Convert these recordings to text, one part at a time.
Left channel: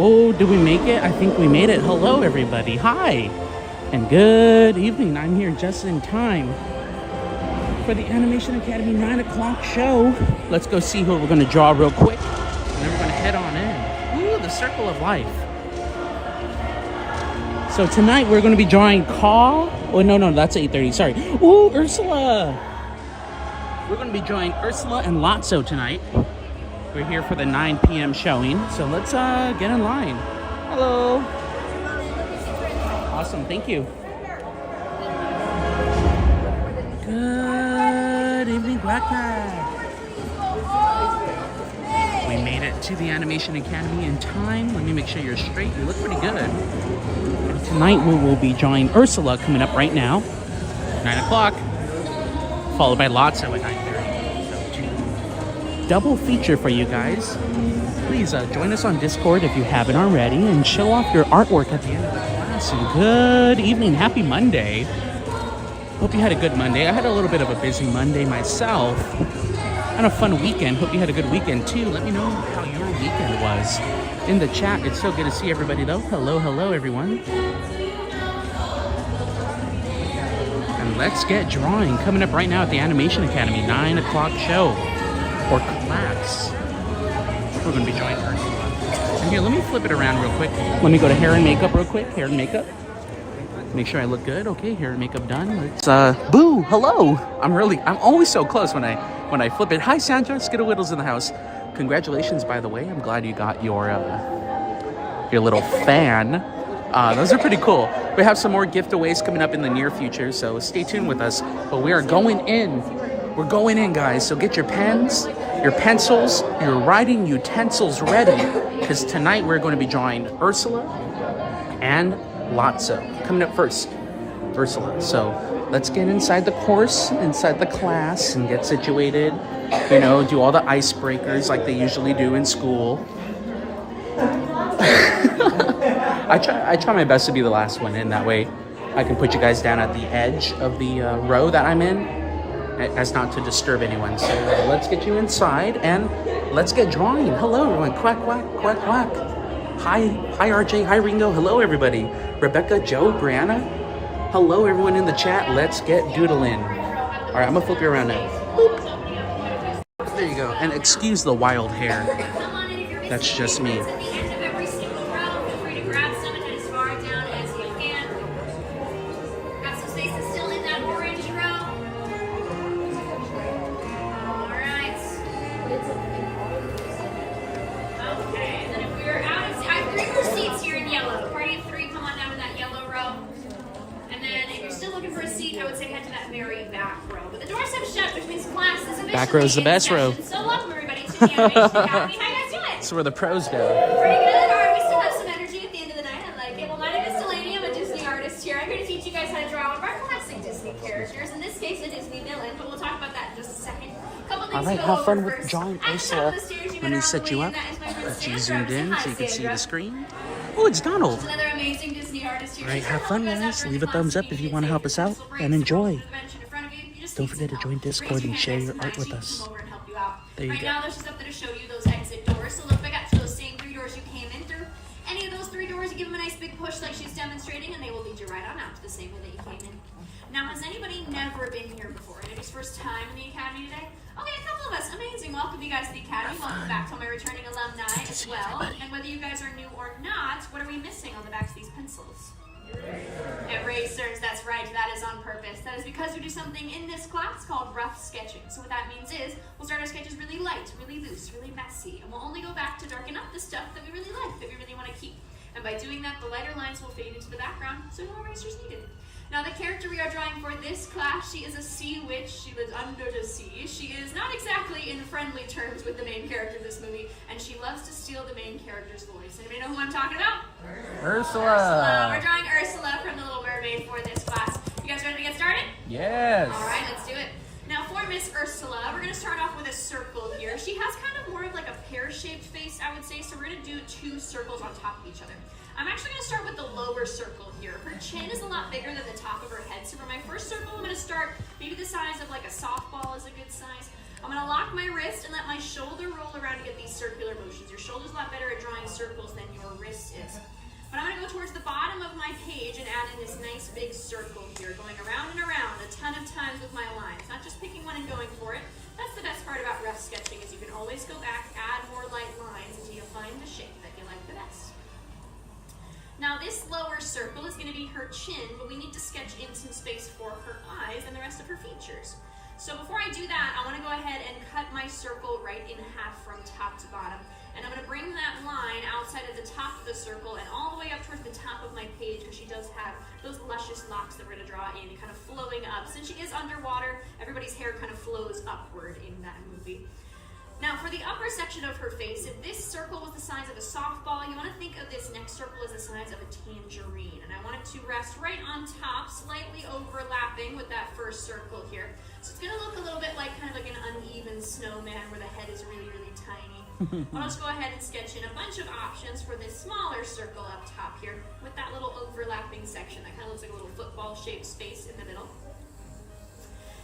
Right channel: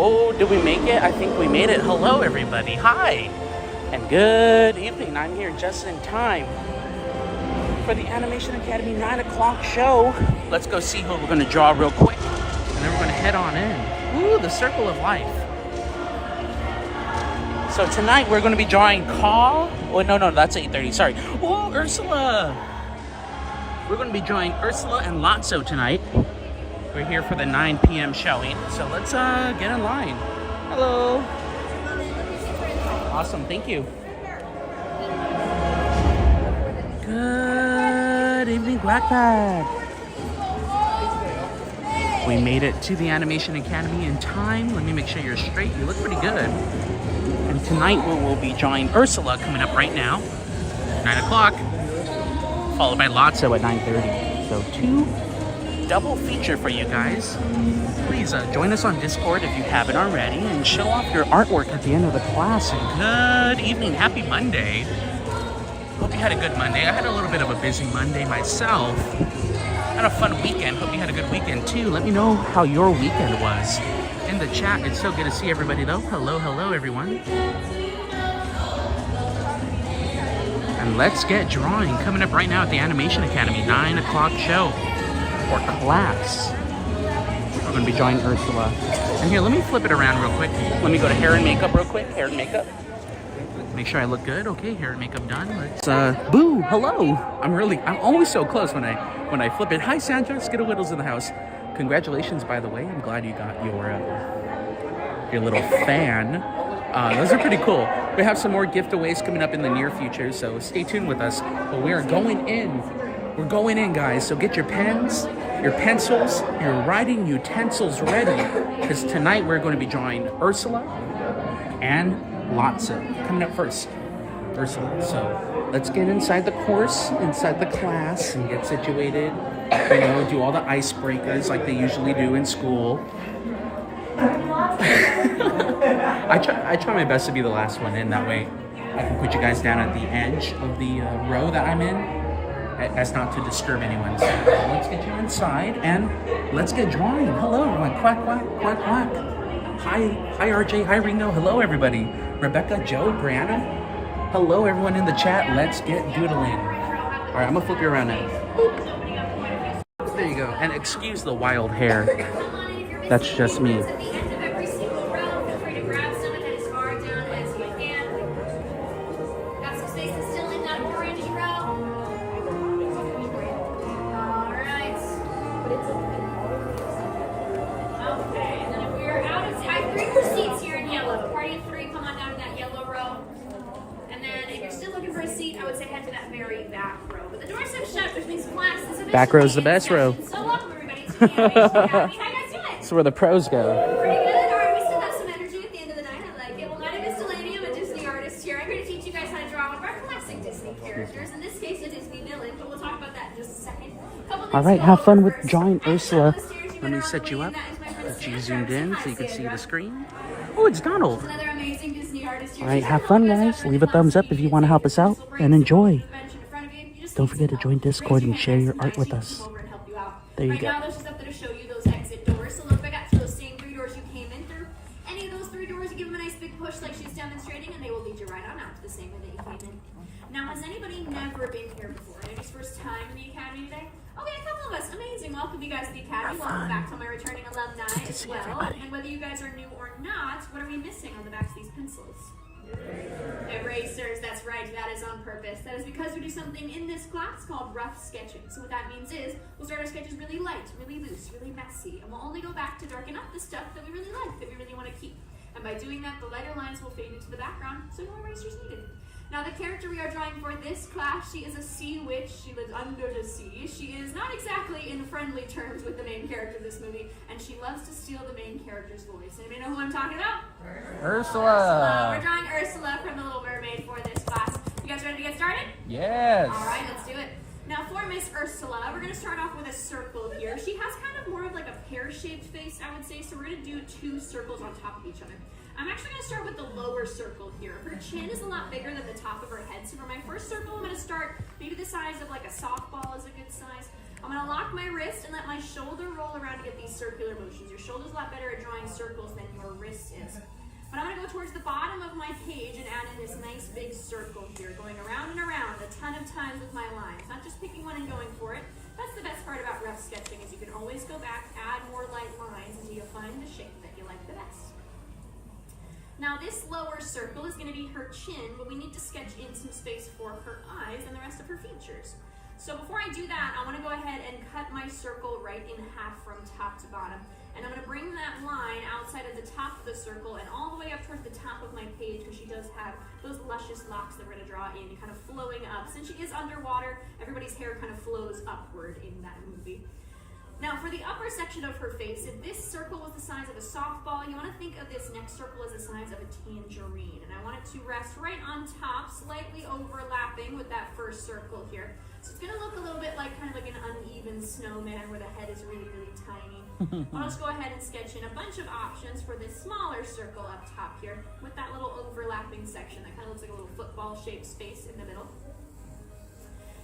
Oh, did we make it? I think we made it. Hello, everybody. Hi. And good evening. I'm here just in time for the Animation Academy 9 o'clock show. Let's go see who we're going to draw real quick. And then we're going to head on in. Ooh, the Circle of Life. So tonight we're going to be drawing Caw. Oh, no, that's 8:30. Sorry. Ooh, Ursula. We're going to be drawing Ursula and Lotso tonight. We're here for the 9 p.m. showing, so let's get in line. Hello. Awesome, thank you. Good evening, Blackpad. We made it to the Animation Academy in time. Let me make sure you're straight. You look pretty good. And tonight we will be drawing Ursula coming up right now, 9 o'clock, followed by Lotso at 9:30. So 2 double feature for you guys. Please join us on Discord if you haven't already and show off your artwork at the end of the class. And good evening, happy Monday. Hope you had a good Monday. I had a little bit of a busy Monday myself and a fun weekend. Hope you had a good weekend too. Let me know how your weekend was in the chat. It's so good to see everybody though. Hello everyone. And let's get drawing. Coming up right now at the Animation Academy 9 o'clock show. Or class. We're going to be drawing Ursula. And here, let me flip it around real quick. Let me go to hair and makeup real quick. Hair and makeup. Make sure I look good. Okay, hair and makeup done. Let's boo, hello. I'm always so close when I flip it. Hi Sandra, Skittlewiddle's in the house. Congratulations, by the way. I'm glad you got your little fan. Those are pretty cool. We have some more giveaways coming up in the near future, so stay tuned with us. But we are going in. We're going in, guys, so get your pens, your pencils, your writing utensils ready, because tonight we're going to be drawing Ursula and Lotso. Coming up first, Ursula. So let's get inside the course, inside the class, and get situated. You know, do all the icebreakers like they usually do in school. I try my best to be the last one in, that way I can put you guys down at the edge of the row that I'm in. As not to disturb anyone. So let's get you inside and let's get drawing. Hello everyone. Quack, quack, quack, quack. Hi RJ. Hi Ringo. Hello everybody. Rebecca, Joe, Brianna. Hello everyone in the chat. Let's get doodling. All right, I'm gonna flip you around now. Boop. There you go. And excuse the wild hair. That's just me. Back row is the best row. So welcome everybody to the Animation Academy. How you guys doing? That's where the pros go. Pretty good. All right, we still have some energy at the end of the night. I like it. Well, my name is Delaney. I'm a Disney artist here. I'm here to teach you guys how to draw one of our classic Disney characters. In this case, a Disney villain, but we'll talk about that in just a second. All right, have fun with drawing Ursula. Let me set you up. Get you zoomed in so you can see the screen. Oh, it's Donald. Another amazing Disney artist here. All right, have fun, guys. Leave a thumbs up if you want to help us out and enjoy. Don't forget to join Discord and share your art with us. There you right go. now, there's just up there to show you those exit doors. So look back at those same 3 doors you came in through. Any of those 3 doors, you give them a nice big push like she's demonstrating, and they will lead you right on out to the same way that you came in. Now, has anybody never been here before? Anybody's first time in the Academy today? Okay, a couple of us. Amazing. Welcome you guys to the Academy. Welcome back to my returning alumni as well. And whether you guys are new or not, what are we missing on the backs of these pencils? Erasers, that's right, that is on purpose. That is because we do something in this class called rough sketching. So what that means is, we'll start our sketches really light, really loose, really messy, and we'll only go back to darken up the stuff that we really like, that we really want to keep. And by doing that, the lighter lines will fade into the background, so no erasers needed. Now the character we are drawing for this class, she is a sea witch. She lives under the sea. She is not exactly in friendly terms with the main character of this movie, and she loves to steal the main character's voice. Anybody know who I'm talking about? Ursula. We're drawing Ursula from The Little Mermaid for this class. You guys ready to get started? Yes. All right, let's do it. Now for Miss Ursula, we're going to start off with a circle here. She has kind of more of like a pear-shaped face, I would say, so we're going to do 2 circles on top of each other. I'm actually going to start with the lower circle here. Her chin is a lot bigger than the top of her head, so for my first circle, I'm going to start maybe the size of like a softball is a good size. I'm going to lock my wrist and let my shoulder roll around to get these circular motions. Your shoulder's a lot better at drawing circles than your wrist is. But I'm going to go towards the bottom of my page and add in this nice big circle here, going around and around a ton of times with my lines, not just picking one and going for it. That's the best part about rough sketching, is you can always go back, add more light lines until you find the shape that you like the best. Now this lower circle is going to be her chin, but we need to sketch in some space for her eyes and the rest of her features. So before I do that, I want to go ahead and cut my circle right in half from top to bottom. And I'm going to bring that line outside of the top of the circle and all the way up towards the top of my page, because she does have those luscious locks that we're going to draw in, kind of flowing up. Since she is underwater, everybody's hair kind of flows upward in that movie. Now for the upper section of her face, if this circle was the size of a softball, you want to think of this next circle as the size of a tangerine. And I want it to rest right on top, slightly overlapping with that first circle here. So it's going to look a little bit like kind of like an uneven snowman where the head is really, really tiny. I'll just go ahead and sketch in a bunch of options for this smaller circle up top here with that little overlapping section that kind of looks like a little football-shaped space in the middle.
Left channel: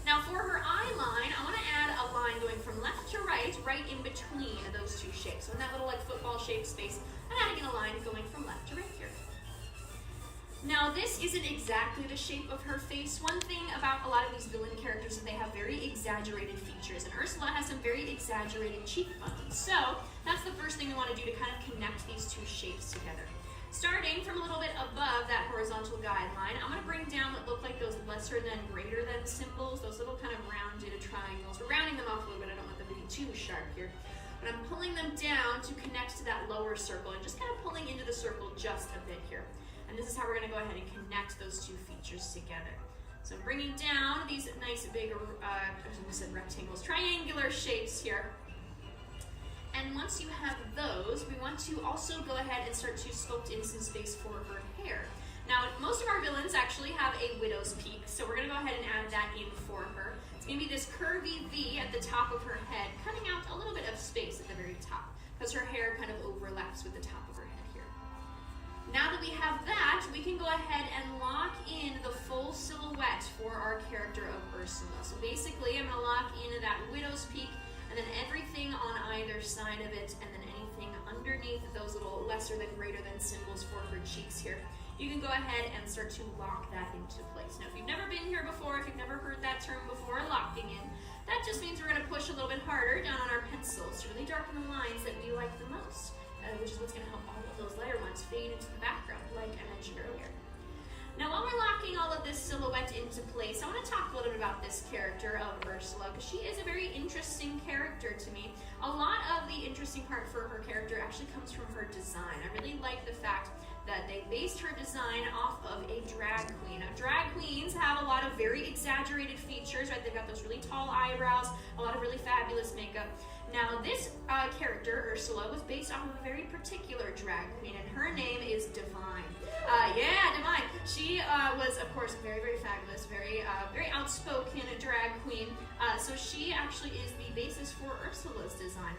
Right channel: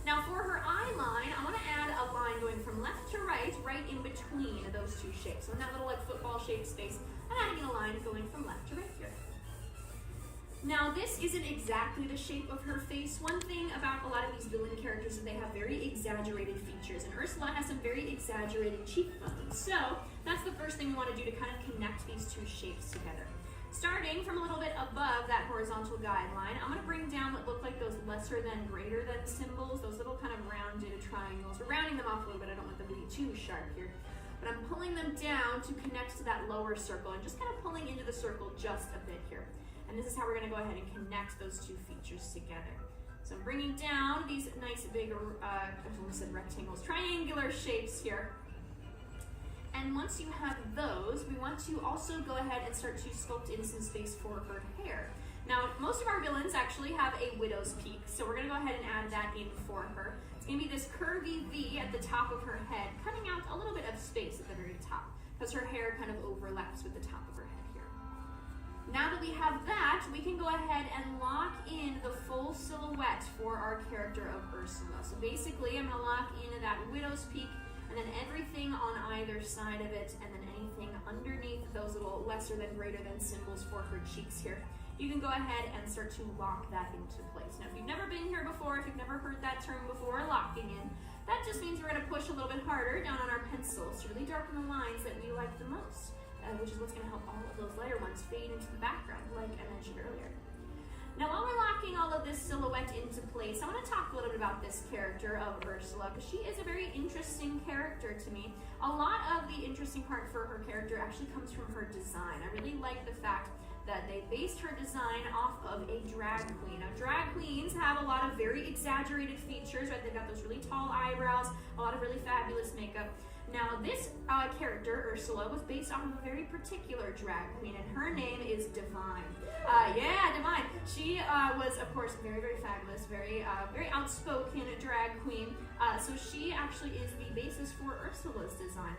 Now for her eye line, I want to add a line going from left to right, right in between those two shapes. So in that little like football-shaped space, I'm adding in a line going from left to right here. Now this isn't exactly the shape of her face. One thing about a lot of these villain characters is they have very exaggerated features, and Ursula has some very exaggerated cheekbones. So that's the first thing we want to do to kind of connect these two shapes together. Starting from a little bit above that horizontal guideline, I'm going to bring down what look like those lesser than, greater than symbols, those little kind of rounded triangles. We're rounding them off a little bit, I don't want them to be too sharp here. But I'm pulling them down to connect to that lower circle and just kind of pulling into the circle just a bit here. And this is how we're going to go ahead and connect those two features together. So I'm bringing down these nice big, I said rectangles, triangular shapes here. And once you have those, we want to also go ahead and start to sculpt in some space for her hair. Now, most of our villains actually have a widow's peak, so we're going to go ahead and add that in for her. It's going to be this curvy V at the top of her head, cutting out a little bit of space at the very top, because her hair kind of overlaps with the top of her head here. Now that we have that, we can go ahead and lock in the full silhouette for our character of Ursula. So basically, I'm going to lock in that widow's peak, and then everything on either side of it, and then anything underneath those little lesser than, greater than symbols for her cheeks here. You can go ahead and start to lock that into place. Now, if you've never been here before, if you've never heard that term before, locking in, that just means we're going to push a little bit harder down on our pencils to really darken the lines that we like the most, which is what's going to help all of those lighter ones fade into the background, like I mentioned earlier. Now, while we're locking all of this silhouette into place, I want to talk a little bit about this character of Ursula, because she is a very interesting character to me. A lot of the interesting part for her character actually comes from her design. I really like the fact that they based her design off of a drag queen. Now, drag queens have a lot of very exaggerated features, right? They've got those really tall eyebrows, a lot of really fabulous makeup. Now, this character, Ursula, was based off of a very particular drag queen, and her name is Divine. Yeah, Divine. She was, of course, very, very fabulous, very outspoken drag queen. So she actually is the basis for Ursula's design.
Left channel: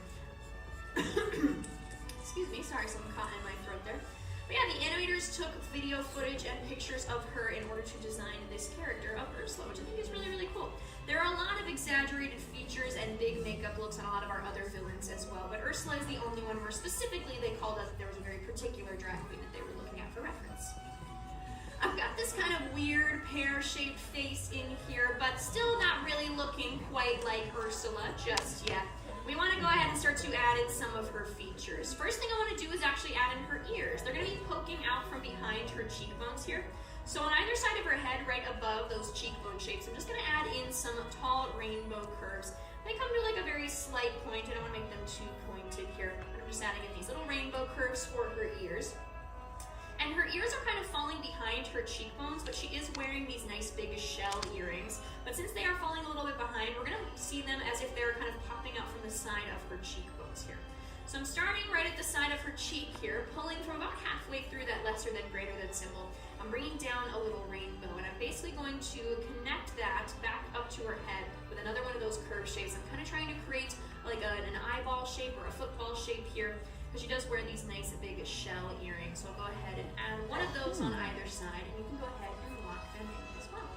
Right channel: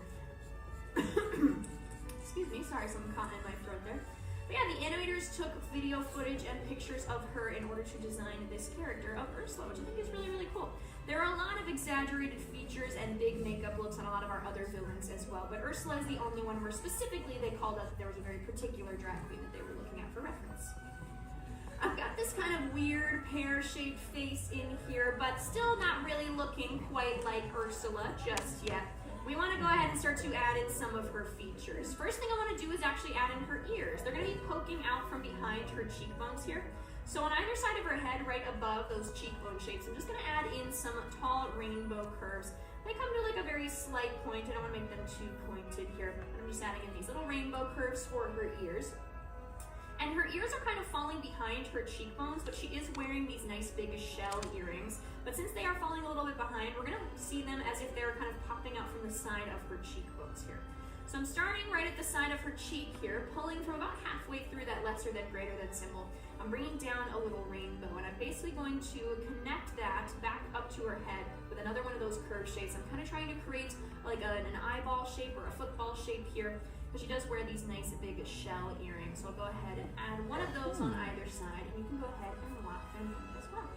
Excuse me, sorry, something caught in my throat there. But yeah, the animators took video footage and pictures of her in order to design this character of Ursula, which I think is really, really cool. There are a lot of exaggerated features and big makeup looks on a lot of our other villains as well, but Ursula is the only one where specifically they called out that there was a very particular drag queen that they were looking at for reference. I've got this kind of weird pear-shaped face in here, but still not really looking quite like Ursula just yet. We want to go ahead and start to add in some of her features. First thing I want to do is actually add in her ears. They're going to be poking out from behind her cheekbones here. So on either side of her head, right above those cheekbone shapes, I'm just going to add in some tall rainbow curves. They come to like a very slight point. I don't want to make them too pointed here, but I'm just adding in these little rainbow curves for her ears. And her ears are kind of falling behind her cheekbones, but she is wearing these nice big shell earrings. But since they are falling a little bit behind, we're going to see them as if they're kind of popping out from the side of her cheekbones here. So I'm starting right at the side of her cheek here, pulling from about halfway through that lesser than, greater than symbol. I'm bringing down a little rainbow, and I'm basically going to connect that back up to her head with another one of those curved shapes. I'm kind of trying to create like an eyeball shape or a football shape here, because she does wear these nice big shell earrings. So I'll go ahead and add one of those on either side, and you can go ahead and lock them in as well.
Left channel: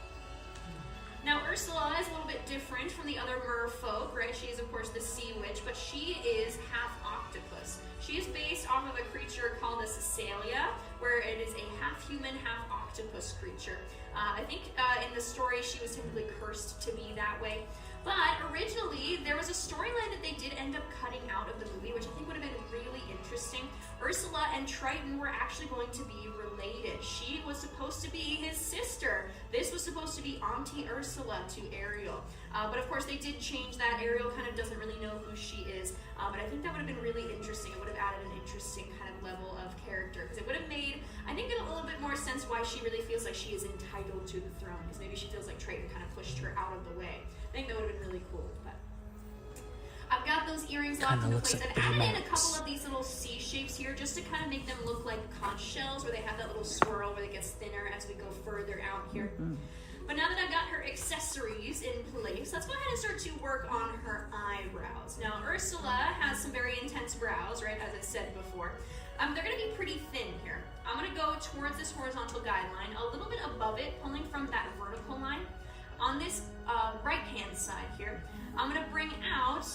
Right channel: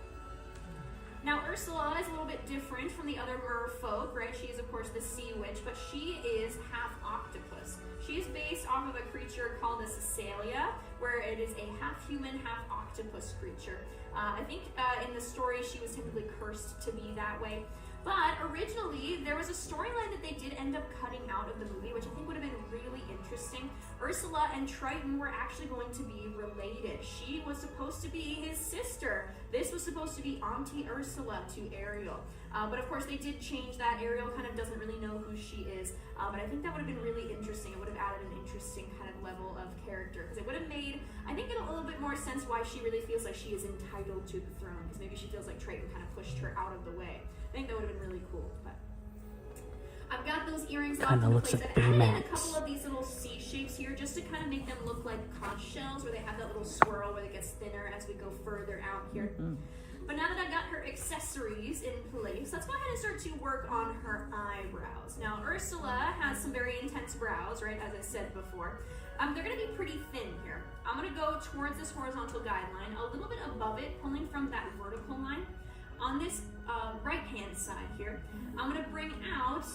Now, Ursula is a little bit different from the other merfolk, right? She is, of course, the sea witch, but she is half octopus. She is based off of of a creature called a Caecilia, where it is a half-human, half-octopus creature. I think in the story she was technically cursed to be that way. But originally, there was a storyline that they did end up cutting out of the movie, which I think would have been really interesting. Ursula and Triton were actually going to be related. She was supposed to be his sister. This was supposed to be Auntie Ursula to Ariel. But of course, they did change that. Ariel kind of doesn't really know who she is. But I think that would have been really interesting. It would have added an interesting kind of level of character. Because it would have made, I think, a little bit more sense why she really feels like she is entitled to the throne. Because maybe she feels like Triton kind of pushed her out of the way. I think that would have been really cool. But I've got those earrings locked into place. I've added in a couple of these little C shapes here just to kind of make them look like conch shells, where they have that little swirl where it gets thinner as we go further out here. But now that I've got her accessories in place, let's go ahead and start to work on her eyebrows. Now, Ursula has some very intense brows, right, as I said before. They're going to be pretty thin here. I'm going to go towards this horizontal guideline, a little bit above it, pulling from that vertical line. On this right-hand side here, I'm going to bring out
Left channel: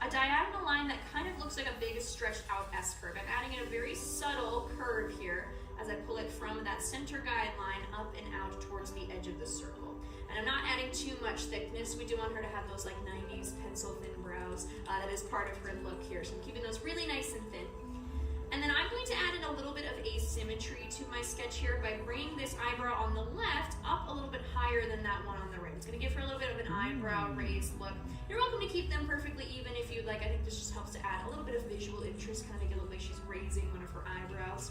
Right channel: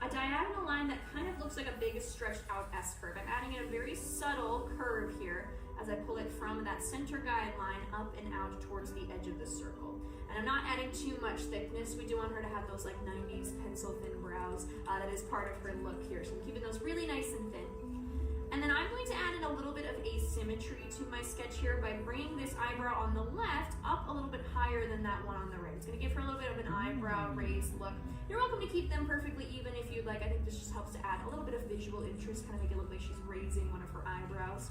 a diagonal line that kind of looks like a big stretched out S-curve. I'm adding in a very subtle curve here as I pull it from that center guideline up and out towards the edge of the circle. And I'm not adding too much thickness. We do want her to have those like 90s pencil thin brows. That is part of her look here. So I'm keeping those really nice and thin. And then I'm going to add in a little bit of asymmetry to my sketch here by bringing this eyebrow on the left up a little bit higher than that one on the right. It's going to give her a little bit of an eyebrow raised look. You're welcome to keep them perfectly even if you'd like. I think this just helps to add a little bit of visual interest, kind of make it look like she's raising one of her eyebrows.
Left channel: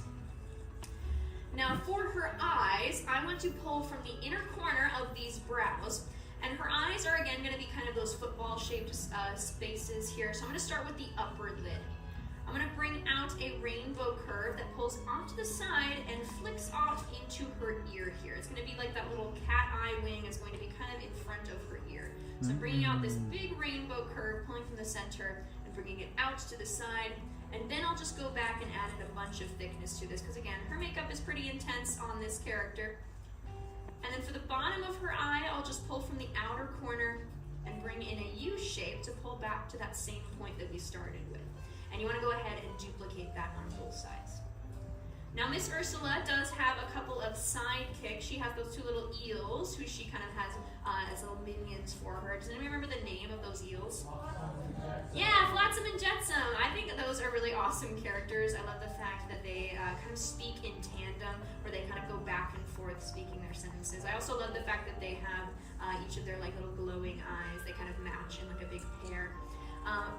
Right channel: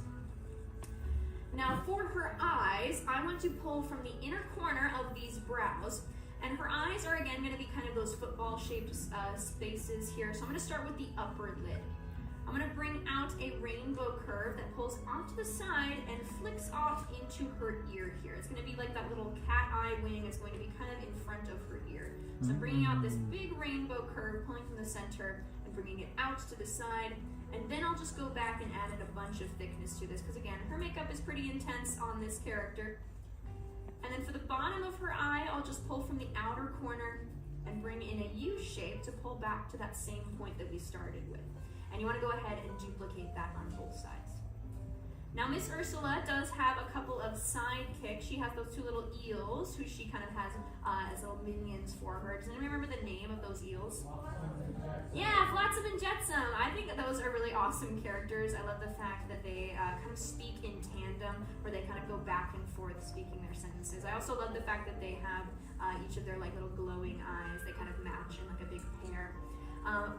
Now for her eyes, I want to pull from the inner corner of these brows, and her eyes are again going to be kind of those football shaped spaces here. So I'm going to start with the upper lid. I'm going to bring out a rainbow curve that pulls off to the side and flicks off into her ear here. It's going to be like that little cat eye wing. It's going to be kind of in front of her ear. So I'm bringing out this big rainbow curve, pulling from the center and bringing it out to the side. And then I'll just go back and add in a bunch of thickness to this because again, her makeup is pretty intense on this character. And then for the bottom of her eye, I'll just pull from the outer corner and bring in a U shape to pull back to that same point that we started with. And you want to go ahead and duplicate that on both sides. Now Miss Ursula does have a couple of sidekicks. She has those two little eels who she kind of has as little minions for her. Does anyone remember the name of those eels? Yeah, Flotsam and Jetsam. I think that those are really awesome characters. I love the fact that they kind of speak in tandem, where they kind of go back and forth speaking their sentences. I also love the fact that they have each of their like little glowing eyes. They kind of match in like a big pair.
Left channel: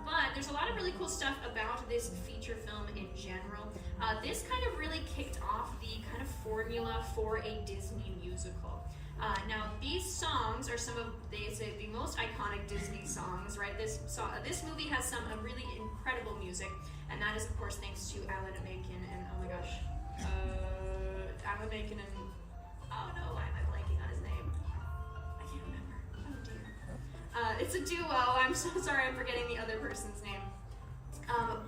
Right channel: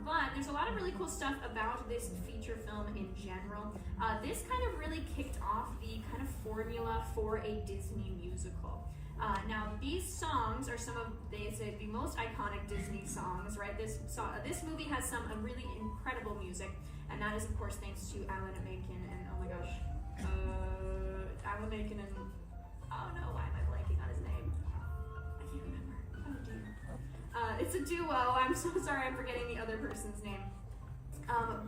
But there's a lot of really cool stuff about this feature film in general. This kind of really kicked off the kind of formula for a Disney musical. Now these songs are some of, they say, the most iconic Disney songs, right? This movie has some really incredible music, and that is of course thanks to Alan Menken and, oh my gosh, Alan Menken and, oh no, why am I blanking on his name? I can't remember. Oh dear. It's a duo. I'm so sorry I'm forgetting the other person's name.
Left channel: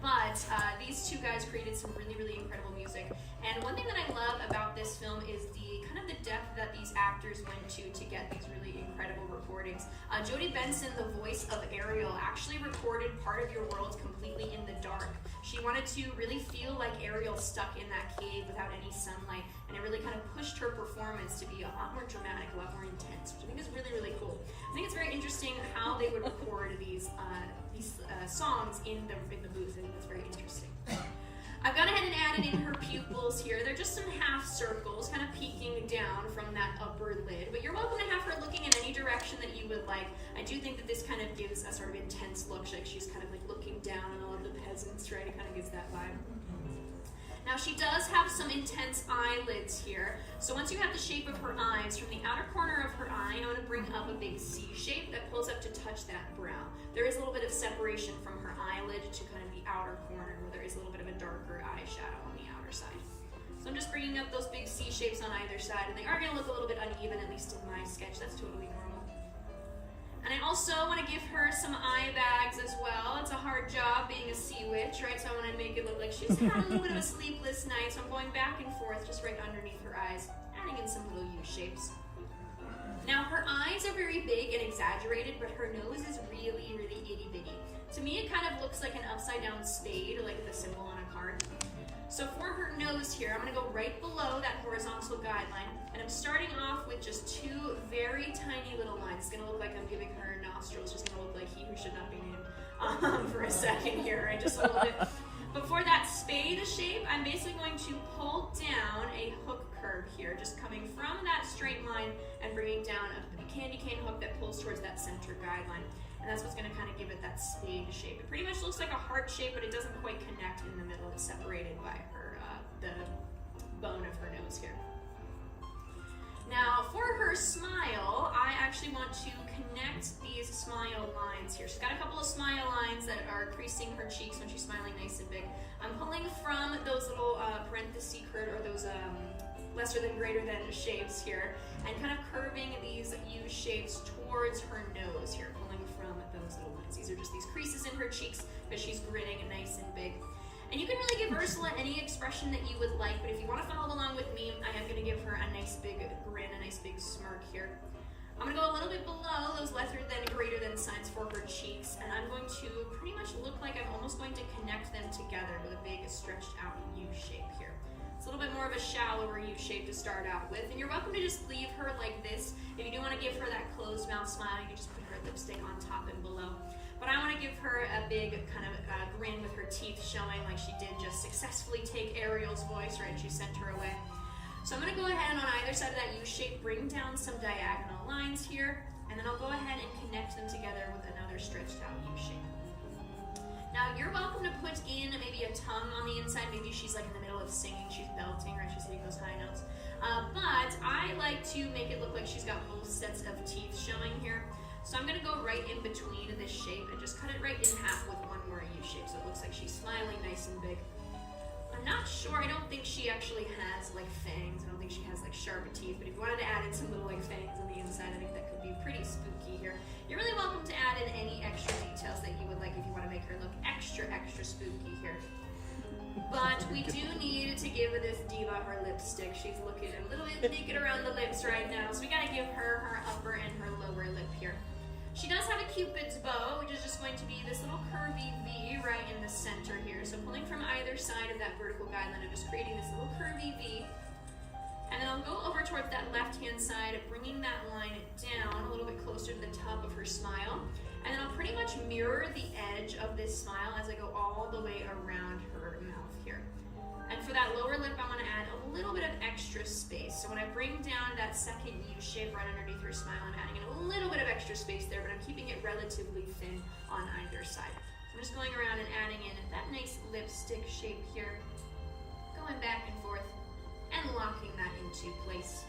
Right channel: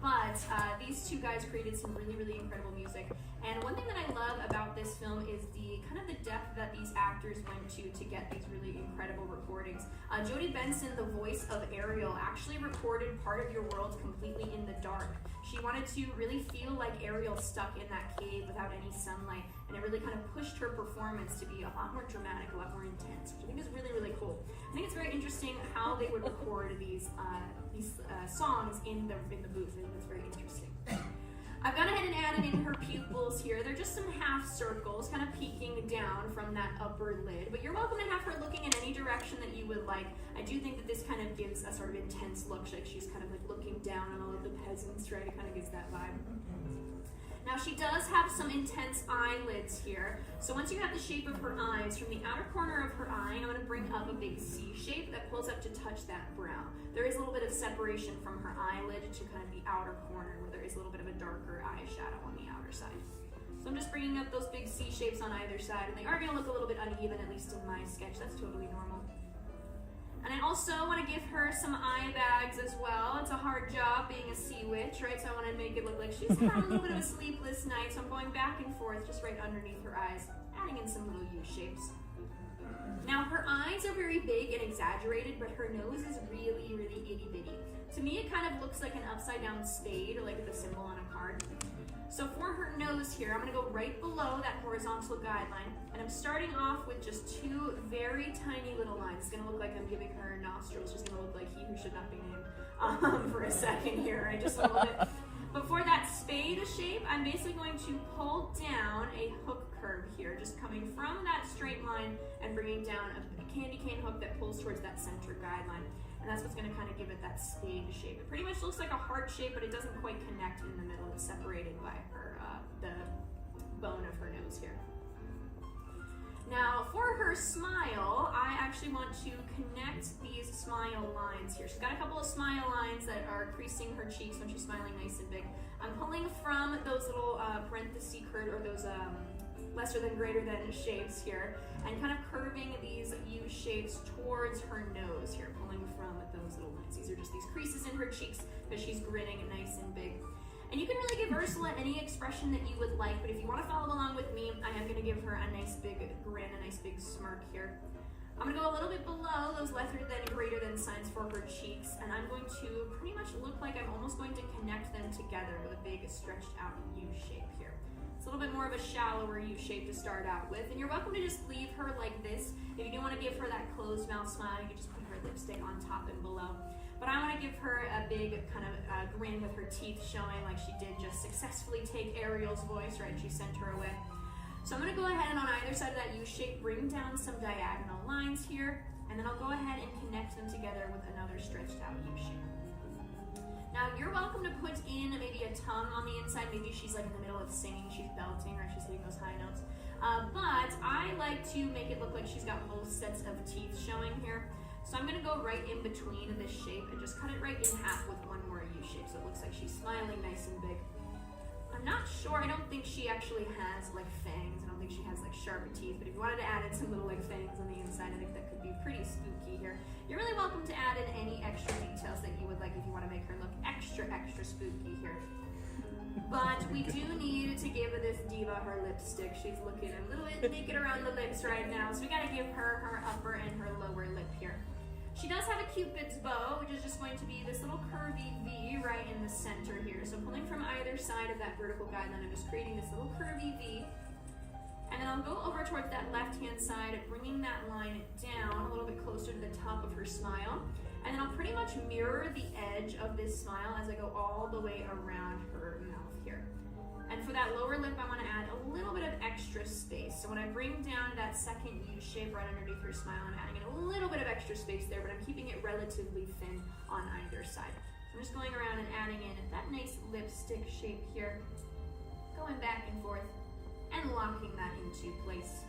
But these two guys created some really, really incredible music. And one thing that I love about this film is the kind of the depth that these actors went to get these really incredible recordings. Jodie Benson, the voice of Ariel, actually recorded part of Your World completely in the dark. She wanted to really feel like Ariel stuck in that cave without any sunlight, and it really kind of pushed her performance to be a lot more dramatic, a lot more intense, which I think is really, really cool. I think it's very interesting how they would record these songs in the booth. I think that's very interesting. I've gone ahead and added in her pupils here. They're just some half circles, kind of peeking down from that upper lid. But you're welcome to have her looking in any direction that you would like. I do think that this kind of gives a sort of intense look, like she's kind of like looking down on all of the peasants, right? It kind of gives that vibe. Now she does have some intense eyelids here. So once you have the shape of her eyes, from the outer corner of her eye, I'm going to bring up a big C shape that pulls up to touch that brow. There is a little bit of separation from her eyelid to kind of the outer corner, where there is a little bit of a darker eyeshadow on the outer side. So I'm just bringing up those big C shapes on either side, and they are going to look a little bit uneven, at least in my sketch. That's totally normal. And I also want to give her some eye bags as well. It's a hard job being a sea witch, right? So I want to make it look like she's had a little bit of a sleepless night. So I'm going back and forth just right underneath her eyes, adding in some little U shapes. Now her eyes are very big and exaggerated, but her nose is really, really itty bitty. To me, it kind of looks like an upside down spade, or like the symbol on a card. So for her nose here, I'm gonna go right below that horizontal guideline, and I'm starting off with just two very tiny little lines. It's gonna look like I'm giving her nostrils, just gonna look like he who should not be named for a second here, right? Just a little bit. But for that spade shape, I'm basically going to pull down a hook curve here, just coming from that straight line and bringing down a candy cane hook that pulls towards that center guideline. And that's what's gonna kind of give it that spade shape. It pretty much looks like a heart shape, but it doesn't quite connect in the middle. It's separated by her, the bone of her nose here. Now for her smile, I actually want to connect these smile lines here. She's got a couple of smile lines that are creasing her cheeks when she's smiling nice and big. I'm pulling from those little parenthesis curve, or those lesser than greater than shapes here, and kind of curving these U shapes towards her nose here, pulling from those little lines. These are just these creases in her cheeks because she's grinning nice and big. And you can really give Ursula any expression that you would like, but if you want to follow along with me, I am going to give her a nice big grin, a nice big smirk here. I'm going to go a little bit below those lesser than greater than signs for her cheeks, and I'm going to pretty much look like I'm almost going to connect them together with a big stretched out U shape here. It's a little bit more of a shallower U shape to start out with, and you're welcome to just leave her like this. If you do want to give her that closed mouth smile, you can just put her lipstick on top and below. But I want to give her a big kind of grin with her teeth showing, like she did just successfully take Ariel's voice, right? She sent her away. So I'm going to go ahead and on either side of that U shape, bring down some diagonal lines here, and then I'll go ahead and connect them together with another stretched out U shape. Now you're welcome to put in maybe a tongue on the inside. Maybe she's like in the middle of singing, she's belting, right? She's hitting those high notes. But I like to make it look like she's got both sets of teeth showing here. So I'm gonna go right in between this shape and just cut it right in half with one more U shape, so it looks like she's smiling nice and big. I'm not sure, I don't think she actually has like fangs. I don't think she has like sharp teeth, but if you wanted to add in some little like fangs on the inside, I think that could be pretty spooky here. You're really welcome to add in any extra details that you would like if you want to make her look extra spooky here. But we do need to give this diva her lipstick. She's looking a little bit naked around the lips right now, so we gotta give her her upper and her lower lip here. She does have a Cupid's bow, which is just going to be this little curvy V right in the center here. So pulling from either side of that vertical guideline, I'm just creating this little curvy V. And then I'll go over towards that left-hand side, bringing that line down a little bit closer to the top of her smile. And then I'll pretty much mirror the edge of this smile as I go all the way around her mouth here. And for that lower lip, I want to add a little bit of extra space. So when I bring down that second U shape right underneath her smile, I'm adding in a little bit of extra space there, but I'm keeping it relatively thin on either side. So I'm just going around and adding in that nice lipstick shape here, going back and forth, and locking that into place.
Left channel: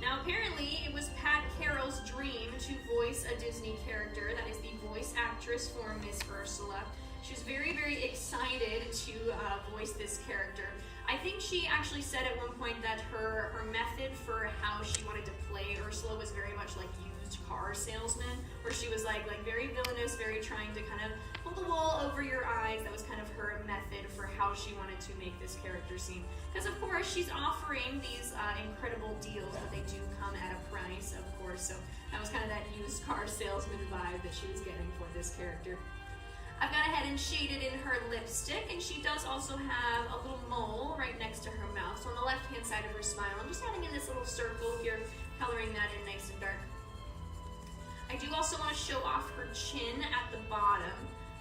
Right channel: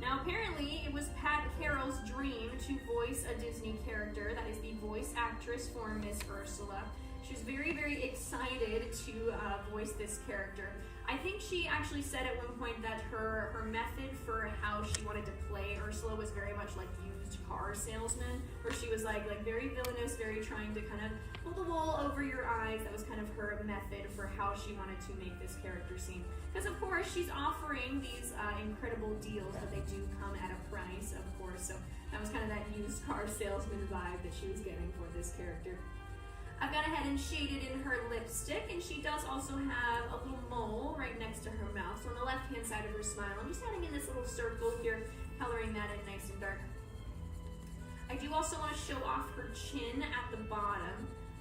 Now apparently it was Pat Carroll's dream to voice a Disney character. That is the voice actress for Miss Ursula. She was very excited to voice this character. I think she actually said at one point that her method for how she wanted to play Ursula was very much like used car salesman, where she was like very villainous, very trying to kind of pull the wool over your eyes. That was kind of her method for how she wanted to make this character seem. Because of course she's offering these incredible deals, but they do come at a price, of course. So that was kind of that used car salesman vibe that she was getting for this character. I've gone ahead and shaded in her lipstick, and she does also have a little mole right next to her mouth. So on the left-hand side of her smile, I'm just adding in this little circle here, coloring that in nice and dark. I do also want to show off her chin at the bottom.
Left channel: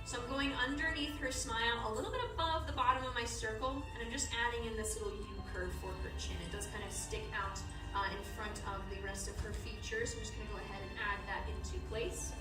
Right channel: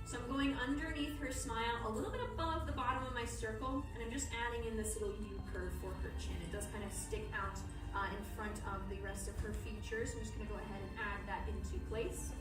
So I'm going underneath her smile, a little bit above the bottom of my circle, and I'm just adding in this little U curve for her chin. It does kind of stick out in front of the rest of her features. So I'm just going to go ahead and add that into place.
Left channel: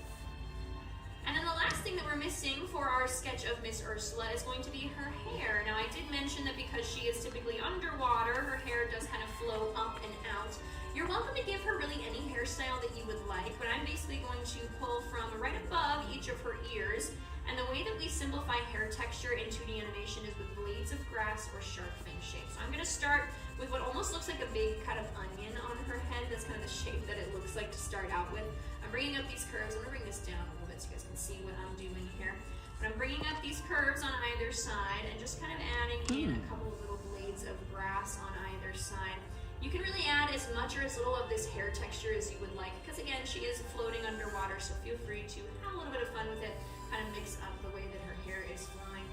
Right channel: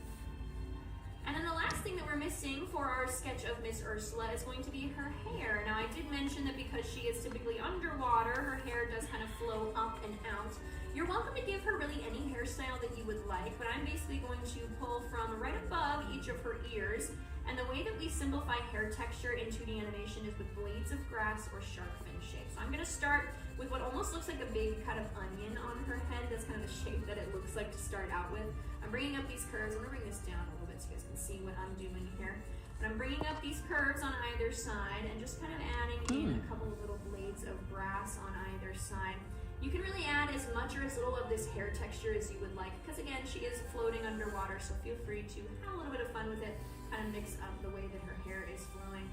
And then the last thing that we're missing for our sketch of Miss Ursula is going to be her hair. Now I did mention that because she is typically underwater, her hair does kind of flow up and out. You're welcome to give her really any hairstyle that you would like, but I'm basically going to pull from right above each of her ears. And the way that we simplify hair texture in 2D animation is with blades of grass or shark fin shape. So I'm going to start with what almost looks like a big cut of onion on her head. That's kind of the shape that it looks like to start out with. I'm bringing up these curves. I'm going to bring this down a little bit so you guys can see what I'm doing here. But I'm bringing up these curves on either side and just kind of adding in a couple of little blades of grass on either side. You can really add as much or as little of this hair texture as you would like, because again, she is floating underwater, so feel free to have a little bit of fun with it, kind of mix up the way that her hair is flowing.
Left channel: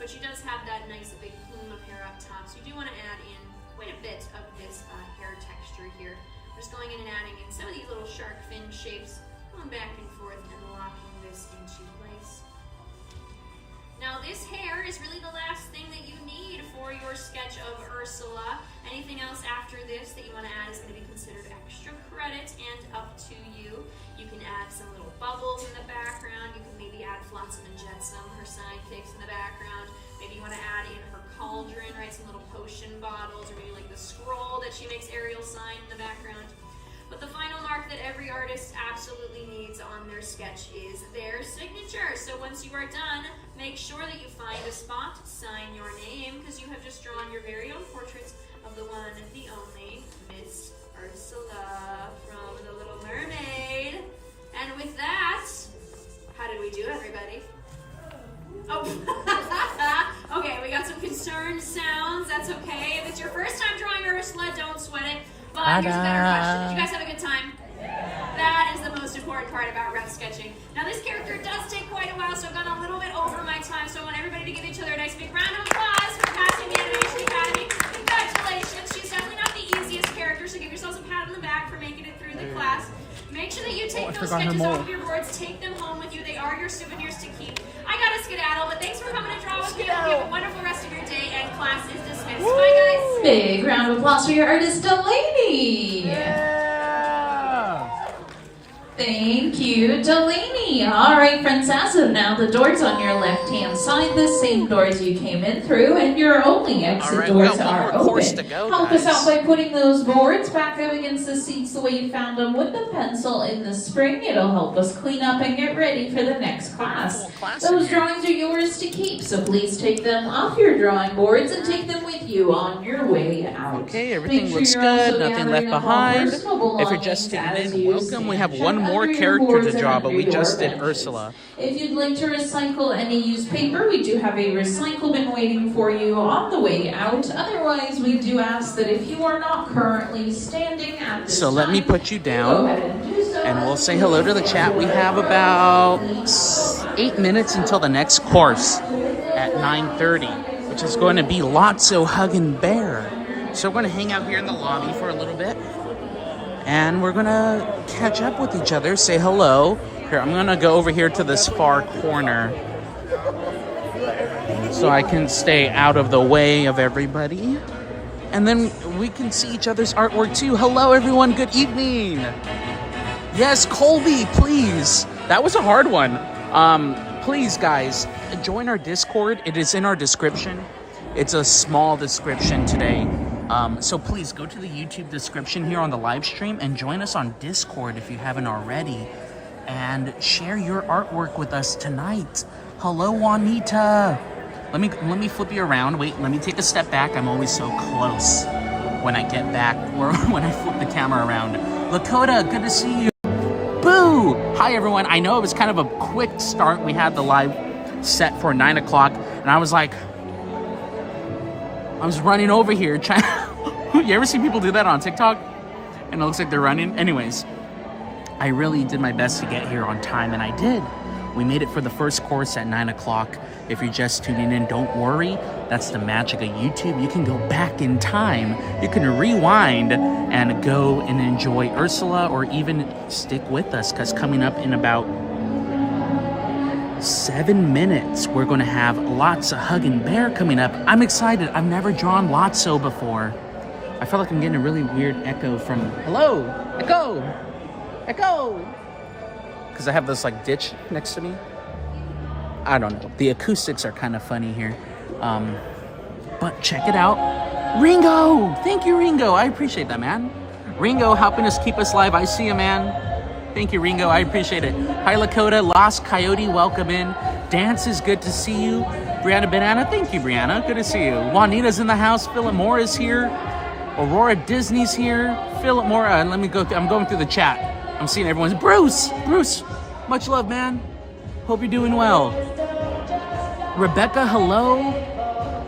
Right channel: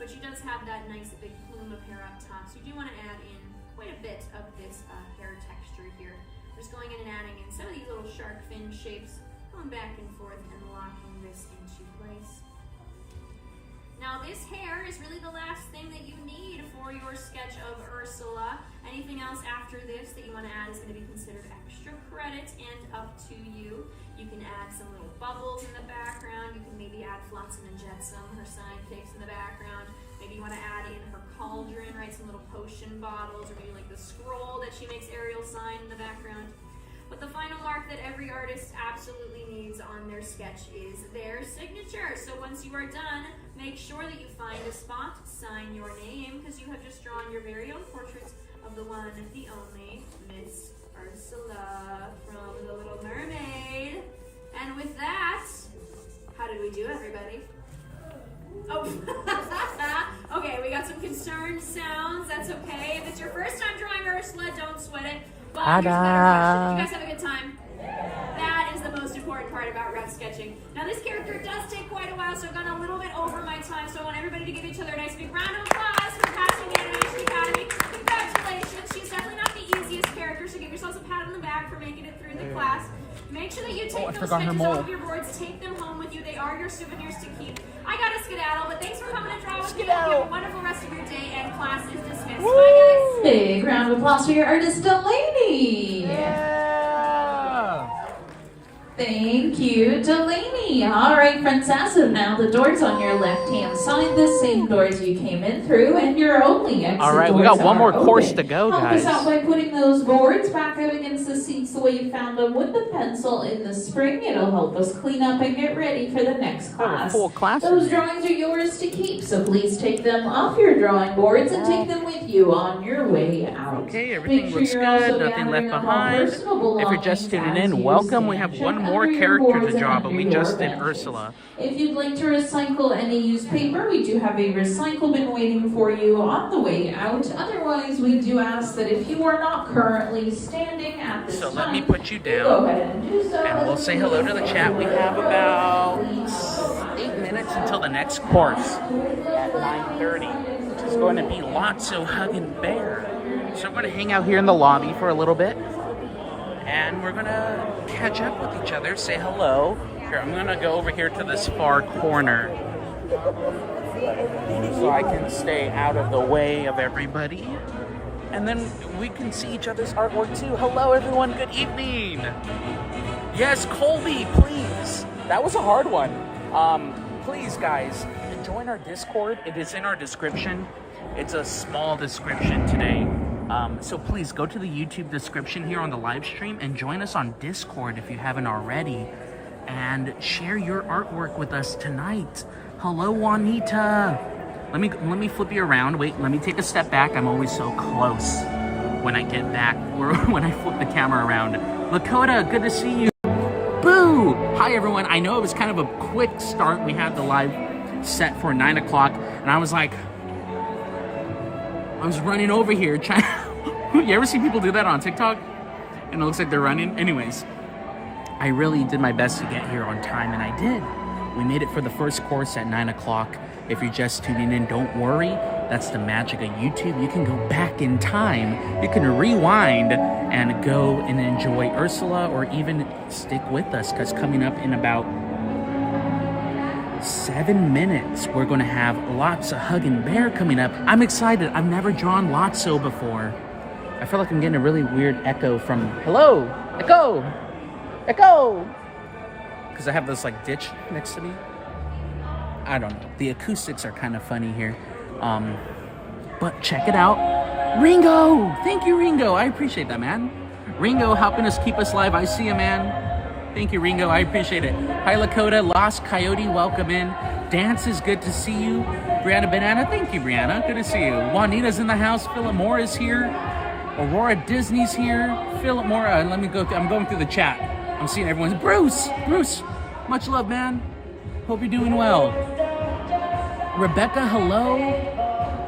but she does have that nice big plume of hair up top. So you do want to add in quite a bit of this hair texture here. We're just going in and adding in some of these little shark fin shapes, going back and forth and locking this into place. Now this hair is really the last thing that you need for your sketch of Ursula. Anything else after this that you want to add is going to be considered extra credit and up to you. You can add some little bubbles in the background. You can maybe add Flotsam and Jetsam, her sidekicks, in the background. Maybe you want to add in her cauldron, right? Some little potion bottles, or maybe like the scroll that she makes Ariel sign in the background. But the final mark that every artist absolutely needs on their sketch is their signature. So once you are done, make sure that you find a spot, sign your name, because you have just drawn your very own portrait of the one, the only, Miss Ursula from The Little Mermaid. And with that, how did we do, everybody? Oh, okay, we got some concerned sounds. That's okay. If it's your first time drawing Ursula, don't sweat it. But here's a better question. Did you guys have a good time? That is the most important part about rough sketching. Now this character does take quite a while, so I've gone a little bit over my time, so I want everybody to give each other a nice big round of applause for passing the Animation Academy. Congratulations. She's definitely not the easiest character, so give yourselves a pat on the back for making it through the class. Make sure that you take those sketches off of your boards, take them home with you. They are your souvenirs to keep. I gotta skedaddle, but thanks for coming to draw with me. You have a wonderful rest of your day, and class is dismissed. Bye, guys. Big round of applause for your artist, Delaney. Yeah. Thank you, Delaney. All right, friends, as of now, the doors on your left-hand side, the same doors you came in through, and your only exit doors we got one are more open. course to go, Help guys. us out by putting those boards back up against the seats the way you found them with the pencil in the spring. It'll help us clean up and get ready for the next class. Full class Those in here. drawings are yours to keep, so please take them off your drawing boards and take them with you on your way out. Okay, everything Make sure looks you're good, also nothing left gathering up all behind. personal If you're just belongings tuning as in, you welcome. We see. have one Check more under your character boards to and draw, but under we your just did benches. Ursula. If you'd like to recycle any used paper, we do have a recycle bin waiting for you on the way out. Otherwise, we do ask that if you are not currently standing at this So time, let me put you go down, ahead and do so. and we'll say hello to the chat. We have about 8 minutes until the next course at 9:30, which is going to be Lotso Huggin' Bear. So we're going to hang out here in the lobby for a little bit, and we're going to catch up with each other, say hello. Here, I'm going to go over here to this far corner so I can stay out of the way of everybody. And then we can see each other's artwork too. Hello everyone, good evening. Yes, Colby, please. That was a hard one. Please guys, join our Discord. It is in our description. It's a small description today. So please go to the YouTube description here on the live stream and join us on Discord if you haven't already. And share your artwork with us tonight. Hello, Juanita. Let me flip you around. Wait, let me take a step back. I'm always so close when I get back, or when I flip the camera around. Lakota, good to see you. Boo! Hi, everyone. I know it was kind of a quick start. We had the live set for 9 o'clock, and I was like, I was running over here trying. You ever see people do that on TikTok? And it looks like they're running? Anyways. I really did my best to get here on time, and I did. We made it for the first course at 9 o'clock. If you're just tuning in, don't worry. That's the magic of YouTube. You can go back in time. You can rewind and go and enjoy Ursula, or even stick with us, because coming up in about 7 minutes, we're going to have Lotso Huggin' Bear coming up. I'm excited. I've never drawn Lotso before. I feel like I'm getting a really weird echo from... Hello! Echo! Echo! Because I have this like ditch next to me. I don't know. The acoustics are kind of funny here. But check it out. Ringo! Thank you, Ringo. I appreciate that, man. Ringo helping us keep us live. I see you, man. Thank you, Ringo. I appreciate it. Hi, Lakota. Lost Coyote, welcome in. Dance is good to see you. Brianna Banana, thank you, Brianna. Good to see you. Juanita's in the house. Philip Moore is here. Aurora Disney's here. Philip Moore, let me go. I'm going through the chat. I'm seeing everyone's. Bruce, much love, man. Hope you're doing well. Rebecca, hello.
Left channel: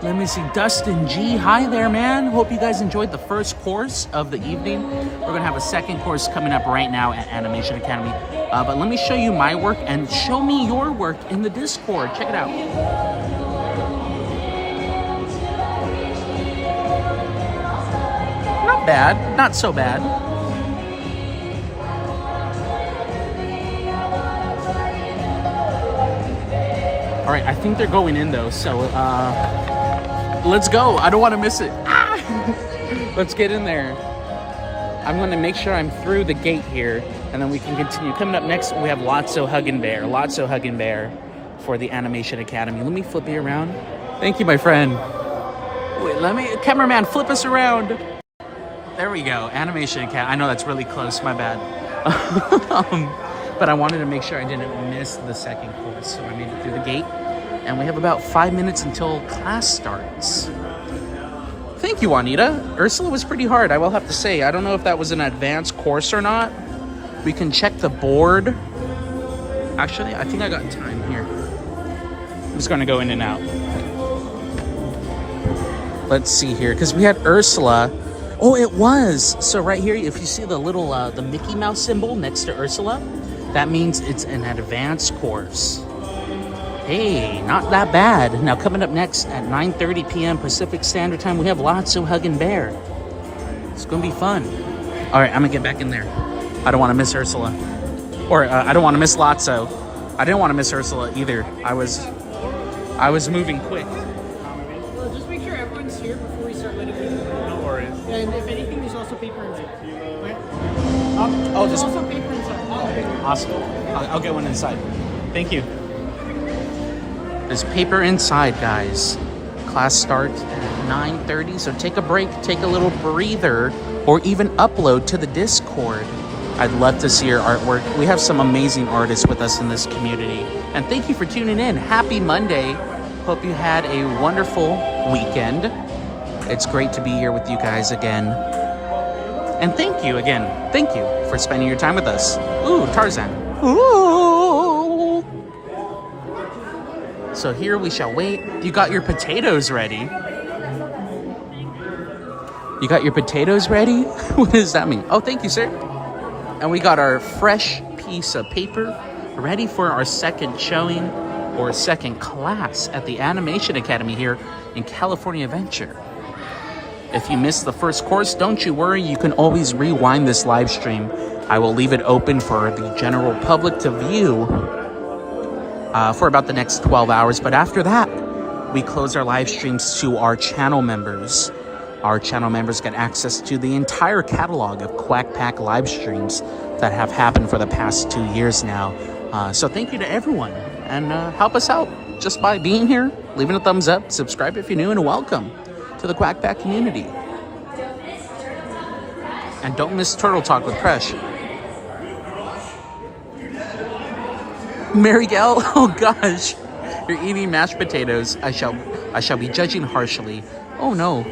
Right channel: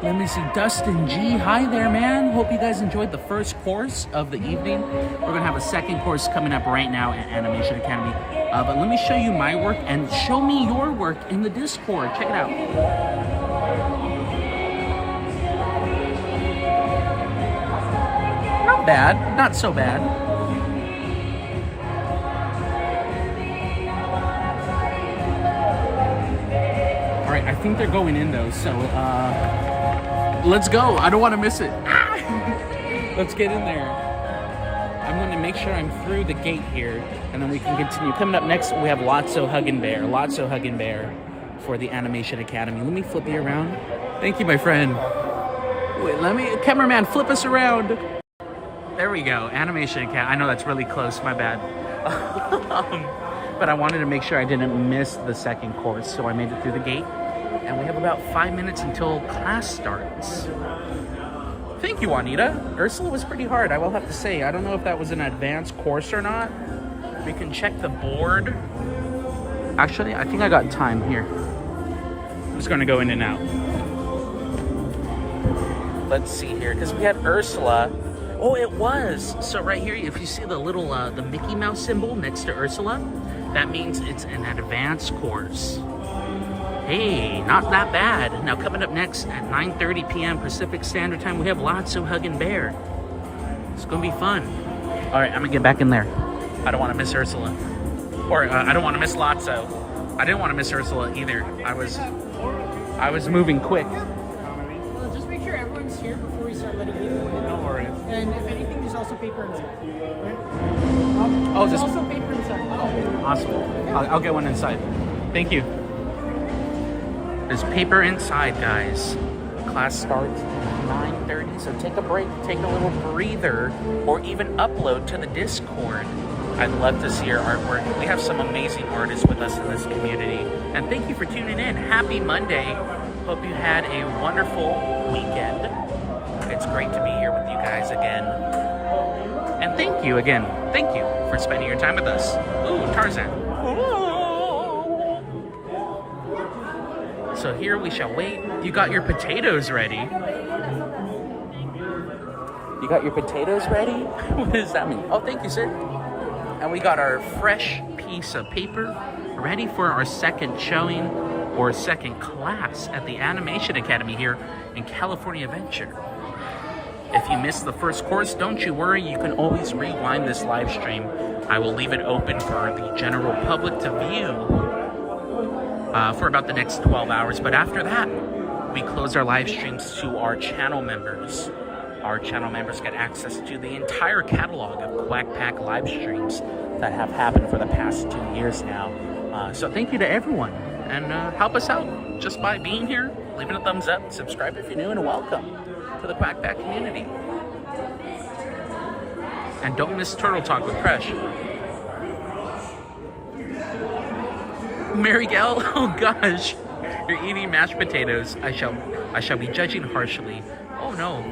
Let me see, Dustin G, hi there, man. Hope you guys enjoyed the first course of the evening. We're gonna have a second course coming up right now at Animation Academy. But let me show you my work and show me your work in the Discord. Check it out. not bad. Not so bad. All right, I think they're going in though, so let's go. I don't want to miss it. Ah! Let's get in there. I'm gonna make sure I'm through the gate here, and then we can continue. Coming up next, we have Lotso Huggin' Bear. Lotso Huggin' Bear for the Animation Academy. Let me flip you around. Thank you, my friend. Wait, cameraman, flip us around. There we go, Animation Academy. I know that's really close, my bad. But I wanted to make sure I didn't miss the second course, so I made it through the gate. And we have about 5 minutes until class starts. Thank you, Juanita. Ursula was pretty hard, I will have to say. I don't know if that was an advanced course or not. We can check the board. Actually, I think I got time here. I'm just gonna go in and out. Let's see here, because we had Ursula. Oh, it was. So right here, if you see the little, the Mickey Mouse symbol next to Ursula, that means it's an advanced course. Hey, not that bad. Now coming up next at 9:30 p.m. Pacific Standard Time, we have Lotso Huggin' Bear. It's gonna be fun. All right, I'm gonna get back in there. I don't want to miss Ursula. Or I don't want to miss Lotso. I didn't want to miss Ursula either. I was moving quick. Well, just make sure everyone's here before we start letting people in. No worries. And if anything, there's also paper inside. Okay? There's also paper inside. Oh, okay. Awesome. I'll get one inside. Thank you. There's paper inside, guys. Class starts at 9:30, so take a break, take a little breather, or even upload to the Discord. I'd love to see your artwork. We have some amazing artists with us in this community. And thank you for tuning in. Happy Monday. Hope you had a wonderful weekend. It's great to be here with you guys again. And thank you again. Thank you for spending your time with us. Ooh, Tarzan. Ooh. So here we shall wait. You got your potatoes ready. You got your potatoes ready? What does that mean? Oh, thank you, sir. And we got our fresh piece of paper ready for our second showing or second class at the Animation Academy here in California Adventure. If you missed the first course, don't you worry, you can always rewind this live stream. I will leave it open for the general public to view for about the next 12 hours. But after that, we close our live streams to our channel members. Our channel members get access to the entire catalog of Quack Pack live streams that have happened for the past 2 years now. So thank you to everyone, and help us out just by being here, leaving a thumbs up, subscribe if you're new, and welcome to the Quack Pack community. And don't miss Turtle Talk with Presh. Mary Gal, oh gosh, you're eating mashed potatoes. I shall be judging harshly. Oh no.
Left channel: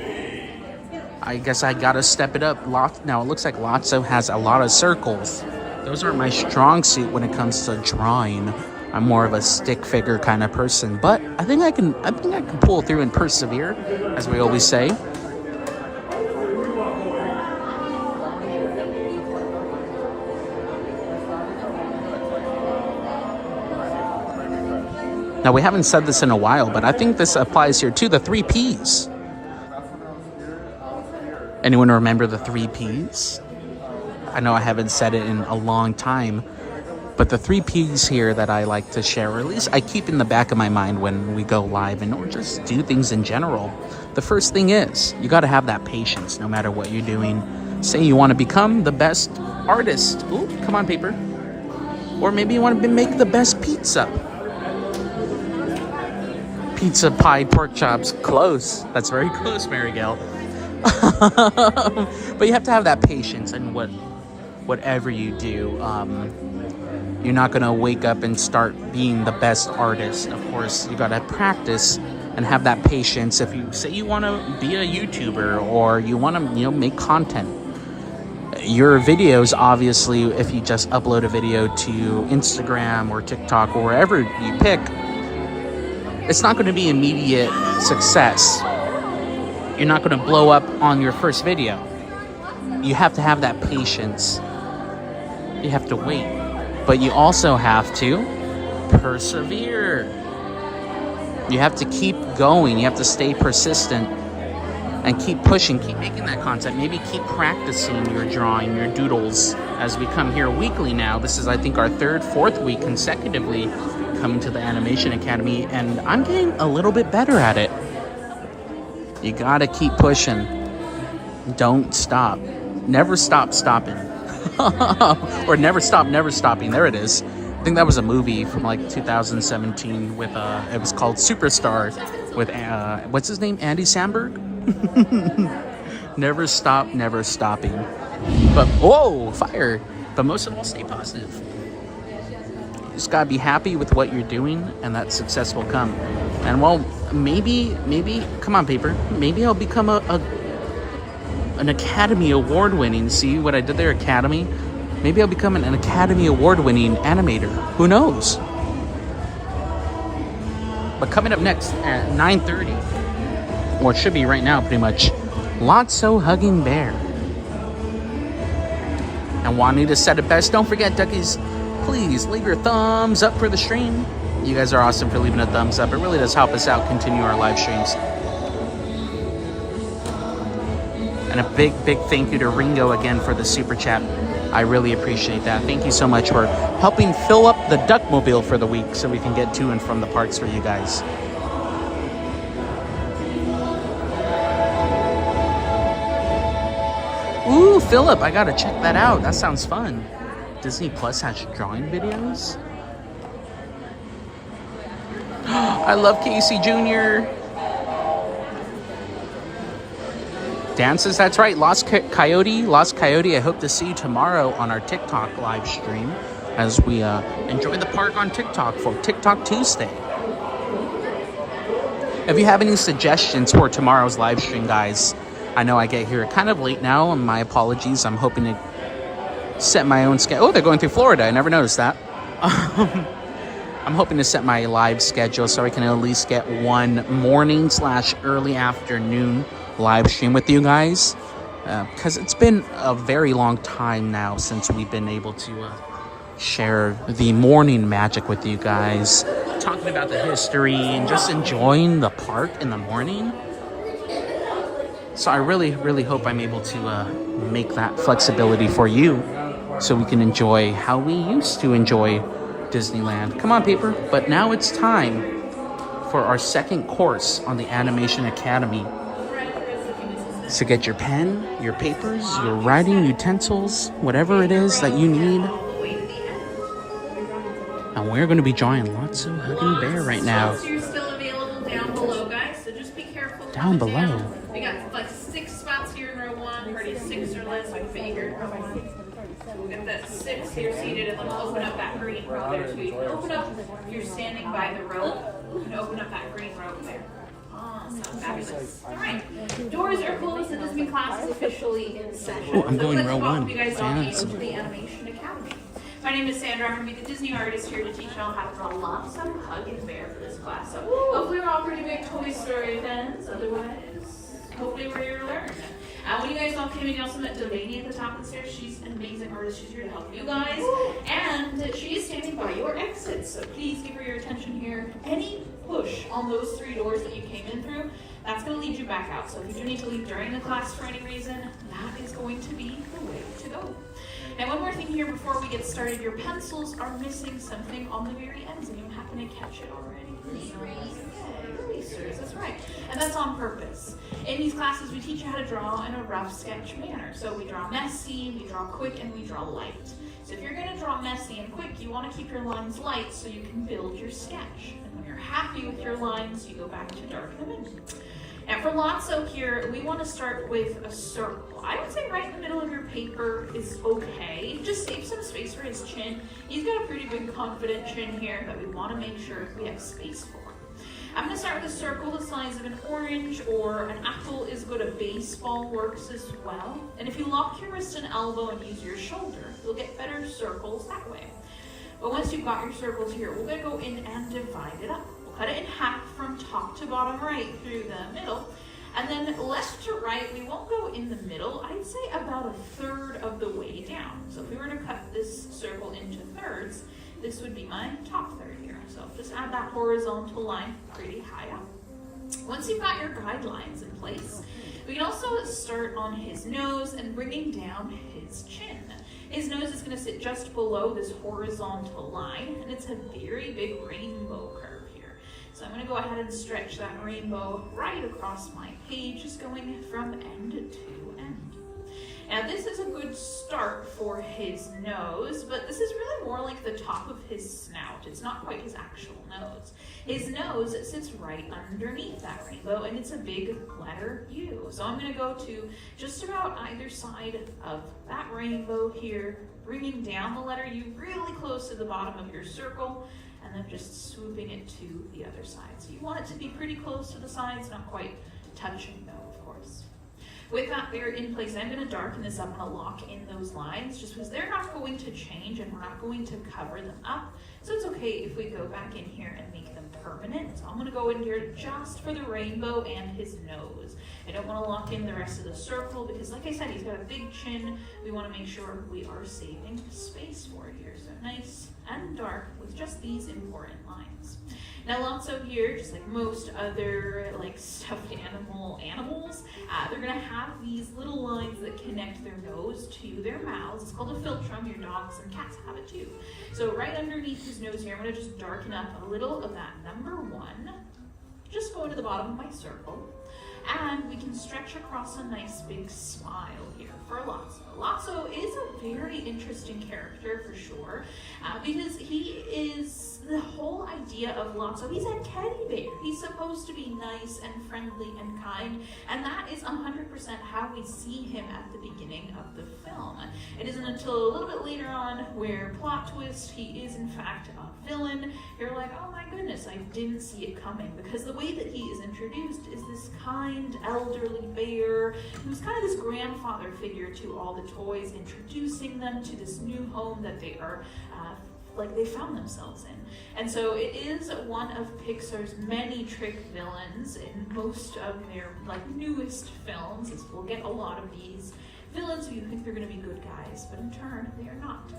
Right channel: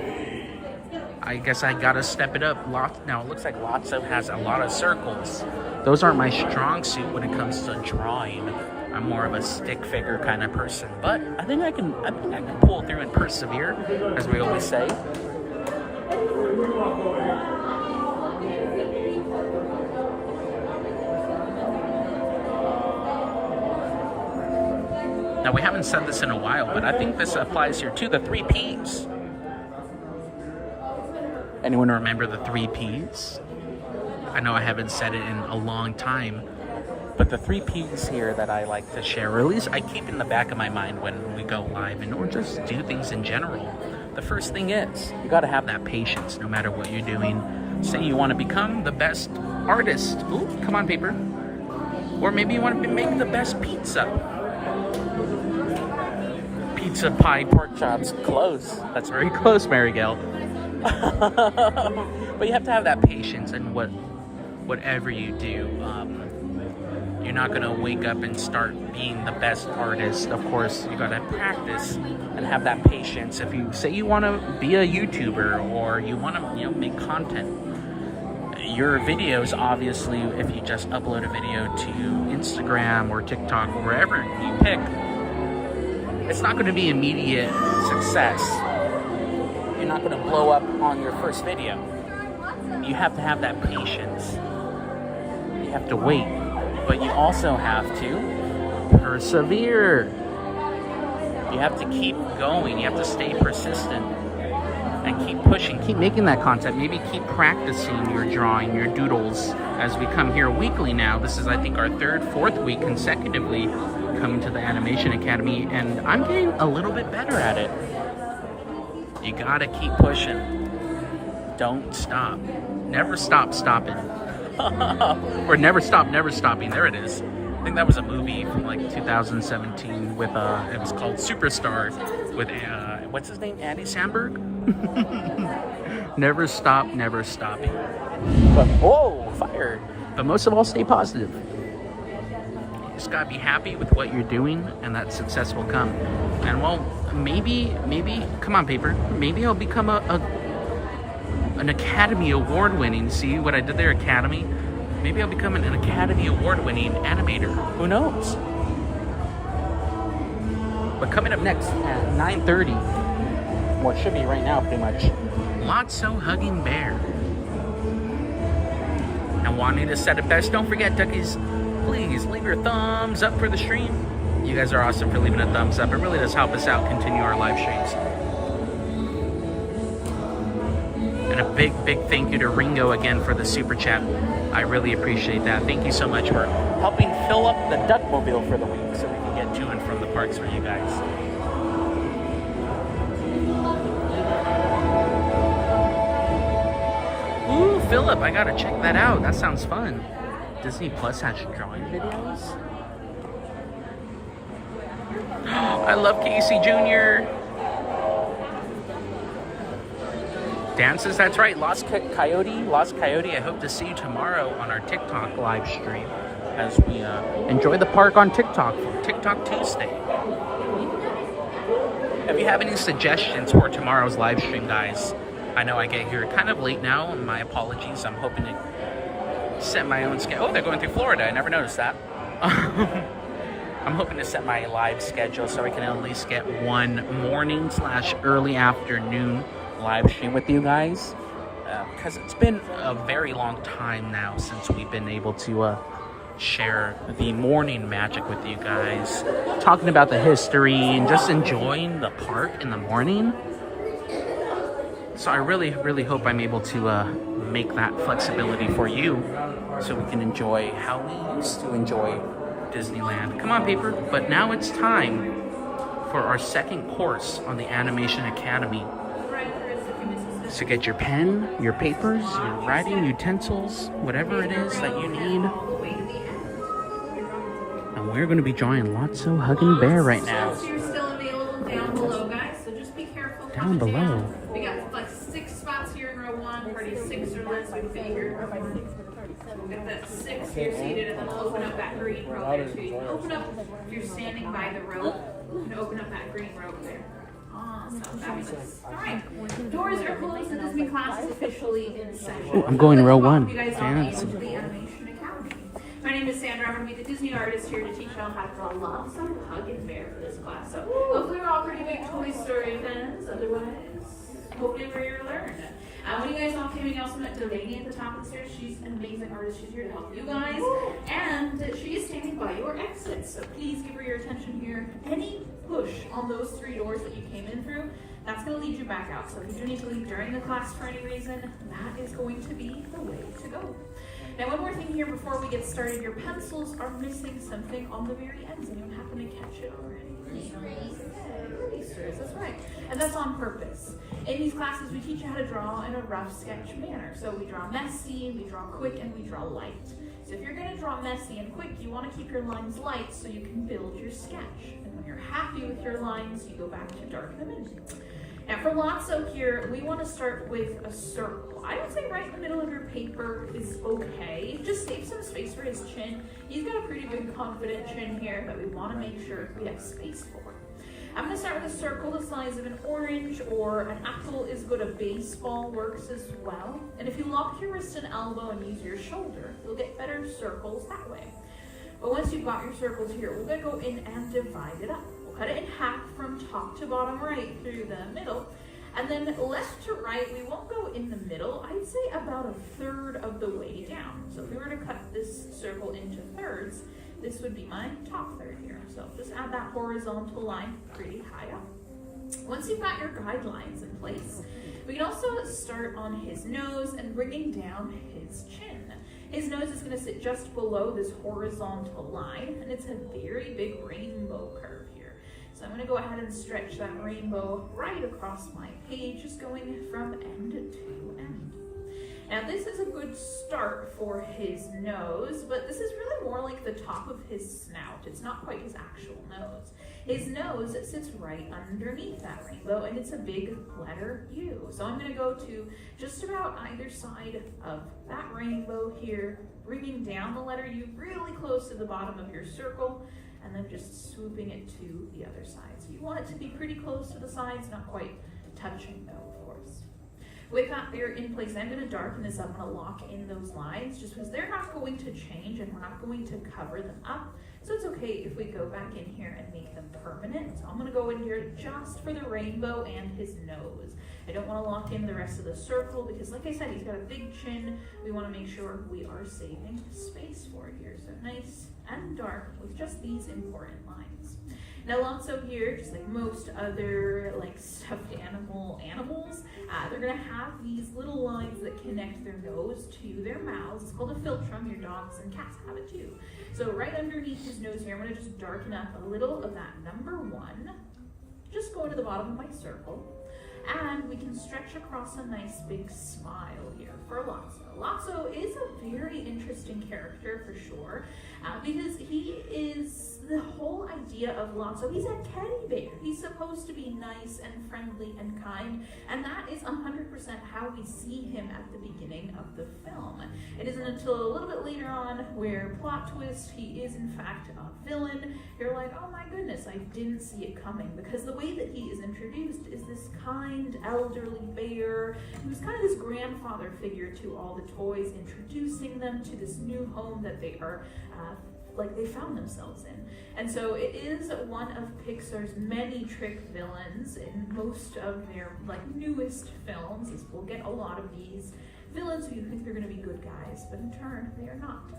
I guess I gotta step it up. Now it looks like Lotso has a lot of circles. Those aren't my strong suit when it comes to drawing. I'm more of a stick figure kind of person, but I think I can pull through and persevere, as we always say. Now we haven't said this in a while, but I think this applies here too, the 3 Ps. Anyone remember the 3 Ps? I know I haven't said it in a long time, but the 3 Ps here that I like to share, or at least I keep in the back of my mind when we go live and or just do things in general. The first thing is, you gotta have that patience no matter what you're doing. Say you wanna become the best artist. Ooh, come on, paper. Or maybe you wanna make the best pizza. Pizza, pie, pork chops, close. That's very close, Mary Gail. But you have to have that patience in whatever you do. You're not gonna wake up and start being the best artist. Of course, you gotta practice and have that patience. If you say you wanna be a YouTuber or you wanna make content, your videos, obviously, if you just upload a video to Instagram or TikTok or wherever you pick, it's not gonna be immediate success. You're not going to blow up on your first video. You have to have that patience. You have to wait. But you also have to persevere. You have to keep going. You have to stay persistent. and keep pushing, keep making that content. Maybe keep practicing your drawing, your doodles, as we come here weekly now. This is, I think, our third, fourth week consecutively coming to the Animation Academy, and I'm getting a little bit better at it. You gotta keep pushing. Don't stop. Never stop stopping. Or never stop, never stopping. There it is. I think that was a movie from like 2017 with, it was called Superstar with, what's his name? Andy Samberg? Never stop, never stopping. Whoa, fire. But most of all, stay positive. You just gotta be happy with what you're doing, and that success will come. And well, maybe, come on, paper. Maybe I'll become an Academy Award winning, see what I did there, Academy? Maybe I'll become an Academy Award winning animator. Who knows? But coming up next at 9:30, well, it should be right now pretty much, Lotso Hugging Bear. And wanting to set it best, don't forget, duckies, please leave your thumbs up for the stream. You guys are awesome for leaving a thumbs up. It really does help us out continue our live streams. And a big thank you to Ringo again for the super chat. I really appreciate that. Thank you so much for helping fill up the Duckmobile for the week so we can get to and from the parks for you guys. Ooh, Philip, I gotta check that out. That sounds fun. Disney Plus has drawing videos. I love Casey Jr. Dances, that's right. Lost Coyote, I hope to see you tomorrow on our TikTok live stream as we enjoy the park on TikTok for TikTok Tuesday. If you have any suggestions for tomorrow's live stream, guys, I know I get here kind of late now, and my apologies. I'm hoping to set my own schedule. Oh, they're going through Florida. I never noticed that. I'm hoping to set my live schedule so I can at least get one morning/early afternoon live stream with you guys, because it's been a very long time now since we've been able to share the morning magic with you guys, talking about the history and just enjoying the park in the morning. So I really hope I'm able to make that flexibility for you so we can enjoy how we used to enjoy Disneyland. Come on, paper. But now it's time for our second course on the Animation Academy. So get your pen, your papers, your writing utensils, whatever it is that you need. And we're going to be drawing Lotso Hugging Bear right now. You're still available down below, guys, so just be careful. Down below? We got like 6 spots here in row 1, party 6 or less. We can fit you here in row 1. We'll get that 6 here seated, and then we'll open up that green row there too. You can open up, if you're standing by the row, you can open up that green row there. Awesome, fabulous. All right, doors are closed, and this class is officially in session. Oh, I'm going so row let's 1. welcome you guys all into the Animation Academy. My name is Sandra. I'm going to be the Disney artist here to teach y'all how to draw Lotso Hugging Bear for this class. So hopefully we're all pretty big Toy Story fans. Otherwise, hopefully we're here to learn. When you guys all came in, you also met Delaney at the top of the stairs. She's an amazing artist. She's here to help you guys. And she is standing by your exits. So please give her your attention here. Any push on those 3 doors that you came in through, that's going to lead you back out. So if you do need to leave during the class for any reason, that is going to be the way to go. Now, one more thing here before we get started. Your pencils are missing something on the very ends. Anyone happen to catch it already? Erasers, that's right. And that's on purpose. In these classes, we teach you how to draw in a rough sketch manner. So we draw messy, we draw quick, and we draw light. So if you're going to draw messy and quick, you want to keep your lines light so you can build your sketch. And when you're happy with your lines, you go back to darken them in. Now for Lotso here, we want to start with a circle. I would say right in the middle of your paper is okay. Just save some space for his chin. He's got a pretty big confident chin here that we want to make sure we have space for. I'm going to start with a circle the size of an orange, or an apple is good. A baseball works as well. And if you lock your wrist and elbow and use your shoulder, you'll get better circles that way. But once you've got your circles here, we're going to go in and divide it up. We'll cut it in half from top to bottom right through the middle. And then left to right, we won't go in the middle. I'd say about a third of the way down. So if we were to cut this circle into thirds, this would be my top third here. So just add that horizontal line pretty high up. Once you've got your guidelines in place, We can also start on his nose and bringing down his chin. His nose is going to sit just below this horizontal line, and it's a very big rainbow curve here. So I'm going to go ahead and stretch that rainbow right across my page, just going from end to end. Now this is a good start for his nose, but this is really more like the top of his snout. It's not quite his actual nose. His nose sits right underneath that rainbow, and it's a big letter U. So I'm going to go to just about either side of that rainbow here, bringing down the letter U really close to the bottom of your circle, and then just swooping it to the other side. So you want it to be pretty close to the sides, not quite touching though, of course. With that there in place, I'm going to darken this up. I'm going to lock in those lines just because they're not going to change and we're not going to cover them up. So it's okay if we go back in here and make them permanent. So I'm going to go in here just for the rainbow and his nose. I don't want to lock in the rest of the circle because, like I said, he's got a big chin. We want to make sure we are saving space for it here. So nice and dark with just these important lines. Now Lotso here, just like most other like stuffed animals, they're gonna have these little lines that connect their nose to their mouths. It's called a philtrum. Your dogs and cats have it too. So right underneath his nose here, I'm gonna just darken up a little of that number 1. Just go to the bottom of my circle. And we can stretch across a nice big smile here for Lotso. Lotso is a very interesting character for sure, because he is the whole idea of Lotso. He's a teddy bear. He's supposed to be nice and friendly and kind, and that is 100% how we see him at the beginning of the film. It isn't until a little bit later on where, plot twist, he is in fact a villain. You're like, oh my goodness, I didn't see it coming, because the way that he is introduced is this kind elderly bear who's kind of this grandfather figure to all the toys, introducing them to this new home that they are they found themselves in. And so it is one of Pixar's many trick villains in most of their newest films. We'll get a lot of these villains who you think they're going to be good guys, but in turn they are not.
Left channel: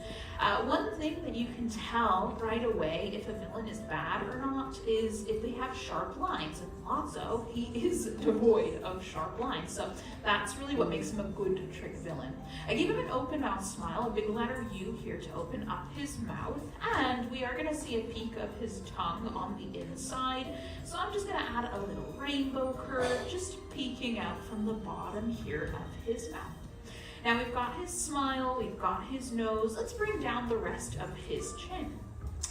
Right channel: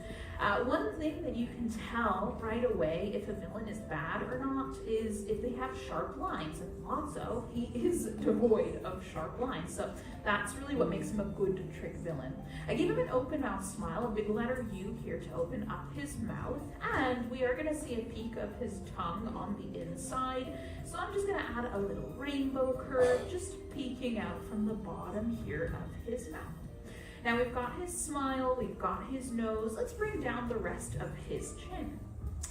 One thing that you can tell right away if a villain is bad or not is if they have sharp lines. And Lotso, he is devoid of sharp lines, so that's really what makes him a good trick villain. I gave him an open mouth smile, a big letter U here to open up his mouth, and we are going to see a peek of his tongue on the inside. So I'm just going to add a little rainbow curve, just peeking out from the bottom here of his mouth. Now we've got his smile, we've got his nose. Let's bring down the rest of his chin.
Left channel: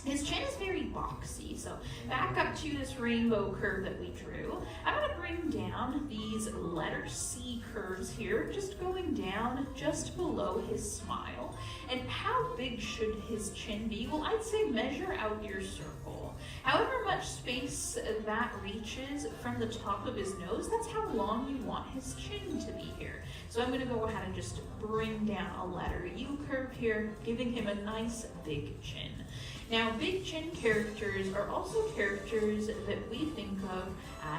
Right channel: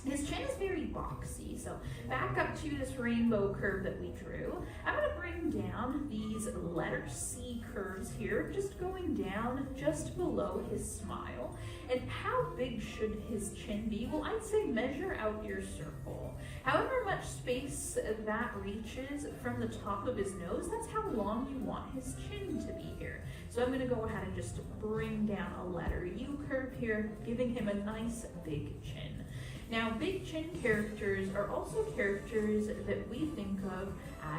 His chin is very boxy, so back up to this rainbow curve that we drew. I'm going to bring down these letter C curves here, just going down just below his smile. And how big should his chin be? Well, I'd say measure out your circle. However much space that reaches from the top of his nose, that's how long you want his chin to be here. So I'm going to go ahead and just bring down a letter U curve here, giving him a nice big chin. Now, big chin characters are also characters that we think of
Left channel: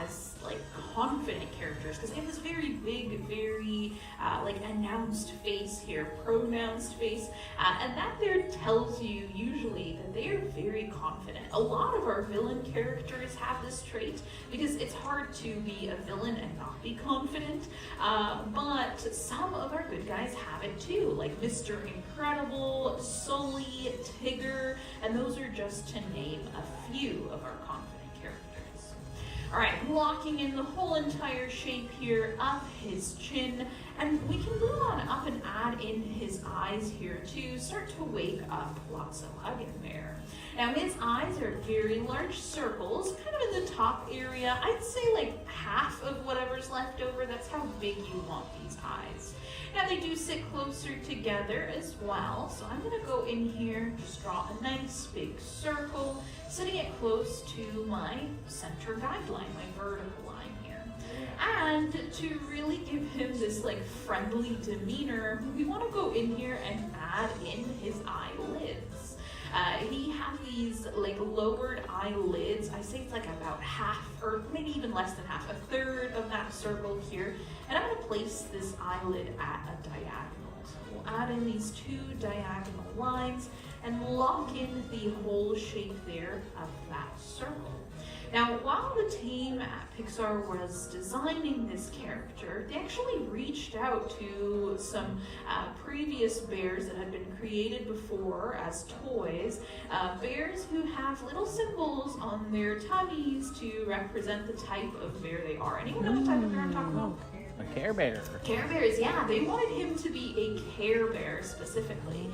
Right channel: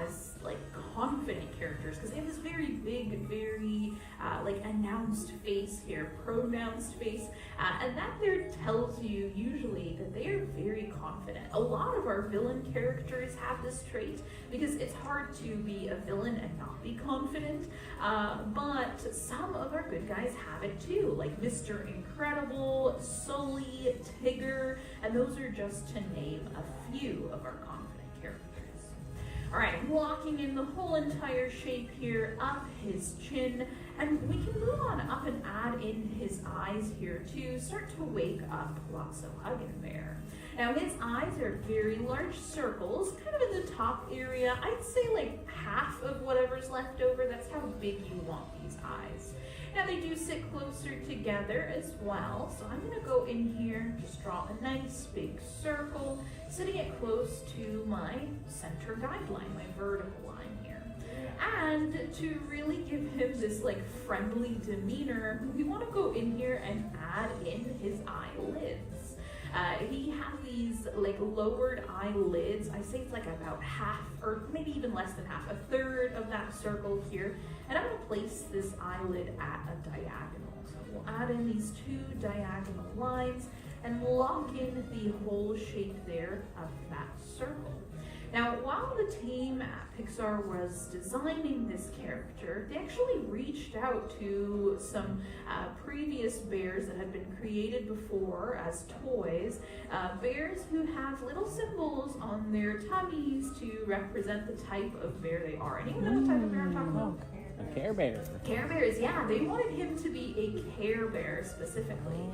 as confident characters, because they have this very big, very announced face here, pronounced face, and that there tells you usually that they are very confident. A lot of our villain characters have this trait because it's hard to be a villain and not be confident, but some of our good guys have it too, like Mr. Incredible, Sully, Tigger, and those are just to name a few of our confident characters. All right, I'm locking in the whole entire shape here of his chin, and we can move on up and add in his eyes here to start to wake up Lotso Huggin' Bear. Now his eyes are very large circles, kind of in the top area. I'd say half of whatever's left over. That's how big you want these eyes. Now they do sit closer together as well, so I'm going to go in here, just draw a nice big circle, setting it close to my center guideline, my vertical line here. And to really give him this friendly demeanor, we want to go in here and add in his eyelids. He has these lowered eyelids. I say it's about half, or maybe even less than half, a third of that circle here. And I'm going to place this eyelid at a diagonal. So we'll add in these 2 diagonal lines and lock in the whole shape there of that circle. Now, while the team at Pixar was designing this character, they actually reached out to some previous bears that had been created before as toys, bears who have little symbols on their tummies to represent the type of bear they are. Anyone know what type of bear I'm talking about? A Care Bear. Care Bears, yeah. They wanted him to be a Care Bear specifically.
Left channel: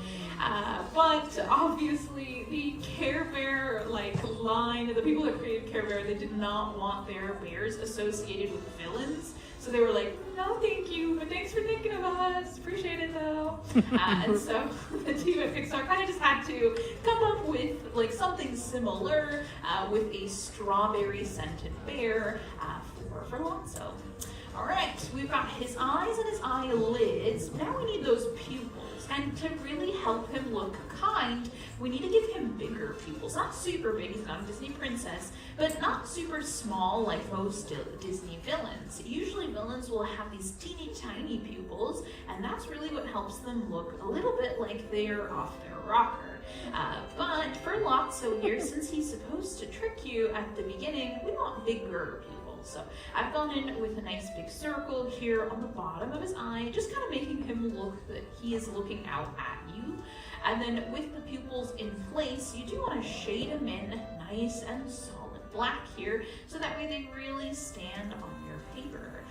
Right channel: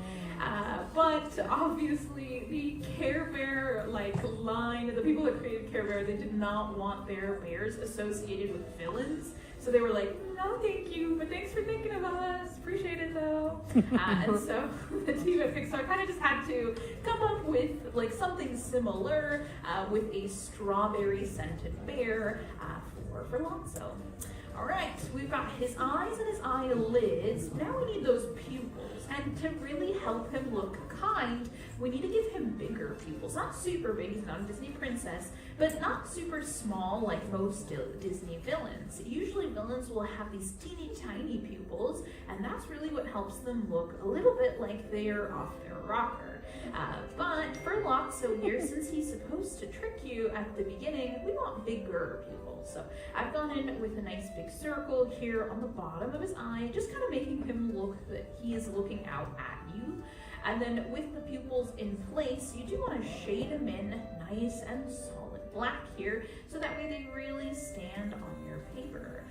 But obviously the Care Bear line, the people that created Care Bear, they did not want their bears associated with villains. So they were like, no thank you, but thanks for thinking of us. Appreciate it though. And so the team at Pixar kind of just had to come up with something similar with a strawberry scented bear for Lotso. All right, we've got his eyes and his eyelids. Now we need those pupils. And to really help him look kind, we need to give him bigger pupils. Not super big, he's not a Disney princess, but not super small like most Disney villains. Usually villains will have these teeny tiny pupils, and that's really what helps them look a little bit like they're off their rocker. But for Lotso here, since he's supposed to trick you at the beginning, we want bigger pupils. So I've gone in with a nice big circle here on the bottom of his eye, just kind of making him look that he is looking out at you. And then with the pupils in place, you do want to shade them in nice and solid black here, so that way they really stand on your paper.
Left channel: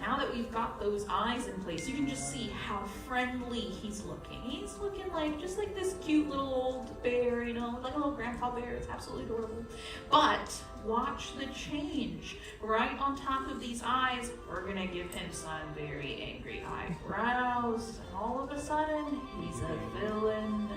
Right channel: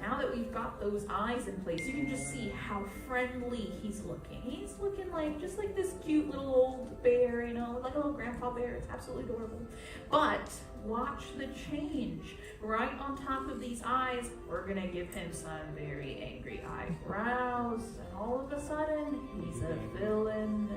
Now that we've got those eyes in place, you can just see how friendly he's looking. He's looking just like this cute little old bear, like a little grandpa bear. It's absolutely adorable. But watch the change. Right on top of these eyes, we're gonna give him some very angry eyebrows. And all of a sudden, he's a villain.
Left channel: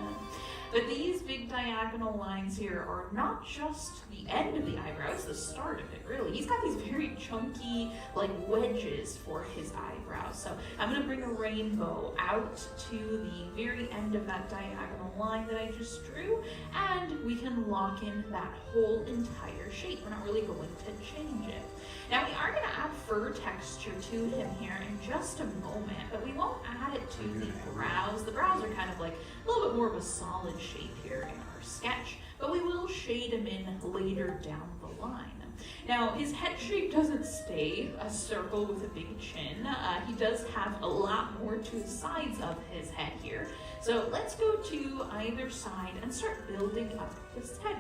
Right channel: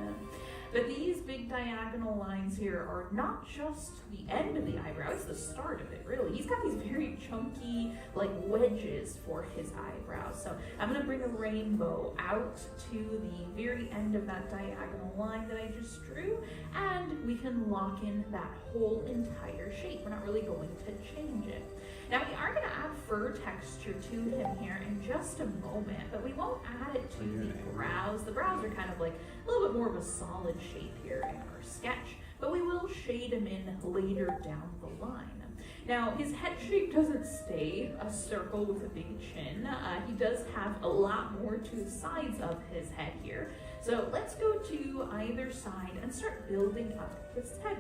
But these big diagonal lines here are not just the end of the eyebrow, it's the start of it, really. He's got these very chunky, wedges for his eyebrows. So I'm gonna bring a rainbow out to the very end of that diagonal line that I just drew, and we can lock in that whole entire shape. We're not really going to change it. Now we are gonna add fur texture to him here in just a moment, but we won't add it to the brows. The brows are kind of a little bit more of a solid shape here in our sketch, but we will shade him in later down the line. Now, his head shape doesn't stay a circle with a big chin. He does have a lot more to the sides of his head here. So let's go to either side and start building up his head.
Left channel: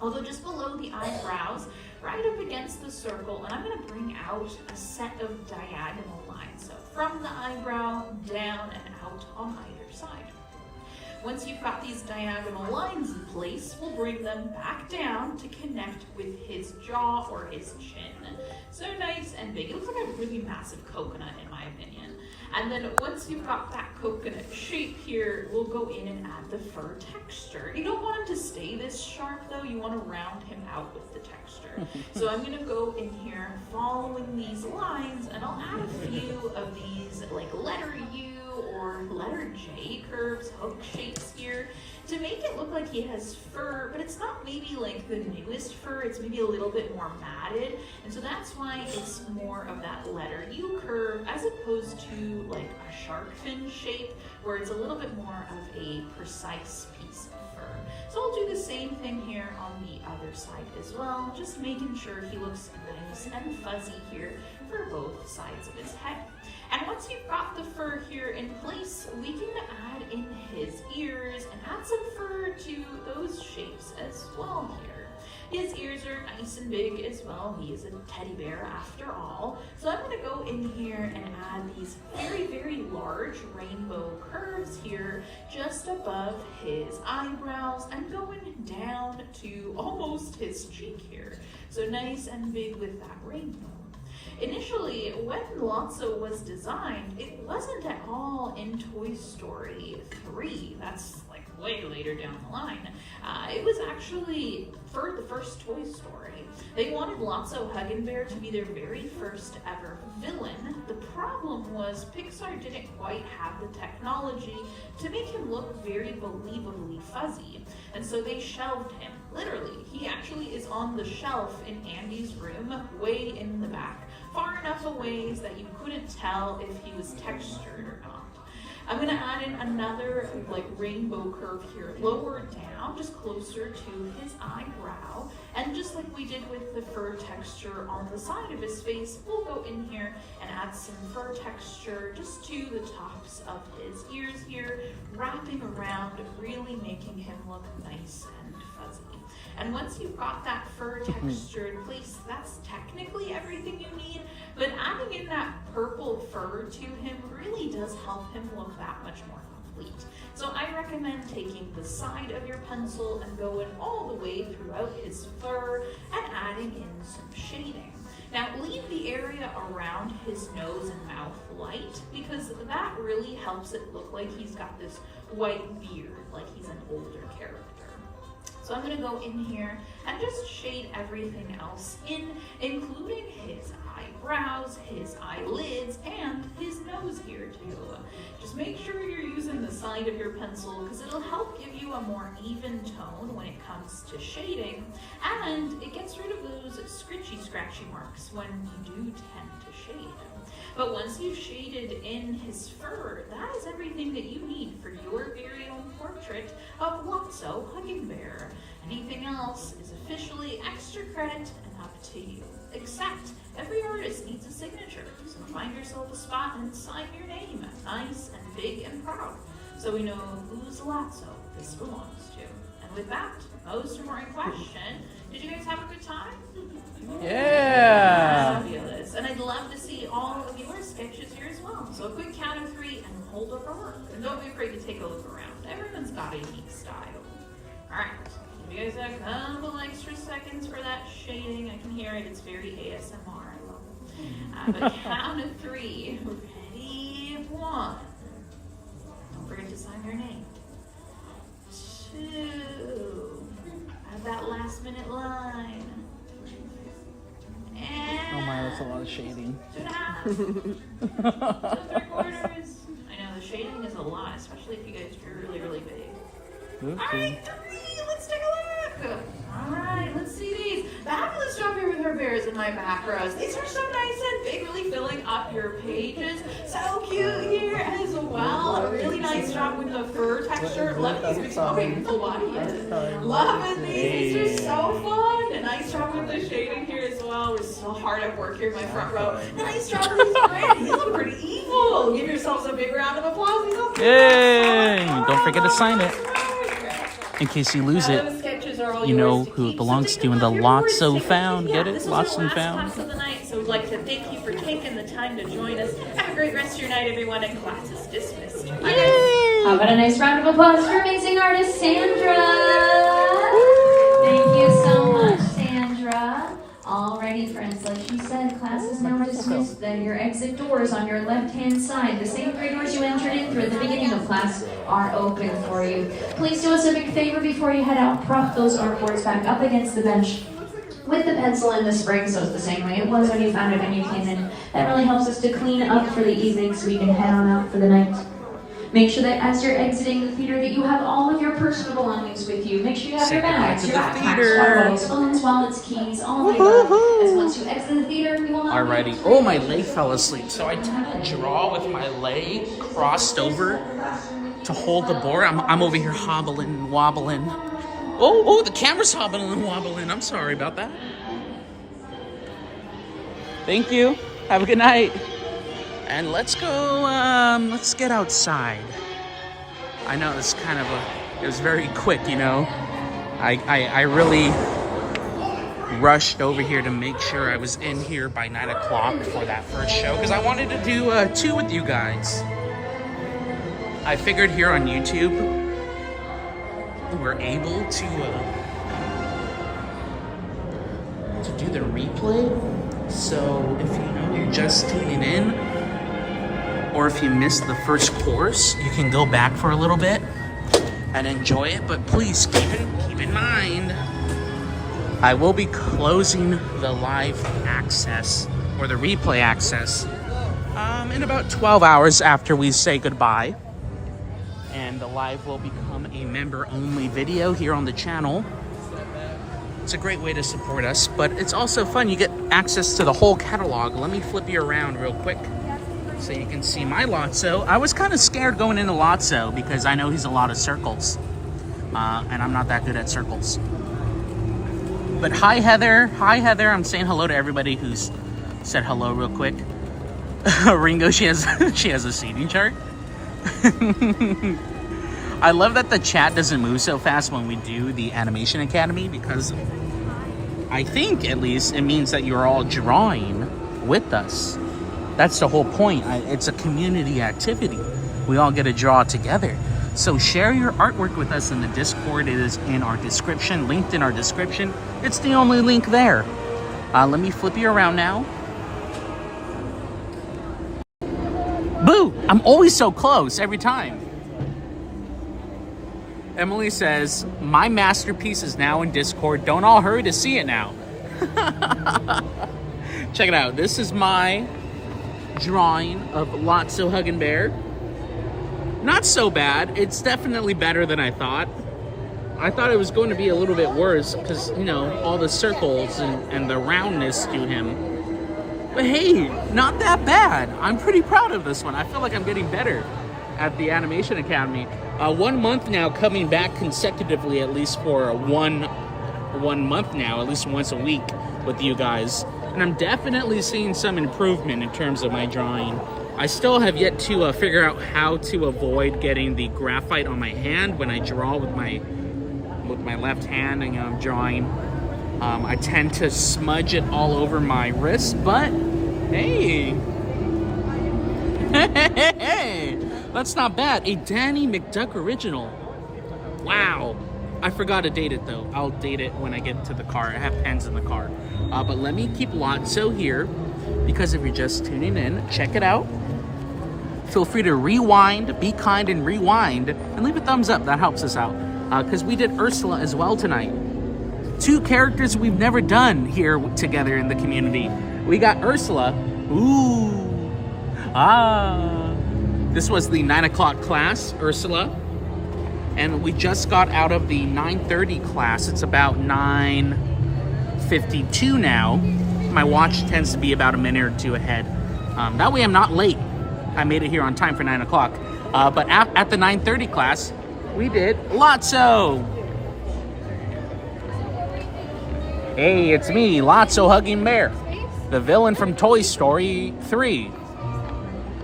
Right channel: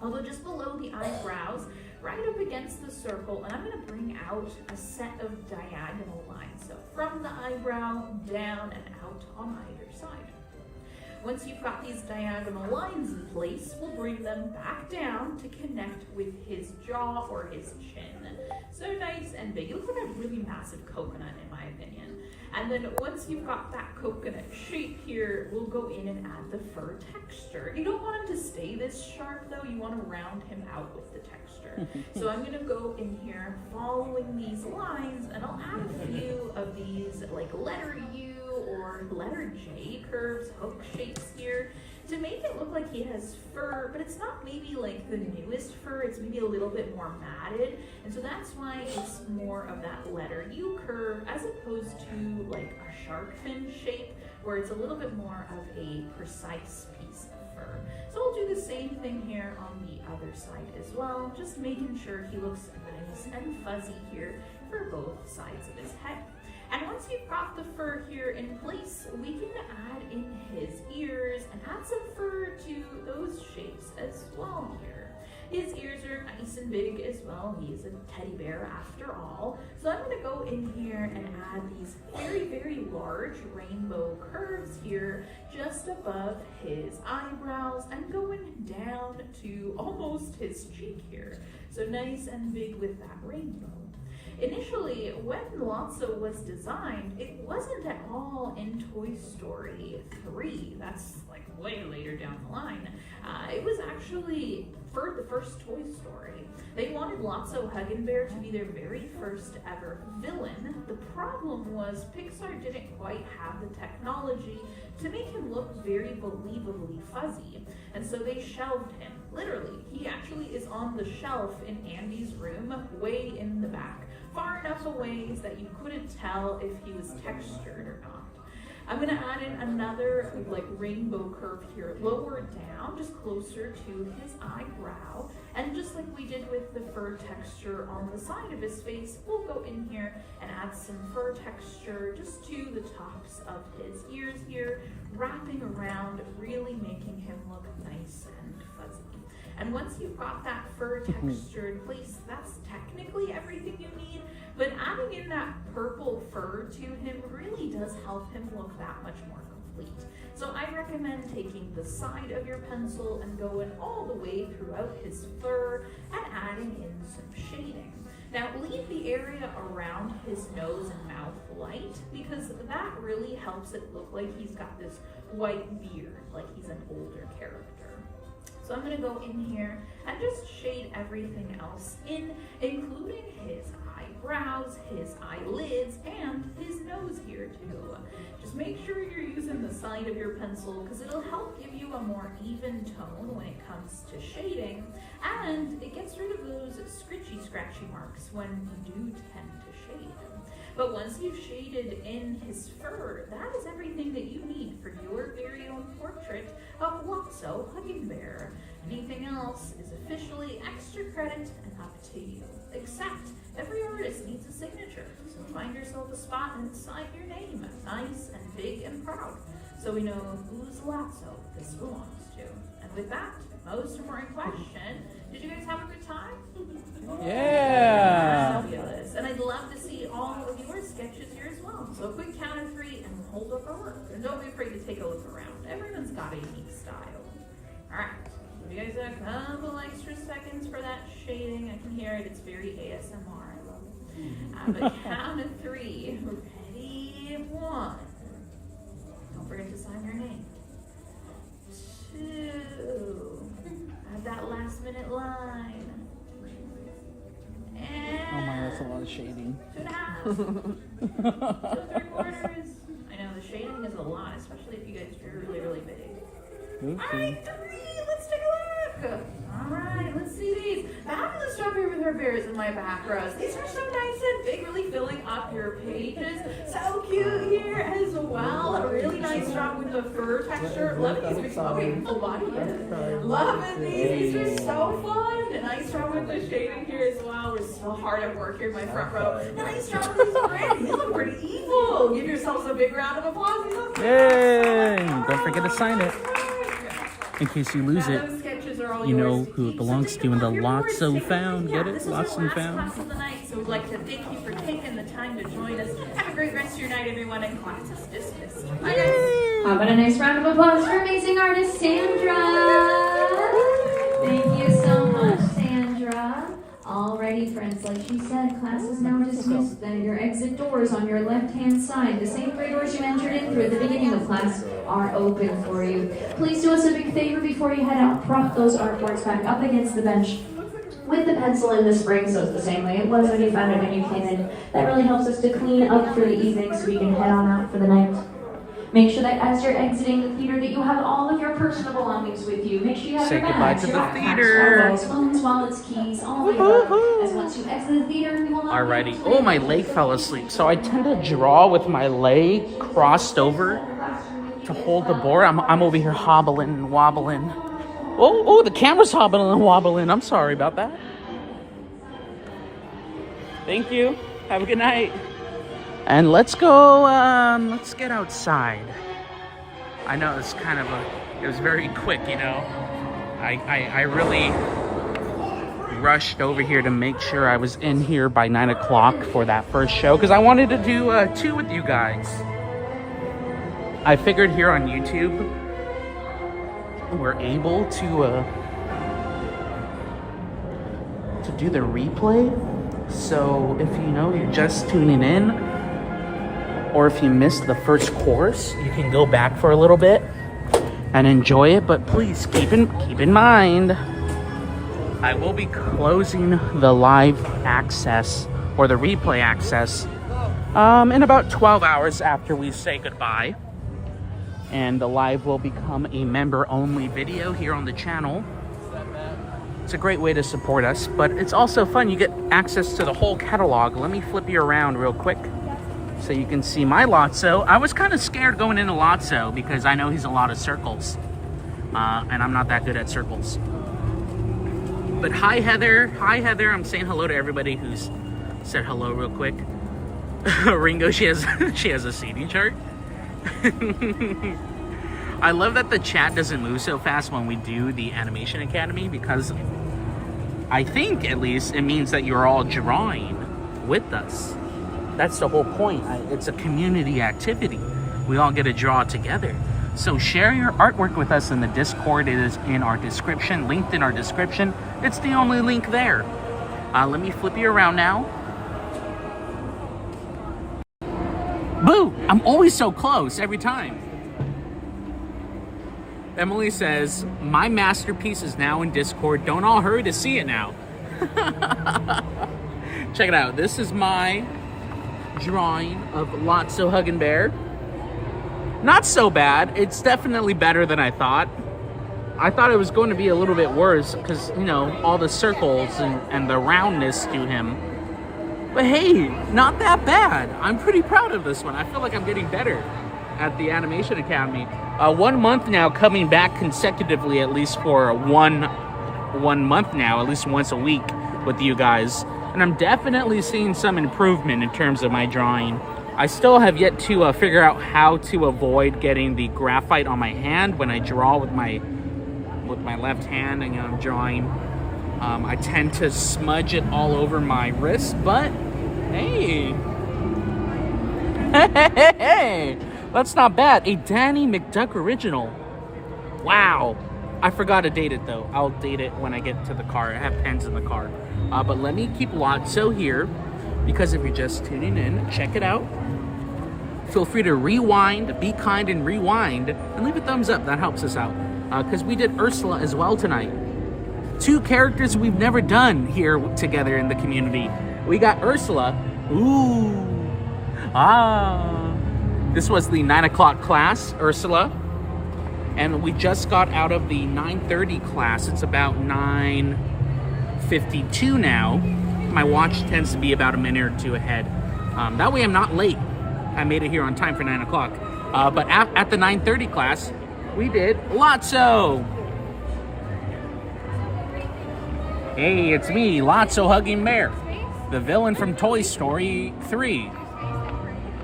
Although just below the eyebrows, right up against the circle, and I'm gonna bring out a set of diagonal lines. So from the eyebrow, down and out on either side. Once you've got these diagonal lines in place, we'll bring them back down to connect with his jaw or his chin. So nice and big. It looks like a really massive coconut in my opinion. And then once you've got that coconut shape here, we'll go in and add the fur texture. You don't want him to stay this sharp though, you want to round him out with the texture. So I'm gonna go in here following these lines, and I'll add a few of these letter U or letter J curves, hook shapes here, to make it look like he has fur, but it's not maybe the newest fur, it's maybe a little bit more matted, and so that's why it's more of that letter U curve as opposed to a shark fin shape, where it's a little bit more of a precise piece of fur. So I'll do the same thing here on the other side as well, just making sure he looks nice and fuzzy here for both sides of his head. And once you've got the fur here in place, we can add in his ears and add some fur to those shapes as well here. His ears are nice and big as well. He is a teddy bear after all. So I'm gonna go in here and add these very, very large rainbow curves here just above his eyebrows and going down to almost his cheek here. So nice and big with that rainbow. Initially, when Lotso was designed, it wasn't at all in Toy Story 3. That's way later down the line. It was actually for the first Toy Story. They wanted Lotso Huggenbear to be their very first ever villain. The problem was Pixar didn't quite have the technology to make him look very believably fuzzy, and so they shelved him. Literally, he actually is on the shelf in Andy's room, way in the back, far enough away that you couldn't tell if he was textured or not. I'm gonna add in another rainbow curve here, lower down, just closer to his eyebrow. brow. And just like we did with the fur texture on the side of his face, we'll go in here and add some fur texture just to the tops of his ears here, wrapping around, really making him look nice and fuzzy. And once you've got that fur texture in place, that's technically everything you need, but adding in that purple fur to him really does help him look that much more complete. So I recommend taking the side of your pencil and going all the way throughout his fur and adding in some shading. Now leave the area around his nose and mouth light, because that really helps it look like he's got this white beard, like he's an older character. So I'm gonna go in here and just shade everything else in, including his eyebrows, his eyelids, and his nose here too. Just make sure you're using the side of your pencil, because it'll help give you a more even tone when it comes to shading, and it gets rid of those scratchy marks when you do tend to shade. But once you've shaded in his fur, that is everything that you need for your very own portrait of Lotso Hugging Bear. Anything else is officially extra credit and up to you. Except every artist needs a signature, so find yourself a spot and sign your name, nice and big and proud, so we know whose Lotso this belongs to. And with that, most important question, did you guys have a good time? Yeah. Fabulous. And I'd love to see all of your sketches here as well. So a quick count of 3 and we'll hold up our work. And don't be afraid to take a look around. Everyone's got a unique style. All right. Give you guys a couple extra seconds for that shading. I can hear it. It's very ASMR. I love it. But count of 3. Ready? 1. Don't forget to sign your name. 2. Add that last minute line. And Oh my, that's a lot of shading. 2.5. 2 3/4. I know, the shading is a lot, especially if you guys are really, really big. Oopsie. All right, 3. Let's take a look. All right, let's see these. Fabulous job here with our bears in my backgrounds. These are so nice and big, really filling up your pages. So cute here as well. A really nice job with the fur texture. Loving these. Okay, full body. Yes. Loving these. These are so fun. A nice job with the shading here as well. We're still hard at work here in my front row. A nice job with these brands. These look pretty evil. Give yourselves a big round of applause. These look Yay! awesome. Don't forget to sign it. In case you lose it, you know who it belongs to in the Lotso Found. Get it? Lotso Found. Class of the night, so we'd like to thank you for taking the time to join us. Have a great rest of your night, everyone, and class is dismissed. Bye, guys. How about a nice round of applause for amazing artist Sandra? Thank you so much, Sandra. Alrighty, friends, like she said, class is now dismissed. Then your exit doors on your left-hand side, the same 3 doors you entered in through at the beginning of class, are open for you. Please do us a big favor before you head out. Prop those artboards back up against the bench with the pencil in the spring, so it's the same way it was when you found it when you came in. That really helps us to clean up for the evening so we can head on out for the night. Make sure that as you're exiting the theater that you have all of your personal belongings with you. Make sure you have Say your goodbye bags, to your the backpacks, theater. water bottles, phones, wallets, keys, all of that. As once you exit the theater, we will not be Alrighty. Oh, my leg fell asleep. So I tend to draw with my leg crossed over to hold the board. I'm over here hobbling and wobbling. Oh, the camera's hobbling and wobbling. I'm sorry about that. Thank you. Have a good night. And let's go, let's get outside. I know it's kind of it was very quick, you know. I really rushed over here to make sure I was in here by 9 o'clock for that first show, because I wanted to do 2 with you guys. I figured here on YouTube, we're able to do the replay. So if you know you're just tuning in, or if you missed the first course, you can go back for a little bit and enjoy it. But please keep in mind, I will be closing the live access or the replay access in about 12 hours after we say goodbye. And the live will become a member-only video here on the channel. It's a great way to support us, but it's also fun. You get access to the whole catalog. Let me flip you around real quick so you can see my Lotso. I was kind of scared going into Lotso because I know he's a lot of circles, and I'm not that good at circles. But hi, Heather. Hi, Heather. I'm saying hello to everybody who's said hello real quick. Ringo, she has a seating chart. I love that the chat doesn't move so fast when we do the Animation Academy, because I think, at least, it means that you're all drawing with us. That's the whole point. It's a community activity. We all get to draw together. So share your artwork with us in the Discord. It is in our description, linked in our description. It's the only link there. Let me flip you around now. Boo! I'm always so close every time. Emily says, my masterpiece is now in Discord. Don't all hurry to see it now. Check it out. This is my drawing of Lotso Huggin' Bear. Not so bad. It's definitely better than I thought. I thought it was going to be a little bit worse because, you know, all the circles and the roundness to him. But hey, not that bad. I'm pretty proud of this one. I feel like I'm getting better at the Animation Academy. 1 month now, coming back consecutively, at least for one month now, at least once a week with you guys. And I'm definitely seeing some improvement in terms of my drawing. I still have yet to figure out how to avoid getting the graphite on my hand when I draw with my left hand and I'm drawing. I tend to smudge it all over my wrist, but hey. That's not bad. A Danny McDuck original. Wow. I forgot to date it though. I'll date it when I get to the car. I have pens in the car. But let me keep Lotso here, because if you're just tuning in, check it out. Feel free to rewind, be kind and rewind, and leave a thumbs up. That helps us out. Because we did Ursula as well tonight. 2 characters we've never done here together in the community. We got Ursula. Ooh. Ah. This was the 9 o'clock class, Ursula. And we just got out of the 9:30 class. It's about 9:52 now. My watch tends to be about a minute or two ahead. That way I'm not late. I made it here on time for 9 o'clock. But at the 9:30 class, we did Lotso. Hey, it's me, Lotso Hugging Bear, the villain from Toy Story 3.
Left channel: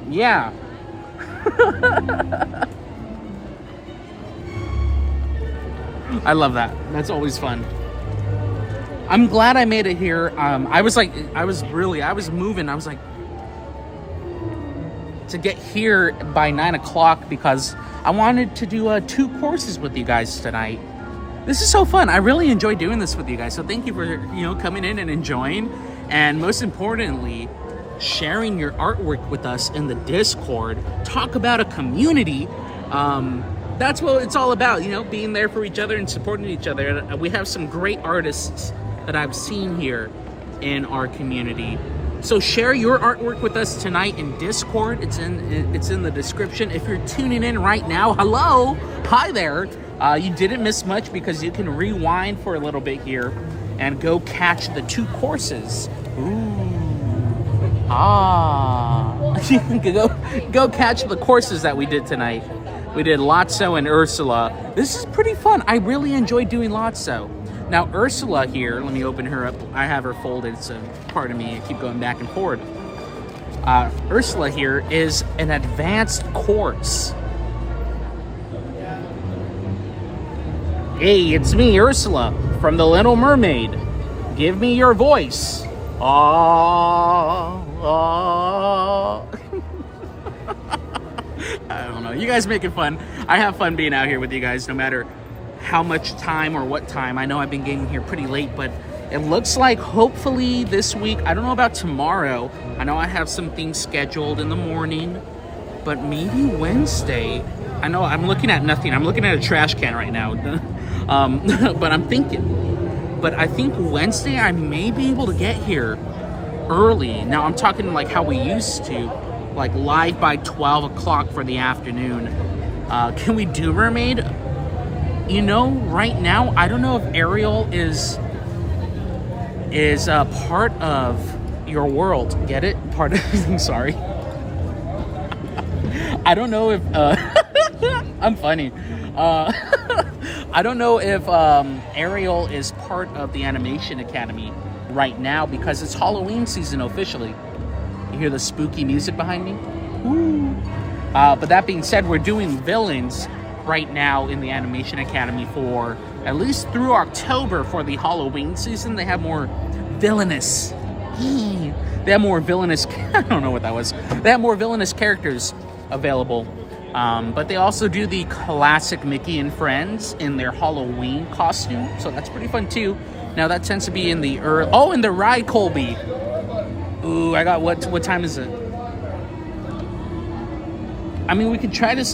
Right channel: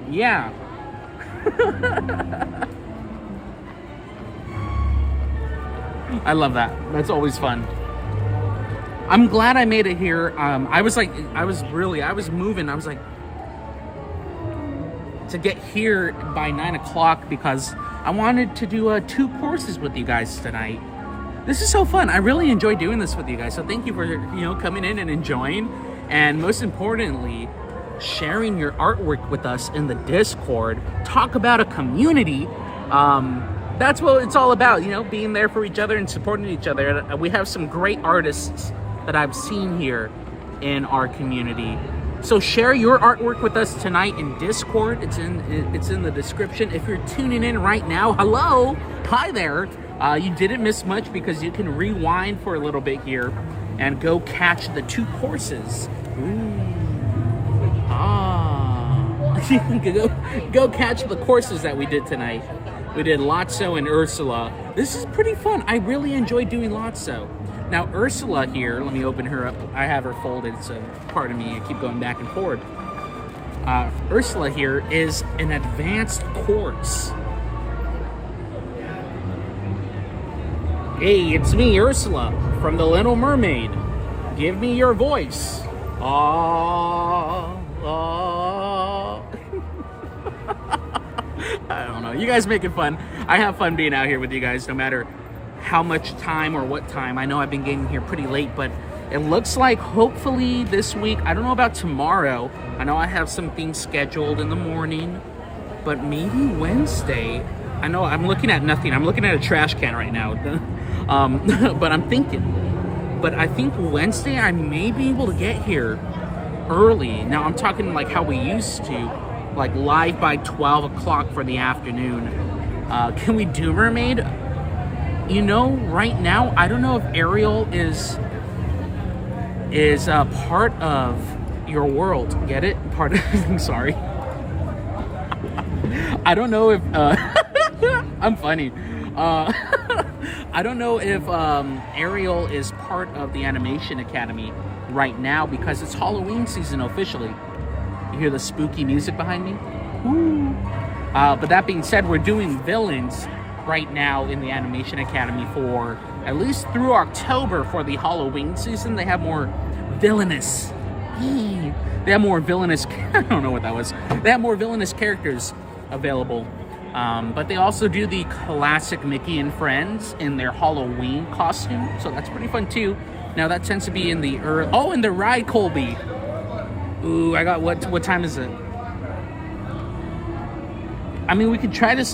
Yeah. I love that. That's always fun. I'm glad I made it here. I was moving. I was like, to get here by 9 o'clock because I wanted to do 2 courses with you guys tonight. This is so fun. I really enjoy doing this with you guys. So thank you for, coming in and enjoying. And most importantly, sharing your artwork with us in the Discord. Talk about a community. That's what it's all about, being there for each other and supporting each other. We have some great artists that I've seen here in our community. So share your artwork with us tonight in Discord. It's in the description. If you're tuning in right now, hello, hi there. You didn't miss much because you can rewind for a little bit here and go catch the 2 courses. Ooh. Ah. You can go catch the courses that we did tonight. We did Lotso and Ursula. This is pretty fun. I really enjoy doing Lotso. Now Ursula here, let me open her up. I have her folded, so pardon me, I keep going back and forward. Ursula here is an advanced course. Hey, it's me, Ursula, from The Little Mermaid. Give me your voice. I don't know. You guys make it fun. I have fun being out here with you guys, no matter how much time or what time. I know I've been getting here pretty late, but it looks like hopefully this week, I don't know about tomorrow. I know I have some things scheduled in the morning, but maybe Wednesday. I know I'm looking at nothing. I'm looking at a trash can right now. But I'm thinking, but I think Wednesday I may be able to get here early. Now I'm talking like how we used to, like live by 12 o'clock for the afternoon. Can we do Mermaid? Right now, I don't know if Ariel is part of your world. Get it? Part of, I'm sorry. I don't know if, I'm funny. I don't know if Ariel is part of the Animation Academy right now because it's Halloween season officially. You hear the spooky music behind me? Woo! But that being said, we're doing villains right now in the Animation Academy for at least through October for the Halloween season. They have more villainous. They have more villainous. I don't know what that was. They have more villainous characters available. But they also do the classic Mickey and Friends in their Halloween costume. So that's pretty fun too. Now that tends to be in the in the ride, Colby. Ooh, I got what time is it? I mean, we could try to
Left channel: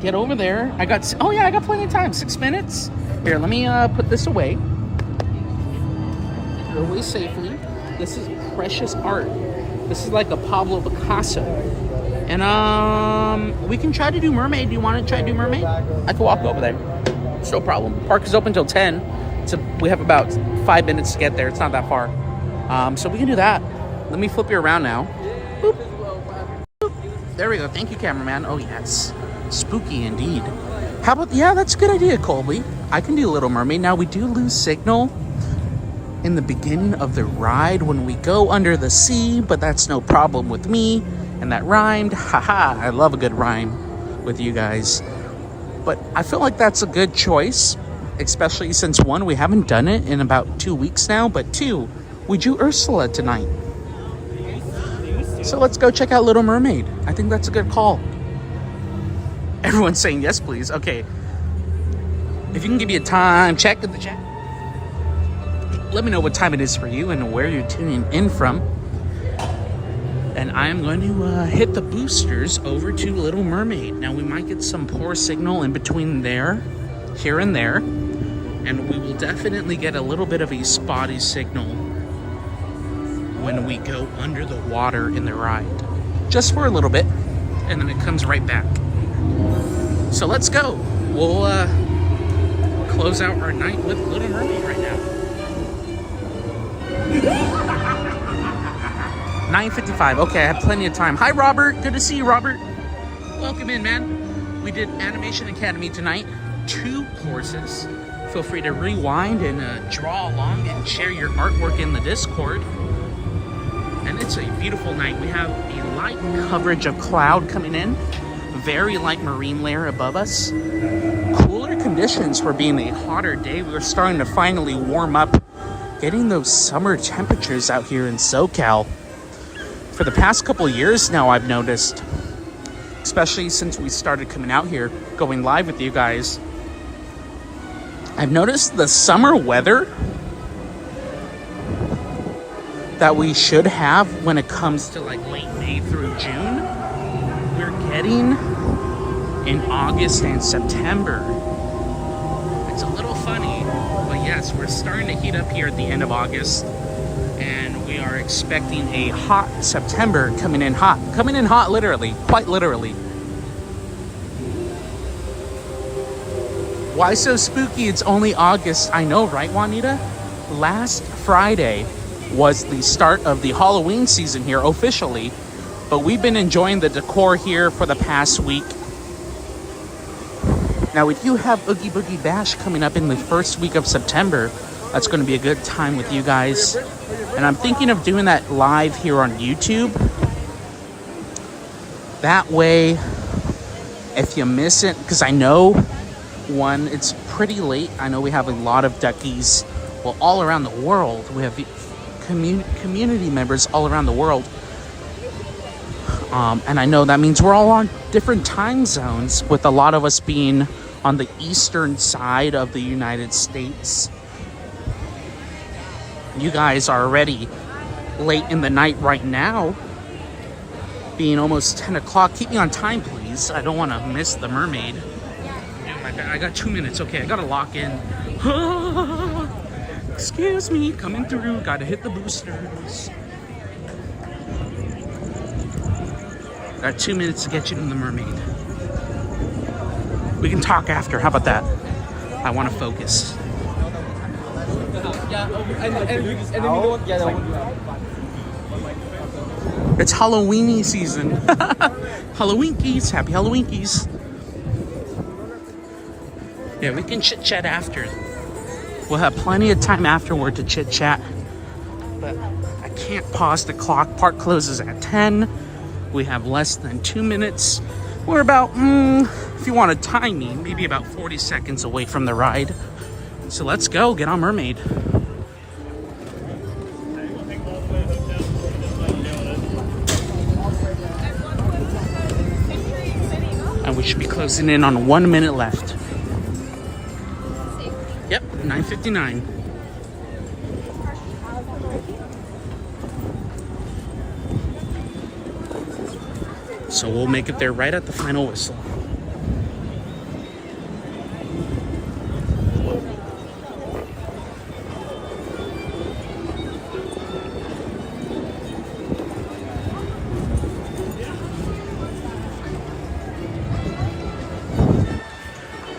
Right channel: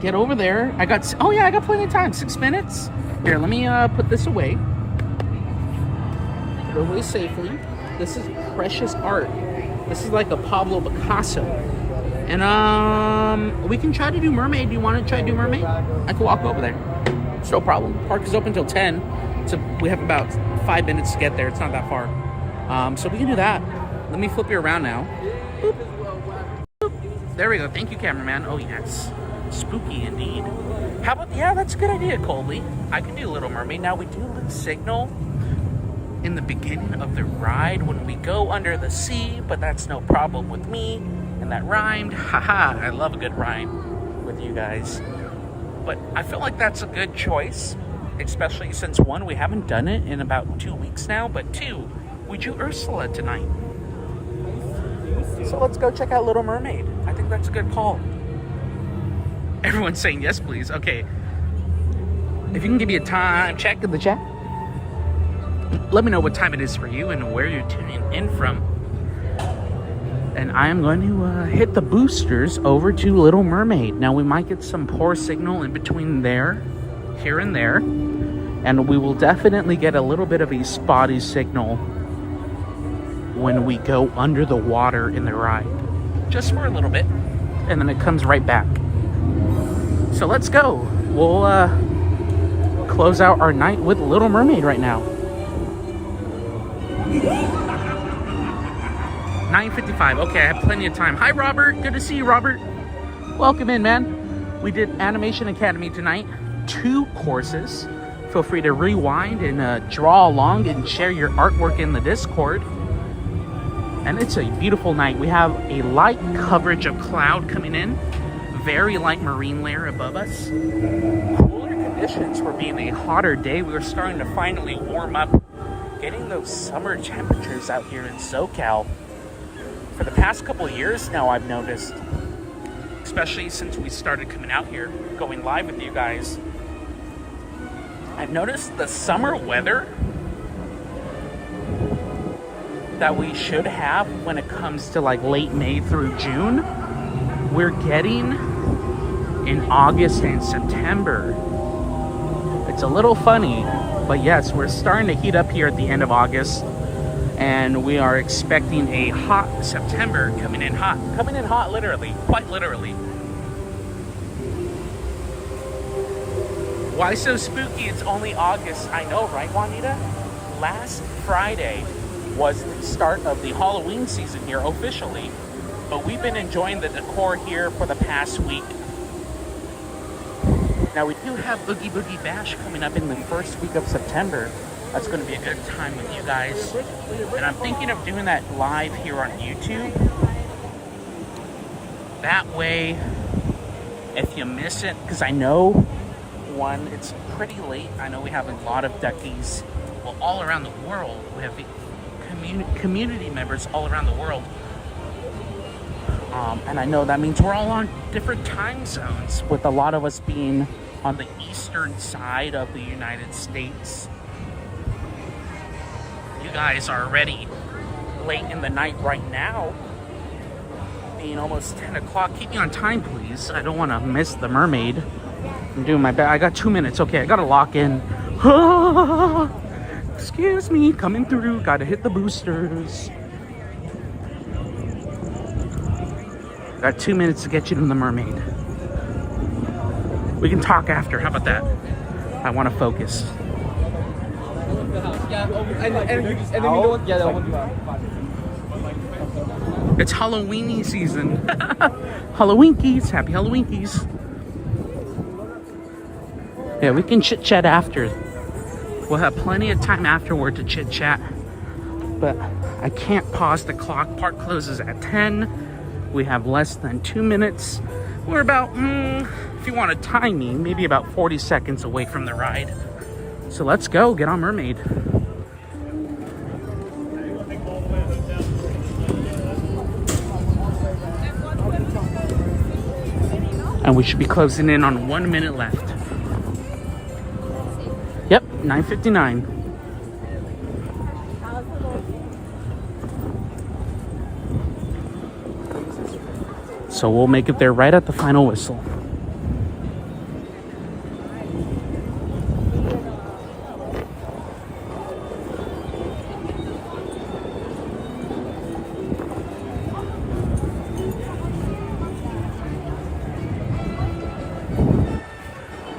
get over there. I got plenty of time. 6 minutes. Here, let me put this away. Put it away safely. This is precious art. This is like a Pablo Picasso. And we can try to do Mermaid. Do you want to try to do Mermaid? I can walk over there. It's no problem. Park is open till 10. So we have about 5 minutes to get there. It's not that far. So we can do that. Let me flip you around now. Boop. Boop. There we go. Thank you, cameraman. Oh, yes. Spooky indeed. How about, yeah, that's a good idea, Colby. I can do Little Mermaid. Now, we do lose signal in the beginning of the ride when we go under the sea, but that's no problem with me. And that rhymed. Haha, I love a good rhyme with you guys. But I feel like that's a good choice, especially since, one, we haven't done it in about 2 weeks now, but two, we drew Ursula tonight. So let's go check out Little Mermaid. I think that's a good call. Everyone's saying yes, please. Okay. If you can give me a time check in the chat. Let me know what time it is for you and where you're tuning in from. And I'm going to hit the boosters over to Little Mermaid. Now, we might get some poor signal in between there, here and there. And we will definitely get a little bit of a spotty signal when we go under the water in the ride. Just for a little bit. And then it comes right back. So let's go. We'll close out our night with Little Mermaid right now. 9:55. Okay, I have plenty of time. Hi, Robert. Good to see you, Robert. Welcome in, man. We did Animation Academy tonight. 2 courses. Feel free to rewind and draw along and share your artwork in the Discord. And it's a beautiful night. We have a light coverage of cloud coming in. Very light marine layer above us. Cooler conditions for being a hotter day. We were starting to finally warm up. Getting those summer temperatures out here in SoCal. For the past couple of years now, I've noticed, especially since we started coming out here, going live with you guys, I've noticed the summer weather that we should have when it comes to like late May through June, we're getting in August and September. It's a little funny, but yes, we're starting to heat up here at the end of August. And we are expecting a hot September coming in hot. Coming in hot, literally. Quite literally. Why so spooky? It's only August. I know, right, Juanita? Last Friday was the start of the Halloween season here, officially. But we've been enjoying the decor here for the past week. Now, we do have Oogie Boogie Bash coming up in the first week of September. That's going to be a good time with you guys. And I'm thinking of doing that live here on YouTube. That way, if you miss it, because I know, one, it's pretty late. I know we have a lot of duckies, well, all around the world. We have community members all around the world. And I know that means we're all on different time zones, with a lot of us being on the eastern side of the United States. You guys are already late in the night right now, being almost 10 o'clock. Keep me on time, please. I don't want to miss the mermaid. I'm doing my best. I got 2 minutes. Okay, I got to lock in. Excuse me, coming through. Got to hit the boosters. Got 2 minutes to get you to the mermaid. We can talk after. How about that? I want to focus. It's Halloweeny season. Halloweenkies, happy Halloweenkies. Yeah, we can chit chat after. We'll have plenty of time afterward to chit chat. But I can't pause the clock. Park closes at 10. We have less than 2 minutes. We're about, if you want to time me, maybe about 40 seconds away from the ride. So let's go, get on Mermaid. And we should be closing in on 1 minute left. Yep, 9:59. So we'll make it there right at the final whistle.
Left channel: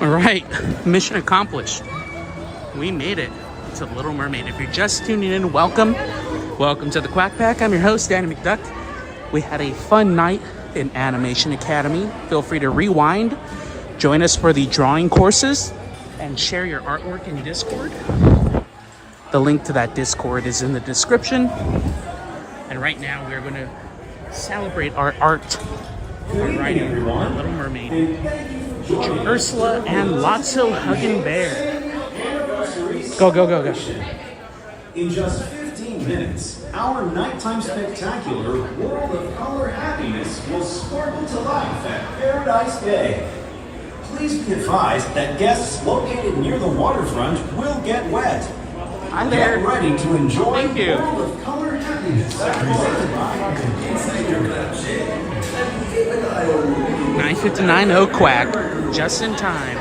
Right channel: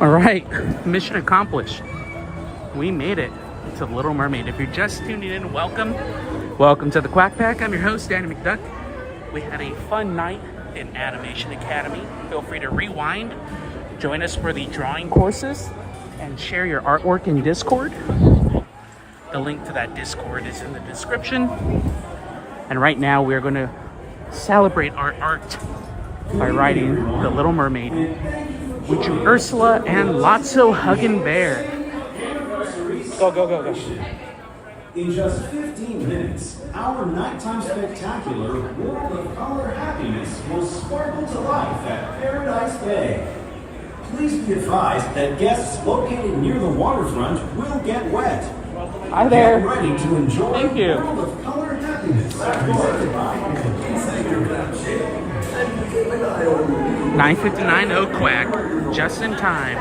All right, mission accomplished. We made it to The Little Mermaid. If you're just tuning in, welcome. Welcome to the Quack Pack. I'm your host, Danny McDuck. We had a fun night in Animation Academy. Feel free to rewind, join us for the drawing courses, and share your artwork in Discord. The link to that Discord is in the description. And right now we're going to celebrate our art by writing The Little Mermaid. We drew Ursula and Lotso Huggin' Bear. Go, go, go, go. In just 15 minutes, our nighttime spectacular World of Color Happiness will sparkle to life at Paradise Bay. Please be advised that guests located near the waterfront will get wet. Hi there. Get ready to enjoy Thank you. World of Color Happiness presented by 9:59, oh quack, just in time.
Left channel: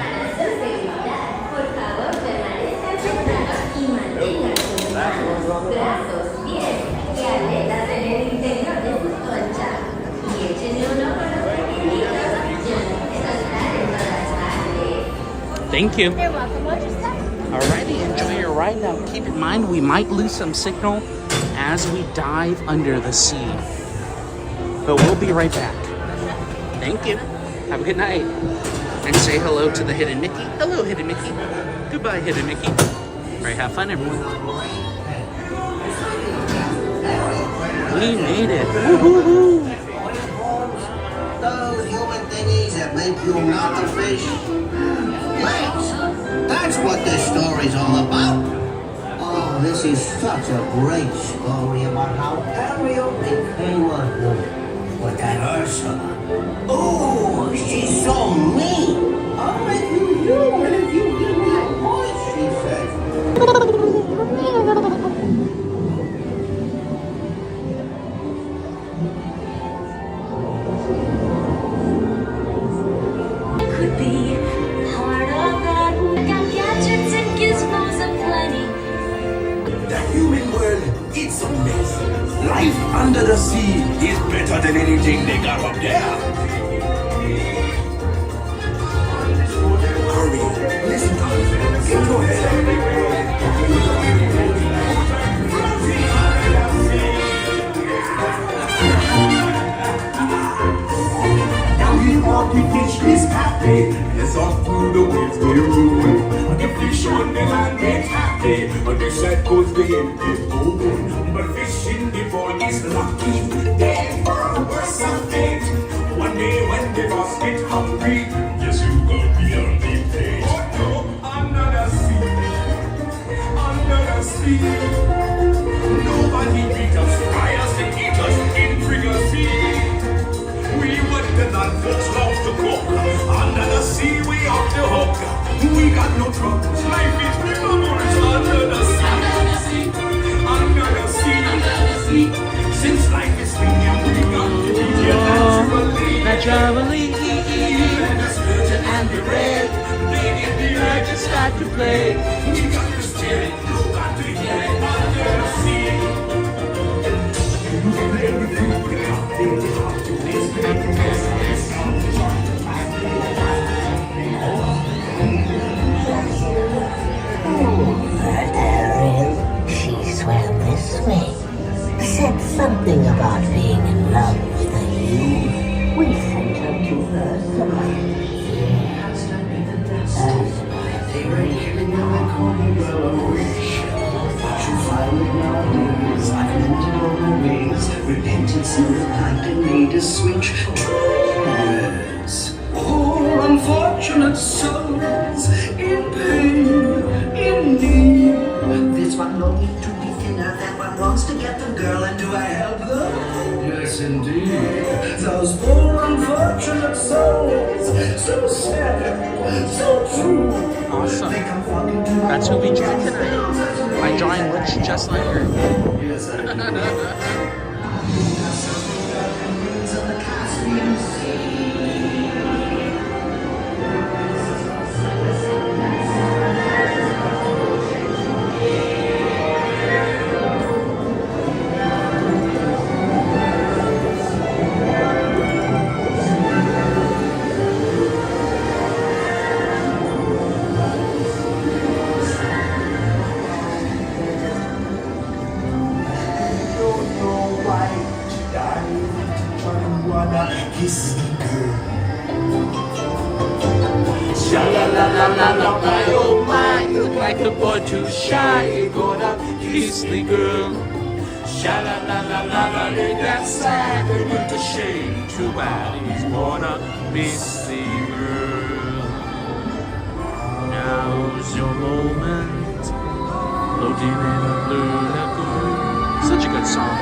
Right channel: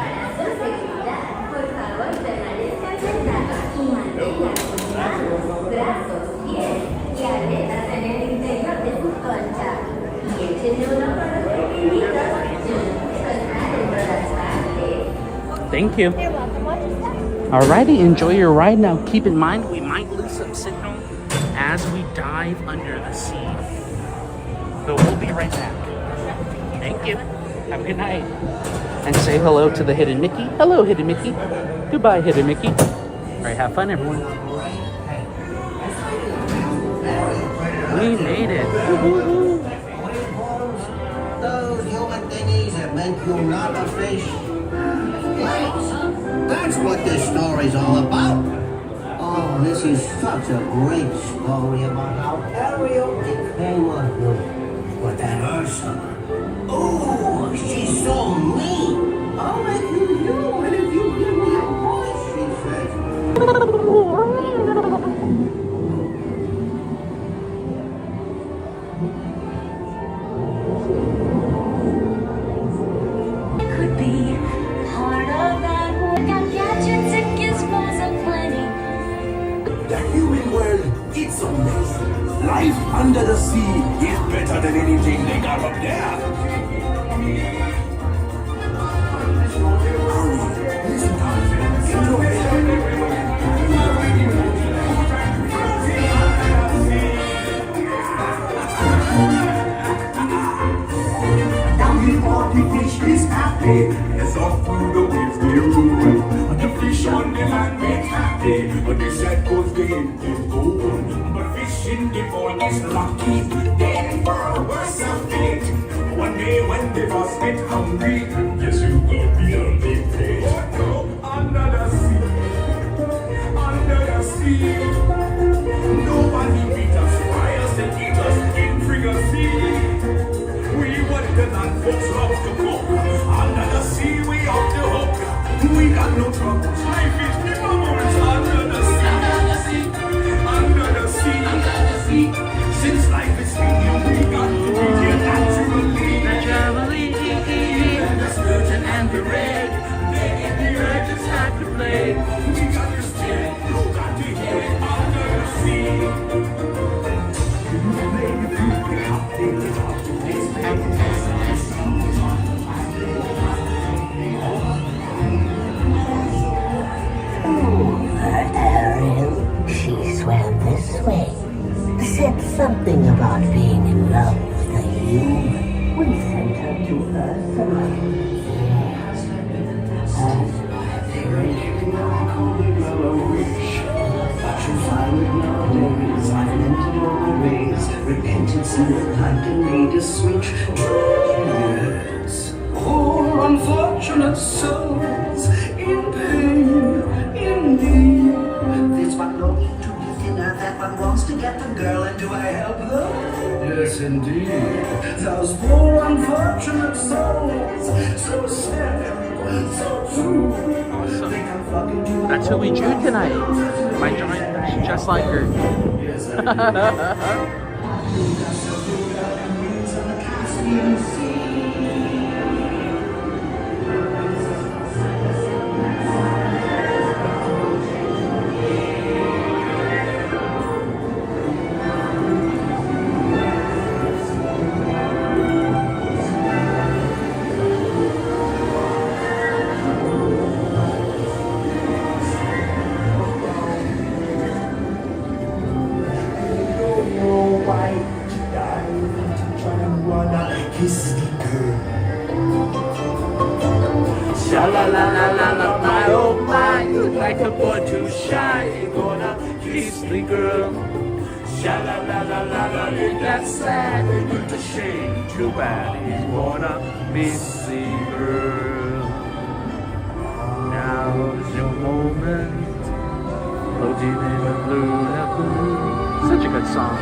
Thank you. Alrighty, enjoy your ride now. Keep in mind, we might lose some signal as we dive under the sea. But we'll be right back. Thank you. Have a good night. And say hello to the Hidden Mickey. Hello, Hidden Mickey. Goodbye, Hidden Mickey. All right, have fun, everyone. We made it. Woo-hoo-hoo. Those human thingies that make you not a fish. Lakes. That's what this story's all about. Oh, this is such a great story about how Ariel became a human. But that Ursula, oh, she's so mean. I'll let you do it if you give me a voice, she says. Could be part of that world. Got gadgets and gizmos aplenty. The human world, it's amazing. Life under the sea is better than anything they got up there. Hurry, listen up, enjoy it. Down here, the fish is happy. Yes, off through the waves they roll. The fish on the land is happy, but the sad goes the end is old. But fish in the pond is lucky, they for worse of fate. One day when they must get hungry, yes, you go beyond the page. Under the sea, nobody beat us, fry us and eat us in frigate. We were the land folks love to cook. Under the sea, we off the hook. We got no troubles. Life is the memories under the sea. Under the sea. Since life is medium, we got to be here naturally. And the sturgeon and the red, they get the urge to start to play. We got to steer it, you got to hear it under the sea. You play the fruit, we got to Ariel, she swam this way. Said something about being in love with you. We sent her to Ursula. Yes, Ursula. call your girl a witch. But you find it nowadays. I've mended all my ways. Repentance and the night and made a switch. Yes. Poor unfortunate souls in pain, indeed. This one longing to be thinner, that one wants to get the girl, and do I help them? Yes, indeed. Those poor unfortunate souls, so sad, so true. Awesome. They come flocking to That's what we do tonight. My drawing looks just like her. Kiss the girl. Sha la la la la la, my oh my, like a boy too shy, gonna kiss the girl. Sha la la la la la, ain't that sad? It's a shame, too bad he's gonna miss the girl. Now's your moment, floating in the blue lagoon. Such a good song.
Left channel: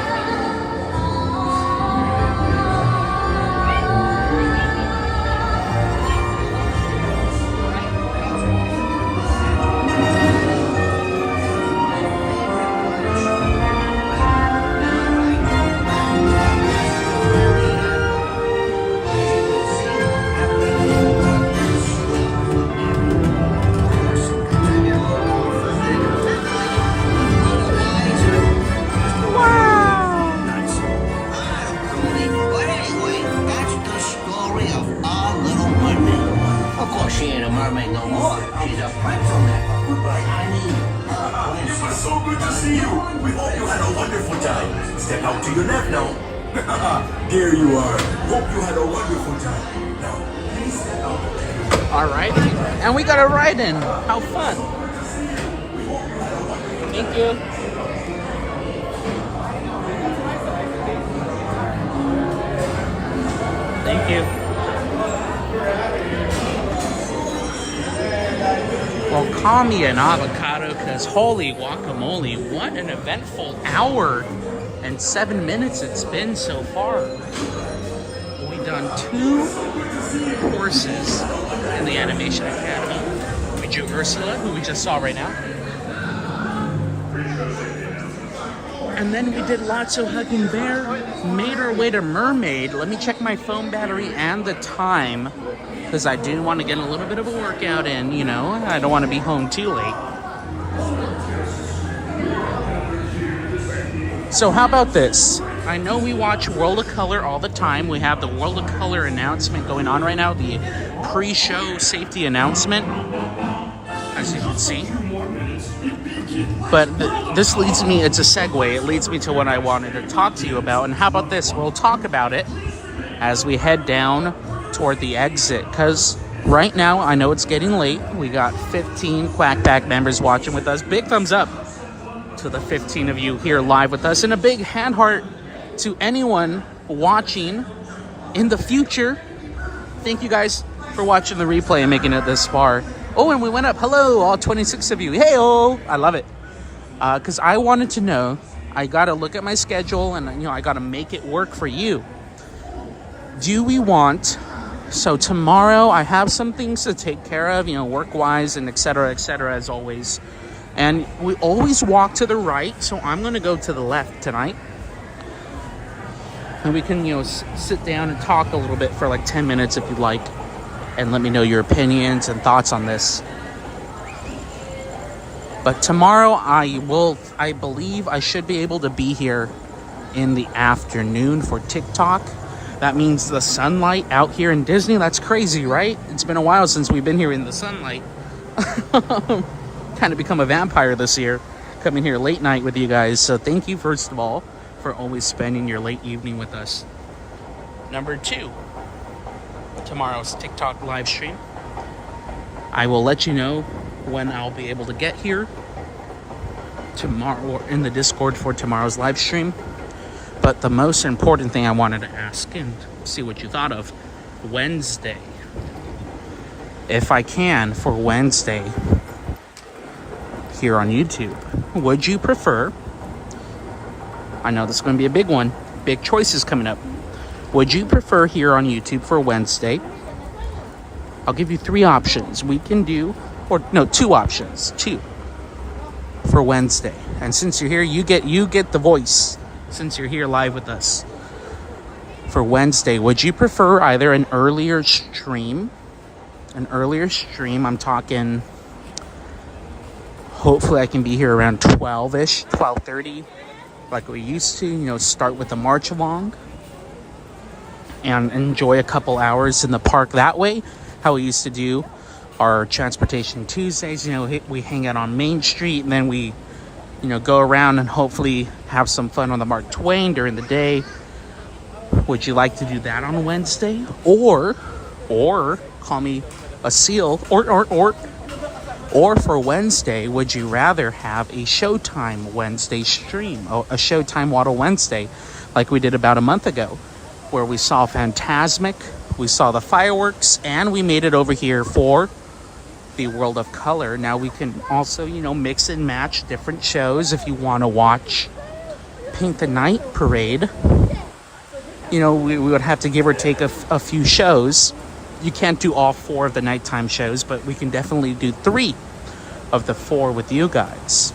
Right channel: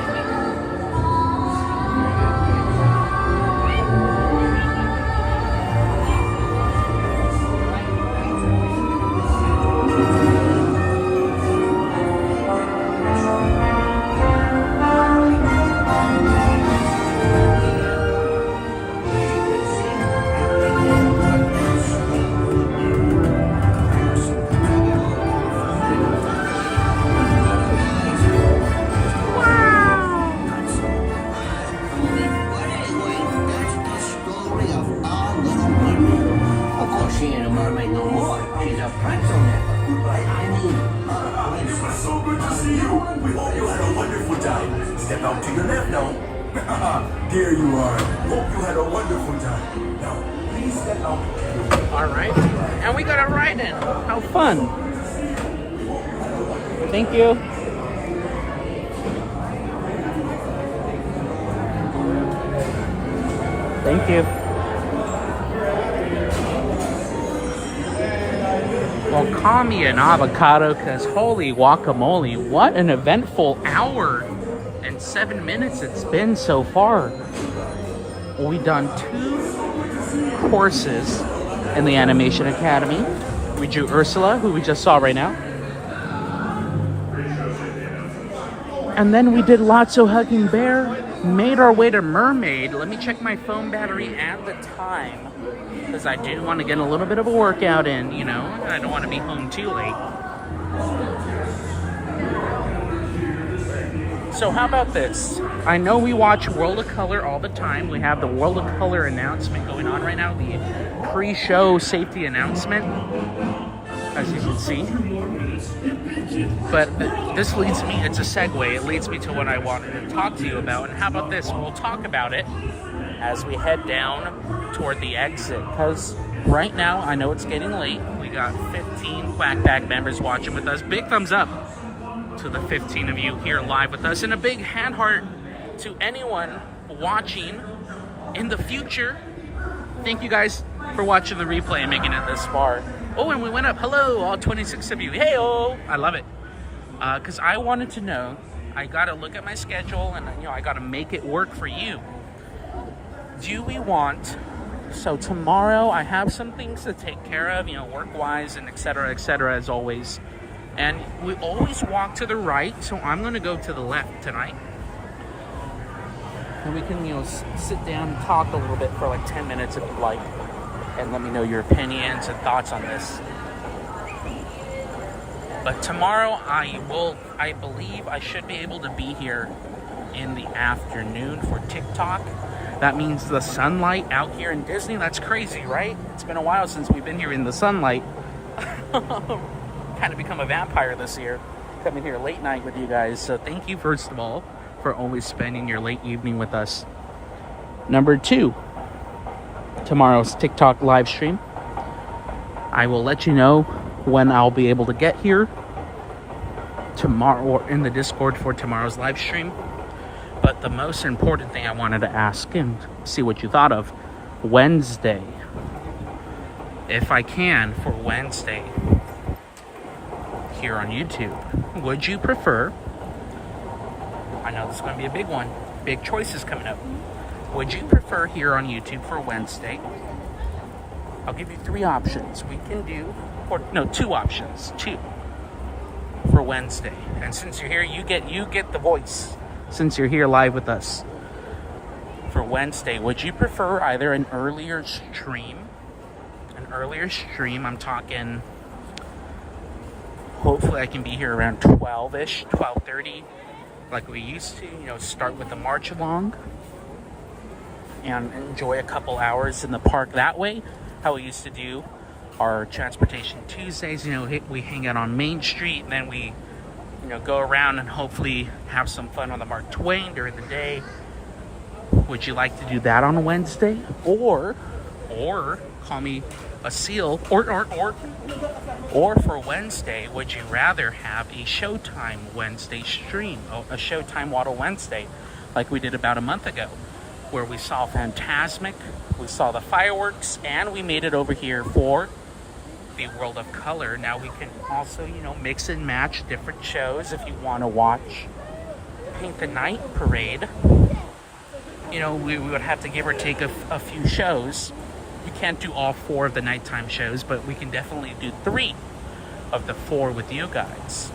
So good to see you. We hope you had a wonderful time. Step out to your left now. There you are. Hope you had a wonderful time. Now, please step out. All right, and we got a ride in. How fun! Thank you. Thank you. Well, call me an avocado, because holy guacamole, what an eventful hour and 7 minutes it's been so far. We've done 2 courses in the Animation Academy. We drew Ursula, who we just saw right now. And then we did Lotso Hugging Bear, made our way to Mermaid. Let me check my phone battery and the time, because I do want to get a little bit of a workout in, you know. I don't want to be home too late. So how about this? I know we watch World of Color all the time. We have the World of Color announcement going on right now, the pre-show safety announcement, as you can see. But this leads me, it's a segue, it leads me to what I wanted to talk to you about. And how about this? We'll talk about it as we head down toward the exit, because right now I know it's getting late. We got 15 Quack Pack members watching with us. Big thumbs up to the 15 of you here live with us, and a big hand heart to anyone watching in the future. Thank you guys for watching the replay and making it this far. Oh, and we went up. Hello, all 26 of you. Hey-oh! I love it. Because I wanted to know, I got to look at my schedule, and you know, I got to make it work for you. Do we want... So tomorrow I have some things to take care of, you know, work-wise and et cetera, as always. And we always walk to the right, so I'm going to go to the left tonight. And we can, you know, sit down and talk a little bit for like 10 minutes if you'd like. And let me know your opinions and thoughts on this. But tomorrow I believe I should be able to be here in the afternoon for TikTok. That means the sunlight out here in Disney. That's crazy, right? It's been a while since we've been here in the sunlight. Kind of become a vampire this year, coming here late night with you guys. So thank you, first of all, for always spending your late evening with us. Number 2, tomorrow's TikTok live stream. I will let you know when I'll be able to get here tomorrow, or in the Discord for tomorrow's live stream. But the most important thing I wanted to ask and see what you thought of, Wednesday. If I can, for Wednesday here on YouTube, would you prefer, I know this is going to be a big one, big choices coming up. Would you prefer here on YouTube for Wednesday? I'll give you 3 options. We can do, or no, 2 options. 2 for Wednesday. And since you're here, you get the voice. Since you're here live with us for Wednesday, would you prefer either an earlier stream? I'm talking, hopefully I can be here around 12-ish, 12:30, like we used to, you know, start with the march along and enjoy a couple hours in the park that way, how we used to do our Transportation Tuesdays. You know, we hang out on Main Street, and then we, you know, go around and hopefully have some fun on the Mark Twain during the day. Would you like to do that on Wednesday? Or call me a seal, or for Wednesday, would you rather have a Showtime Wednesday stream, a Showtime Waddle Wednesday, like we did about a month ago, where we saw Fantasmic, we saw the fireworks, and we made it over here for the World of Color. Now we can also, you know, mix and match different shows. If you want to watch Paint the Night Parade, you know, we would have to give or take a few shows. You can't do all 4 of the nighttime shows, but we can definitely do 3 of the 4 with you guys.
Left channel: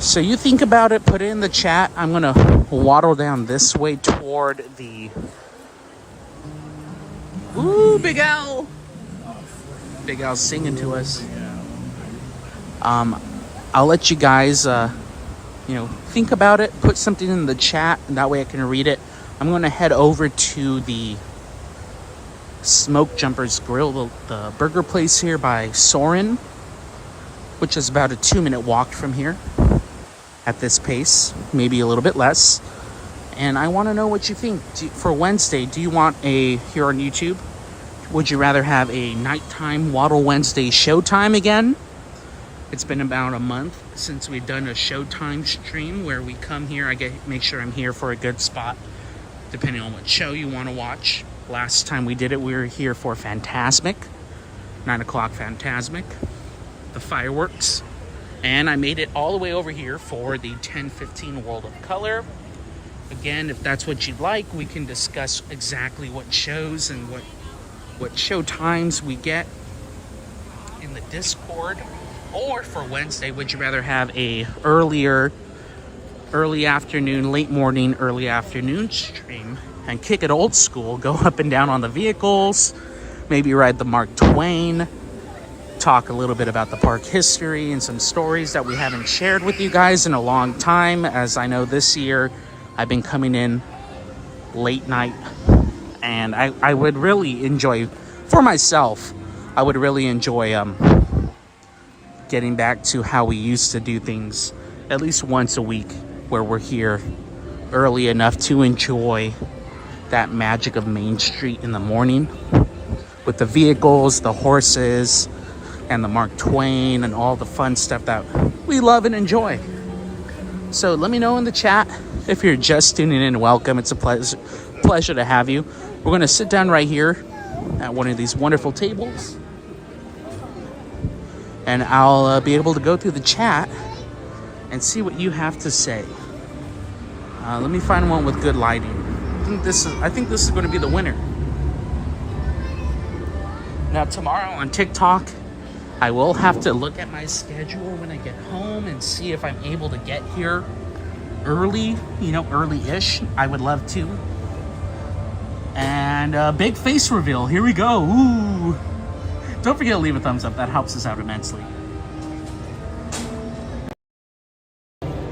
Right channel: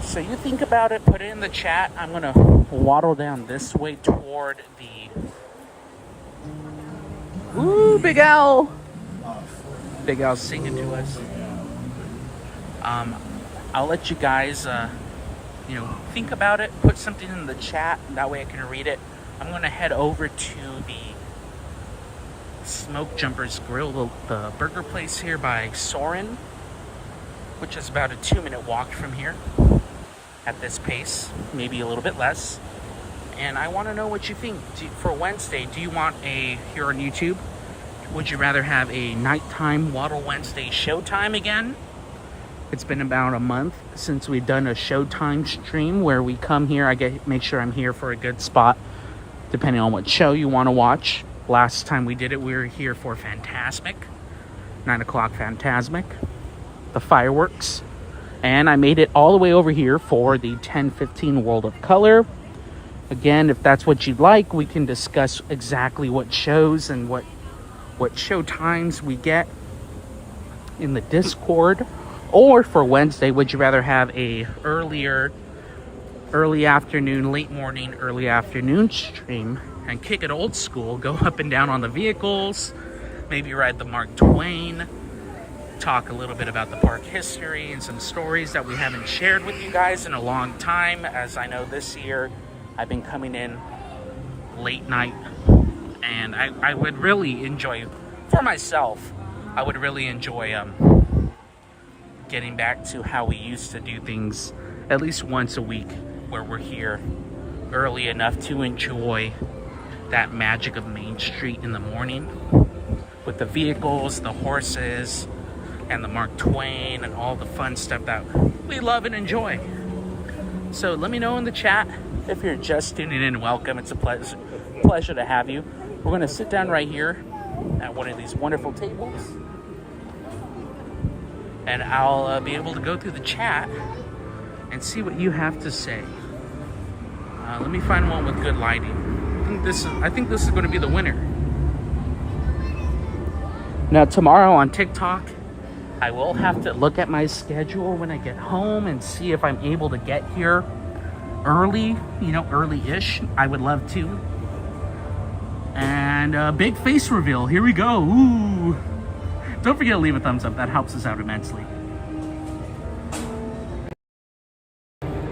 So you think about it, put it in the chat. I'm gonna waddle down this way toward the, ooh, Big Al. Big Al's singing to us. I'll let you guys, you know, think about it, put something in the chat, and that way I can read it. I'm gonna head over to the Smoke Jumpers Grill, the burger place here by Soren, which is about a 2-minute walk from here at this pace, maybe a little bit less. And I want to know what you think. For Wednesday, do you want here on YouTube, would you rather have a nighttime Waddle Wednesday Showtime again? It's been about a month since we've done a Showtime stream where we come here, make sure I'm here for a good spot, depending on what show you want to watch. Last time we did it, we were here for Fantasmic, 9 o'clock Fantasmic, the fireworks, and I made it all the way over here for the 10:15 World of Color. Again, if that's what you'd like, we can discuss exactly what shows and what show times we get in the Discord. Or for Wednesday, would you rather have a early afternoon, late morning, early afternoon stream and kick it old school, go up and down on the vehicles, maybe ride the Mark Twain, talk a little bit about the park history and some stories that we haven't shared with you guys in a long time, as I know this year I've been coming in late night, and I would really enjoy, for myself, I would really enjoy getting back to how we used to do things at least once a week, where we're here early enough to enjoy that magic of Main Street in the morning with the vehicles, the horses, and the Mark Twain and all the fun stuff that we love and enjoy. So let me know in the chat. If you're just tuning in, welcome. It's a pleasure to have you. We're going to sit down right here at one of these wonderful tables, and I'll be able to go through the chat and see what you have to say. Let me find one with good lighting. I think this is going to be the winner. Now tomorrow on TikTok, I will have to look at my schedule when I get home and see if I'm able to get here early, early-ish. I would love to. And big face reveal. Here we go. Ooh. Don't forget to leave a thumbs up. That helps us out immensely.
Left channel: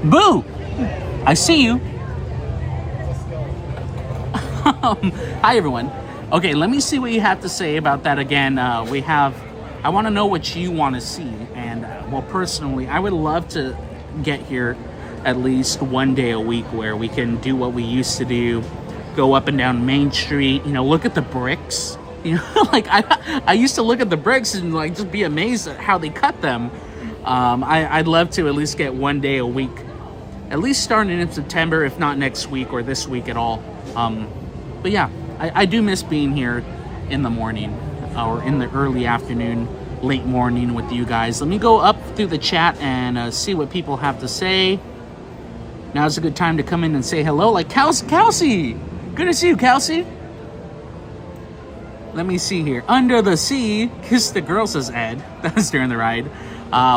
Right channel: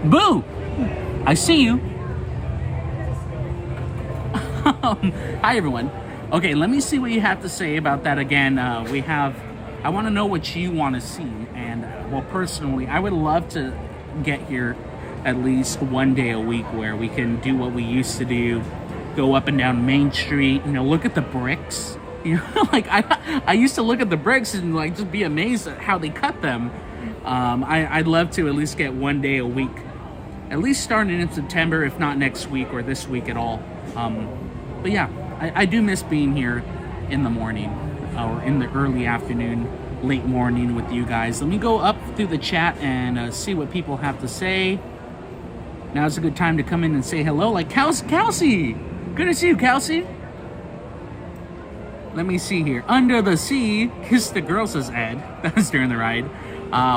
Boo! I see you. Hi, everyone. Okay, let me see what you have to say about that again. I want to know what you want to see. And, well, personally, I would love to get here at least one day a week where we can do what we used to do. Go up and down Main Street, look at the bricks. You know, like I used to look at the bricks and like just be amazed at how they cut them. I'd love to at least get 1 day a week, at least starting in September, if not next week or this week at all. But yeah, I do miss being here in the morning or in the early afternoon, late morning with you guys. Let me go up through the chat and see what people have to say. Now's a good time to come in and say hello. Like Kelsey, good to see you, Kelsey. Let me see here. Under the sea, kiss the girl, says Ed. That was during the ride.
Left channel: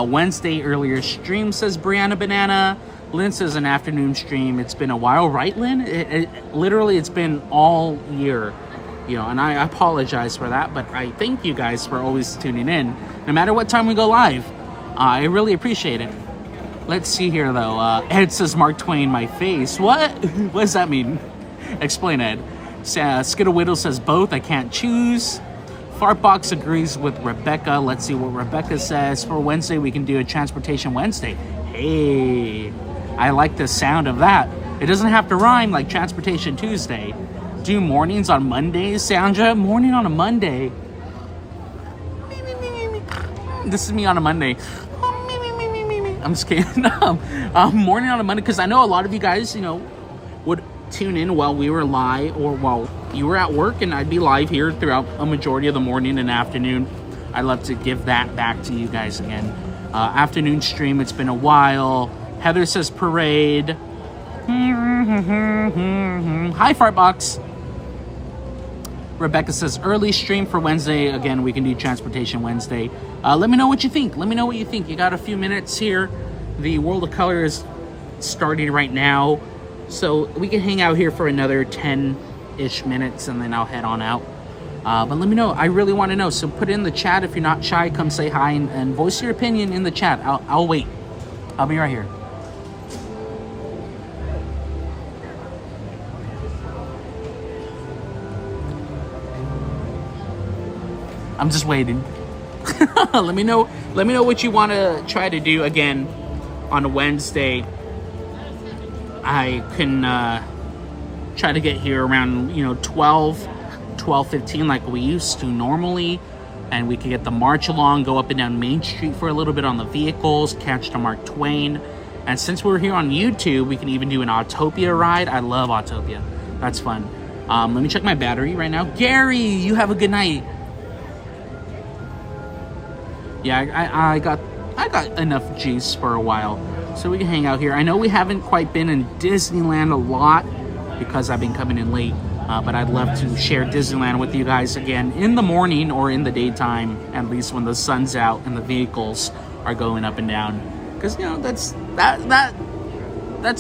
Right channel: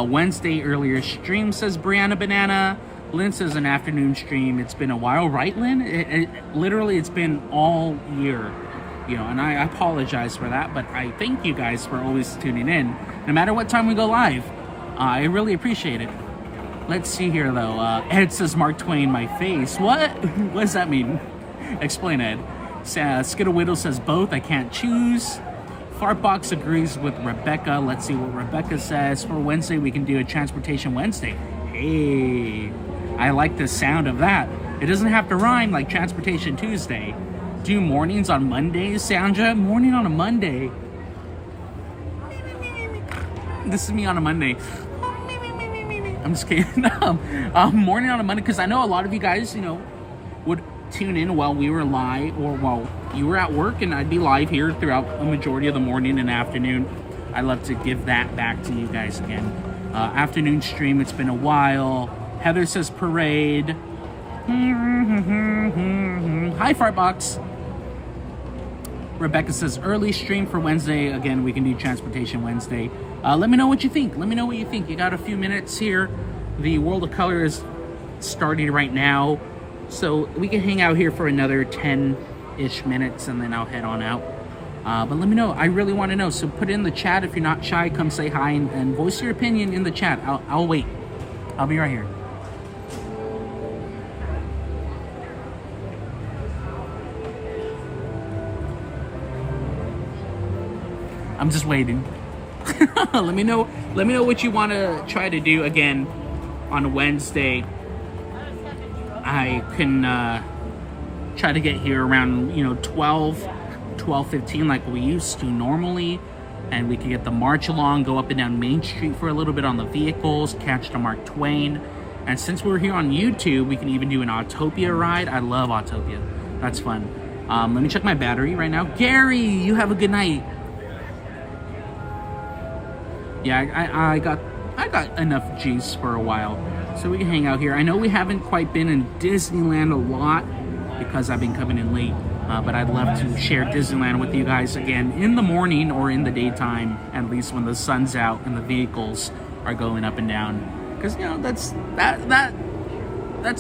Wednesday earlier stream, says Brianna Banana. Lynn says an afternoon stream. It's been a while, right, Lynn? Literally, it's been all year. You know, and I apologize for that, but I thank you guys for always tuning in, no matter what time we go live. I really appreciate it. Let's see here, though. Ed says Mark Twain, my face. What? What does that mean? Explain, Ed. Skidawiddle says both. I can't choose. Fartbox agrees with Rebecca. Let's see what Rebecca says. For Wednesday, we can do a Transportation Wednesday. Hey, I like the sound of that. It doesn't have to rhyme like Transportation Tuesday. Do mornings on Mondays, Sandra? Morning on a Monday. This is me on a Monday. I'm just kidding. Morning on a Monday, because I know a lot of you guys, you know, would tune in while we were live or while you were at work, and I'd be live here throughout a majority of the morning and afternoon. I'd love to give that back to you guys again. Afternoon stream, it's been a while. Heather says parade. Hi, Fartbox. Rebecca says early stream for Wednesday. Again, we can do Transportation Wednesday. Let me know what you think. Let me know what you think. You got a few minutes here. The World of Color is starting right now, so we can hang out here for another 10-ish minutes, and then I'll head on out. But let me know. I really want to know. So put it in the chat. If you're not shy, come say hi and voice your opinion in the chat. I'll wait. I'll be right here. I'm just waiting. Let me know what you want to try to do again on a Wednesday. I can try to get here around 12:15 like we used to normally, and we can get the march along, go up and down Main Street for a little bit on the vehicles, catch the Mark Twain. And since we're here on YouTube, we can even do an Autopia ride. I love Autopia. That's fun. Let me check my battery right now. Gary, you have a good night. Yeah, I got enough juice for a while, so we can hang out here. I know we haven't quite been in Disneyland a lot because I've been coming in late, but I'd love to share Disneyland with you guys again in the morning or in the daytime, at least when the sun's out and the vehicles are going up and down, because that's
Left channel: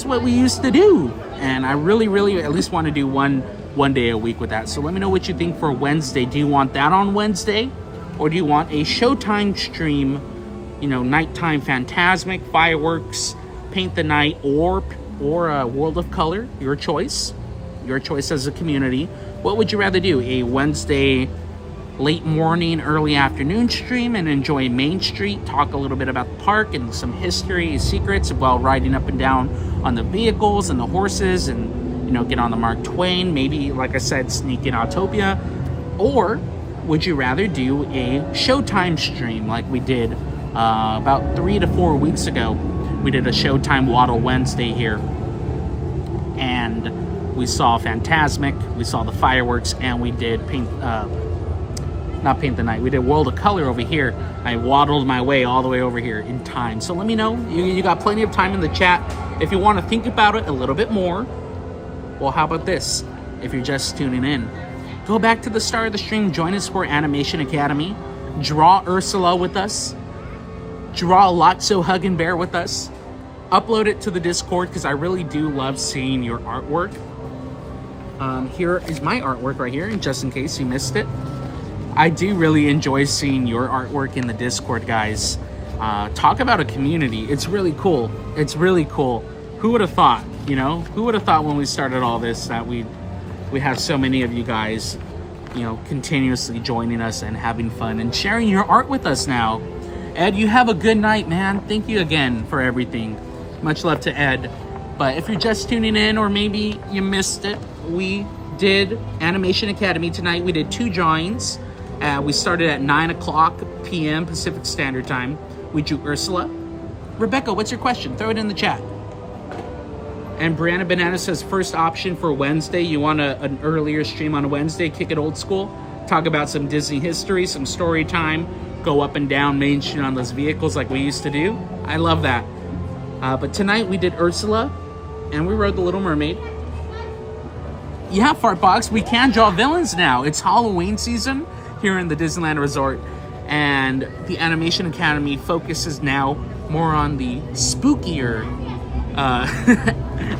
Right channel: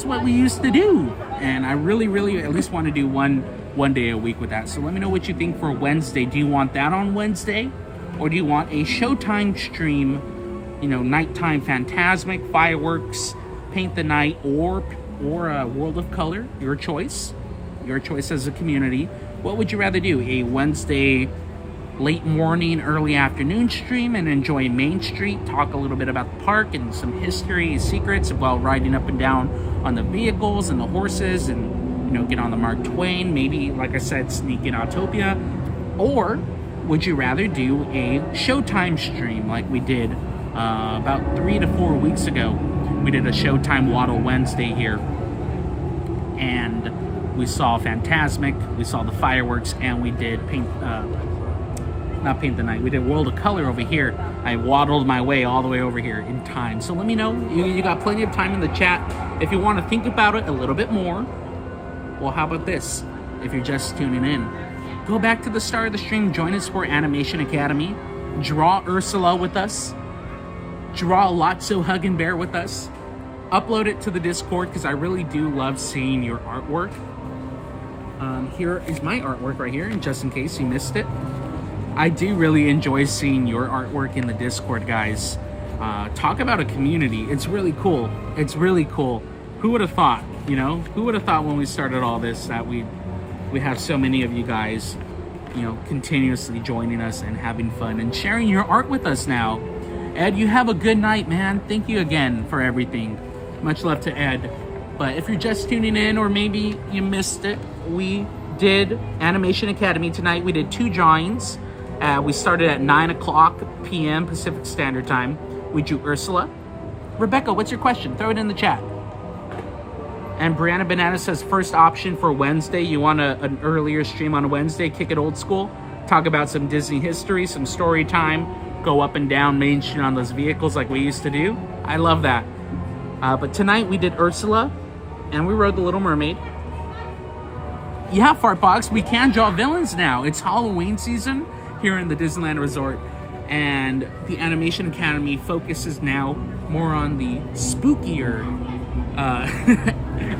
what we used to do, and I really at least want to do one day a week with that. So let me know what you think for Wednesday. Do you want that on Wednesday? Or do you want a Showtime stream, nighttime Phantasmic, fireworks, paint the night, or a World of Color? Your choice as a community. What would you rather do? A Wednesday late morning, early afternoon stream and enjoy Main Street, talk a little bit about the park and some history, secrets while riding up and down on the vehicles and the horses, and get on the Mark Twain, maybe, like I said, sneak in Autopia? Or would you rather do a Showtime stream like we did about 3 to 4 weeks ago? We did a Showtime Waddle Wednesday here, and we saw Phantasmic, we saw the fireworks, and we did not Paint the Night. We did World of Color over here. I waddled my way all the way over here in time. So let me know. You got plenty of time in the chat. If you want to think about it a little bit more, well, how about this? If you're just tuning in, go back to the start of the stream. Join us for Animation Academy. Draw Ursula with us. Draw Lotso Hug and Bear with us. Upload it to the Discord because I really do love seeing your artwork. Here is my artwork right here, just in case you missed it. I do really enjoy seeing your artwork in the Discord, guys. Talk about a community. It's really cool. It's really cool. Who would have thought, Who would have thought when we started all this that we have so many of you guys, continuously joining us and having fun and sharing your art with us now. Ed, you have a good night, man. Thank you again for everything. Much love to Ed. But if you're just tuning in or maybe you missed it, we did Animation Academy tonight. We did 2 drawings. We started at 9 o'clock p.m. Pacific Standard Time. We drew Ursula. Rebecca, what's your question? Throw it in the chat. And Brianna Banana says, first option for Wednesday. You want an earlier stream on a Wednesday, kick it old school, talk about some Disney history, some story time, go up and down Main Street on those vehicles like we used to do. I love that. But tonight we did Ursula, and we rode the Little Mermaid. Yeah, Fartbox, we can draw villains now. It's Halloween season here in the Disneyland Resort, and the Animation Academy focuses now more on the spookier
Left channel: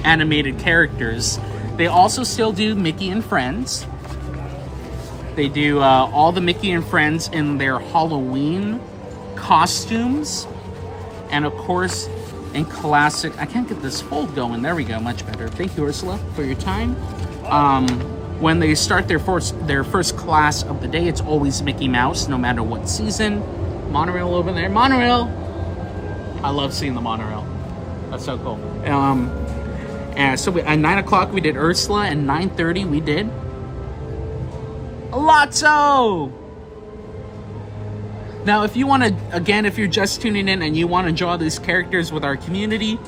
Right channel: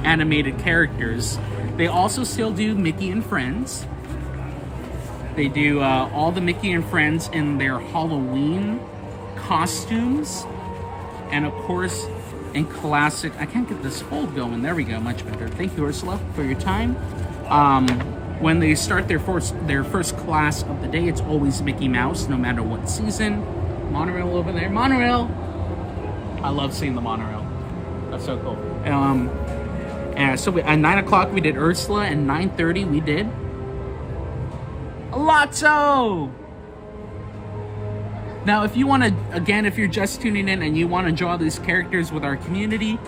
animated characters. They also still do Mickey and Friends. They do all the Mickey and Friends in their Halloween costumes, and of course in classic, I can't get this fold going, there we go, much better. Thank you, Ursula, for your time. When they start their first class of the day, it's always Mickey Mouse, no matter what season. Monorail over there, monorail. I love seeing the monorail. That's so cool. And so at 9 o'clock we did Ursula, and 9:30 we did Lotso. Now, if you want to, again, if you're just tuning in and you want to draw these characters with our community,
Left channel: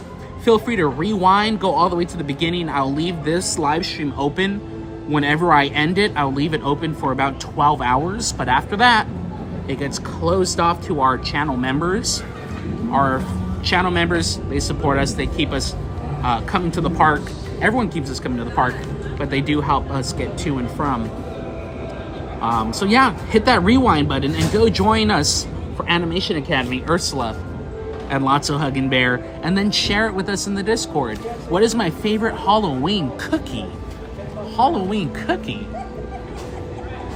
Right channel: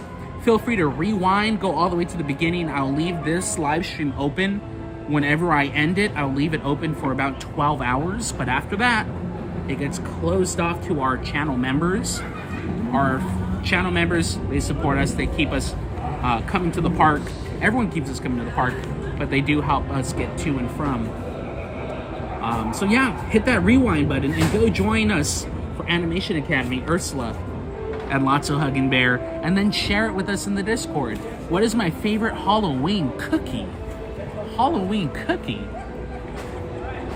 feel free to rewind, go all the way to the beginning. I'll leave this live stream open. Whenever I end it, I'll leave it open for about 12 hours. But after that, it gets closed off to our channel members. Our channel members, they support us. They keep us coming to the park. Everyone keeps us coming to the park, but they do help us get to and from. So yeah, hit that rewind button and go join us for Animation Academy, Ursula, and Lotso Hugging Bear, and then share it with us in the Discord. What is my favorite Halloween cookie? Halloween cookie?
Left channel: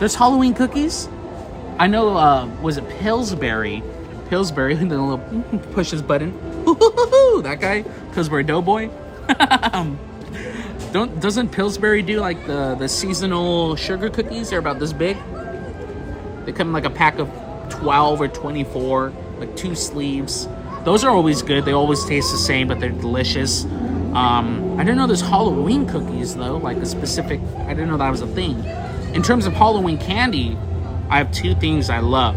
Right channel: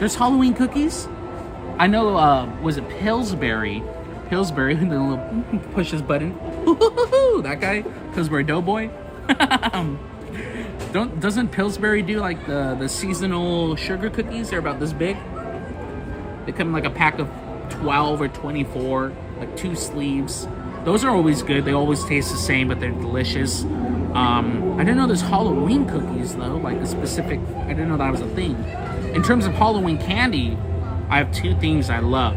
There's Halloween cookies? I know, was it Pillsbury? Pillsbury, the little push his button. That guy, Pillsbury Doughboy. Doesn't Pillsbury do like the seasonal sugar cookies? They're about this big. They come in like a pack of 12 or 24, like 2 sleeves. Those are always good. They always taste the same, but they're delicious. I didn't know there's Halloween cookies though, like a specific, I didn't know that was a thing. In terms of Halloween candy, I have 2 things I love.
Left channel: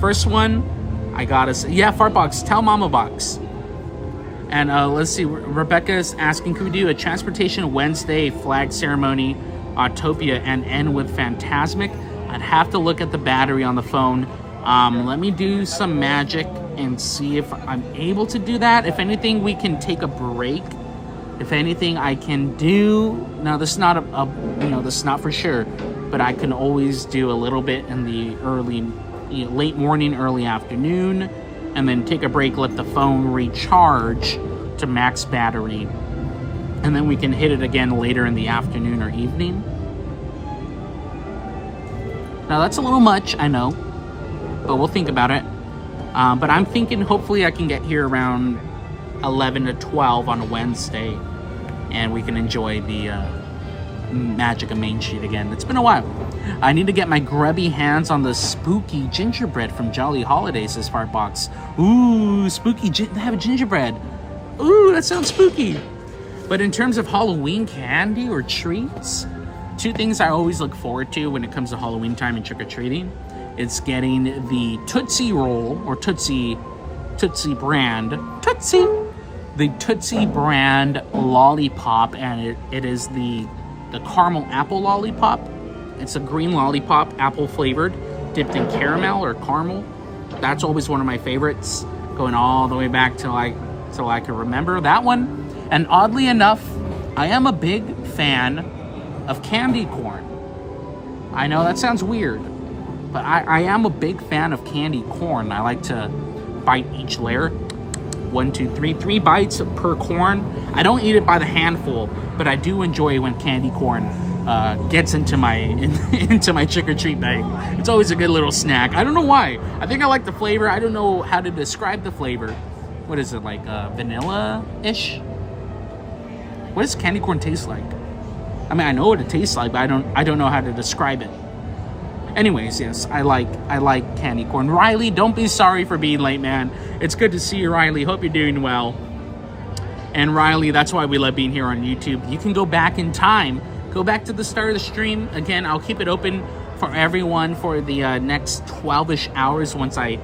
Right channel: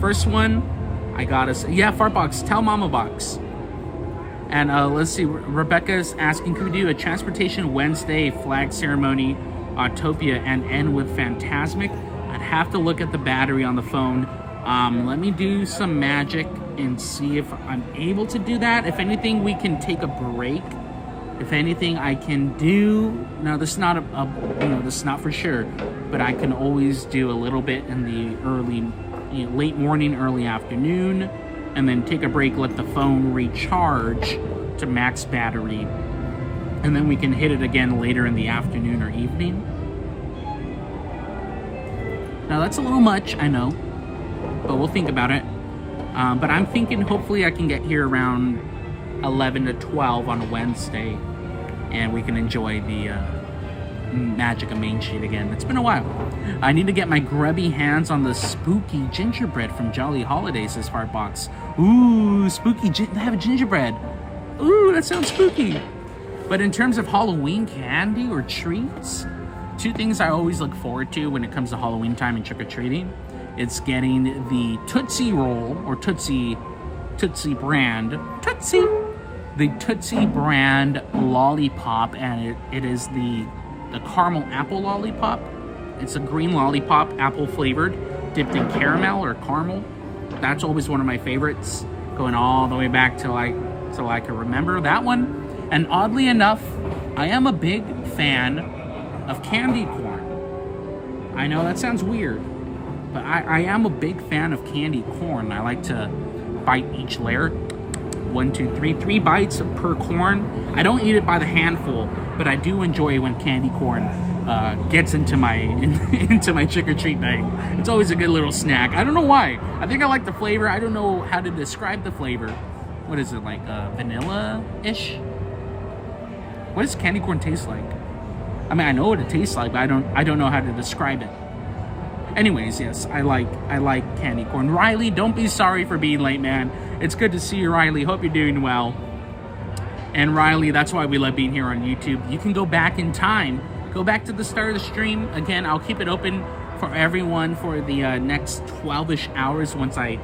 First one, I gotta say, yeah, Fartbox, tell Mama Box. And let's see, Rebecca's asking, could we do a Transportation Wednesday flag ceremony, Autopia, and end with Phantasmic? I'd have to look at the battery on the phone. Let me do some magic and see if I'm able to do that. If anything, we can take a break. If anything, I can do, now this is not this is not for sure, but I can always do a little bit in the early, late morning, early afternoon, and then take a break, let the phone recharge to max battery, and then we can hit it again later in the afternoon or evening. Now that's a little much, I know, but we'll think about it. But I'm thinking hopefully I can get here around 11 to 12 on a Wednesday, and we can enjoy the magic of Main Street again. It's been a while. I need to get my grubby hands on the spooky gingerbread from Jolly Holidays, says Fartbox. Ooh, spooky, they have a gingerbread. Ooh, that sounds spooky. But in terms of Halloween candy or treats, 2 things I always look forward to when it comes to Halloween time and trick-or-treating. It's getting the Tootsie Roll, or Tootsie brand, the Tootsie brand lollipop, and it is the caramel apple lollipop. It's a green lollipop, apple flavored, dipped in caramel or caramel. That's always one of my favorites, going all the way back till I can remember that one. And oddly enough, I am a big fan of candy corn. I know that sounds weird, but I am a big fan of candy corn. I like to bite each layer. 1, 2, 3 bites per corn. I don't eat it by the handful, but I do enjoy when candy corn gets into my trick-or-treat night. It's always a good little snack. I don't know why. I think I like the flavor. I don't know how to describe the flavor. What is it, like vanilla-ish? What does candy corn taste like? I mean, I know what it tastes like, but I don't know how to describe it. Anyways, yes, I like candy corn. Riley, don't be sorry for being late, man. It's good to see you, Riley. Hope you're doing well. And Riley, that's why we love being here on YouTube. You can go back in time go back to the start of the stream. Again, I'll keep it open for everyone for the next 12-ish hours once I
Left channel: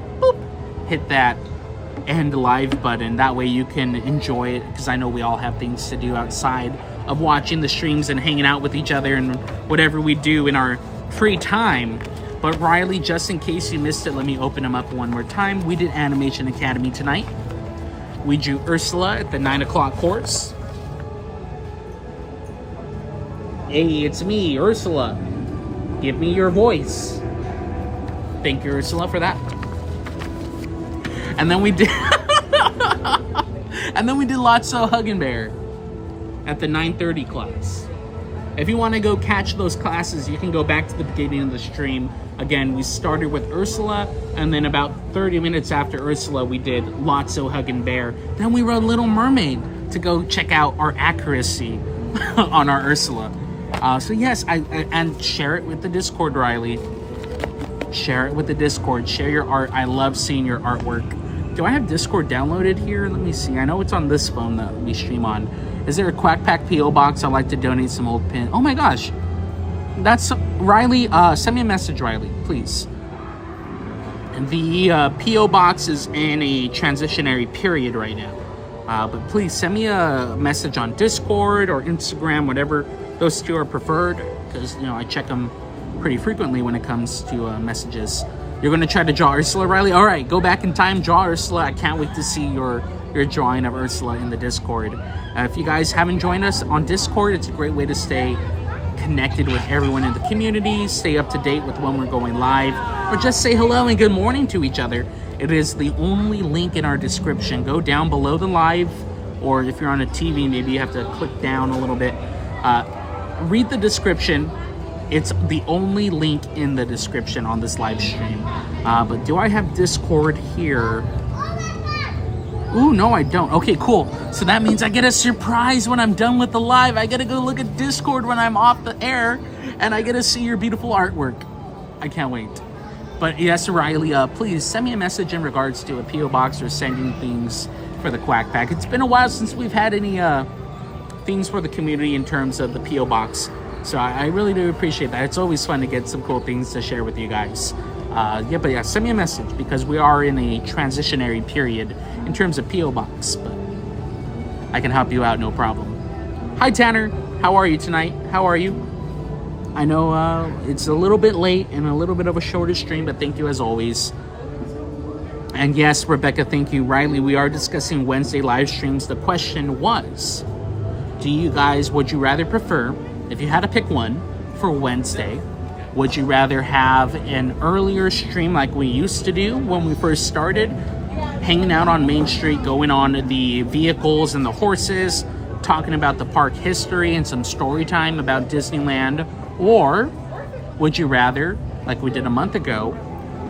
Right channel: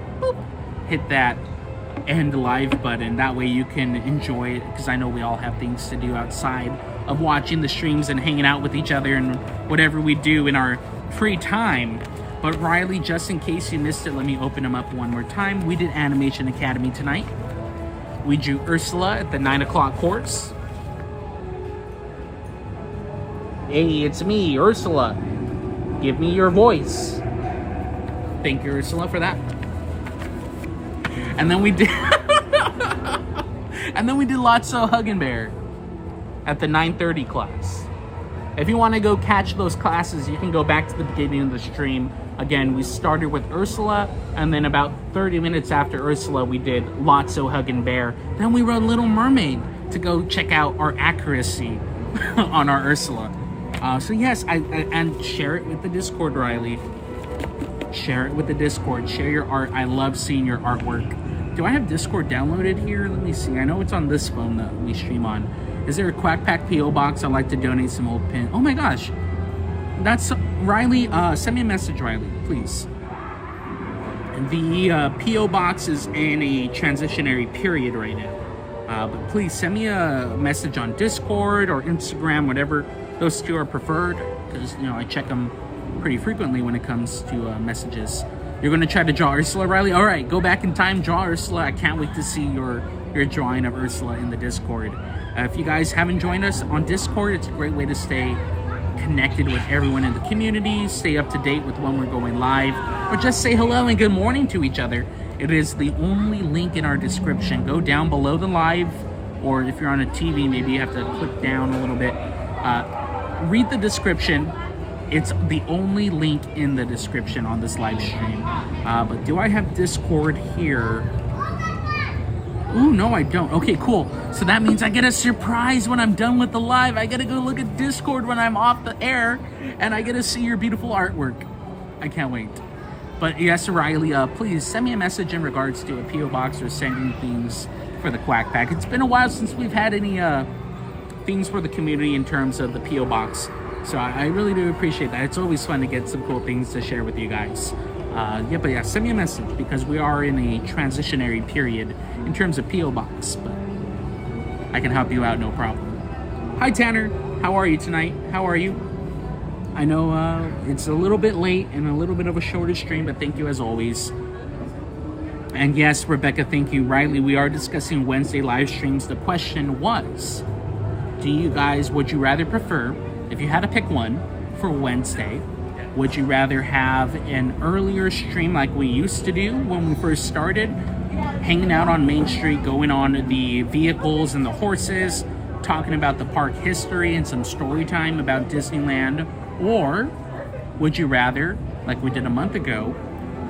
hit that end live button. That way you can enjoy it, because I know we all have things to do outside of watching the streams and hanging out with each other and whatever we do in our free time. But Riley, just in case you missed it, let me open them up one more time. We did Animation Academy tonight. We drew Ursula at the 9 o'clock course. Hey, it's me, Ursula. Give me your voice. Thank you, Ursula, for that. And then we did and then we did Lotso Huggin' Bear at the 9:30 class. If you want to go catch those classes, you can go back to the beginning of the stream. Again, we started with Ursula, and then about 30 minutes after Ursula, we did Lotso Huggin' Bear. Then we wrote Little Mermaid to go check out our accuracy on our Ursula. So yes, and share it with the Discord, Riley. Share it with the Discord. Share your art. I love seeing your artwork. Do I have Discord downloaded here? Let me see. I know it's on this phone that we stream on. Is there a Quack Pack P.O. box? I'd like to donate some old pin. Oh my gosh. That's Riley. Send me a message, Riley, please. The P.O. box is in a transitionary period right now. But please send me a message on Discord or Instagram, whatever those two are preferred, because, you know, I check them pretty frequently when it comes to messages. You're going to try to draw Ursula, Riley? All right, go back in time, draw Ursula. I can't wait to see your drawing of Ursula in the Discord. If you guys haven't joined us on Discord, it's a great way to stay connected with everyone in the community, stay up to date with when we're going live, or just say hello and good morning to each other. It is the only link in our description. Go down below the live, or if you're on a TV, maybe you have to click down a little bit. Read the description. It's the only link in the description on this live stream. But do I have Discord here? Ooh, no, I don't. Okay, cool. So that means I get a surprise when I'm done with the live. I get to go look at Discord when I'm off the air, and I get to see your beautiful artwork. I can't wait. But yes, Riley, please send me a message in regards to a P.O. box or sending things for the Quack Pack. It's been a while since we've had any things for the community in terms of the P.O. box. So I really do appreciate that. It's always fun to get some cool things to share with you guys. But yeah, send me a message, because we are in a transitionary period in terms of P.O. box, but I can help you out, no problem. Hi, Tanner. How are you tonight? How are you? I know it's a little bit late and a little bit of a shorter stream, but thank you as always. And yes, Rebecca, thank you. Riley, we are discussing Wednesday live streams. The question was, do you guys, would you rather prefer, if you had to pick one for Wednesday, would you rather have an earlier stream like we used to do when we first started, hanging out on Main Street, going on the vehicles and the horses, talking about the park history and some story time about Disneyland? Or would you rather, like we did a month ago,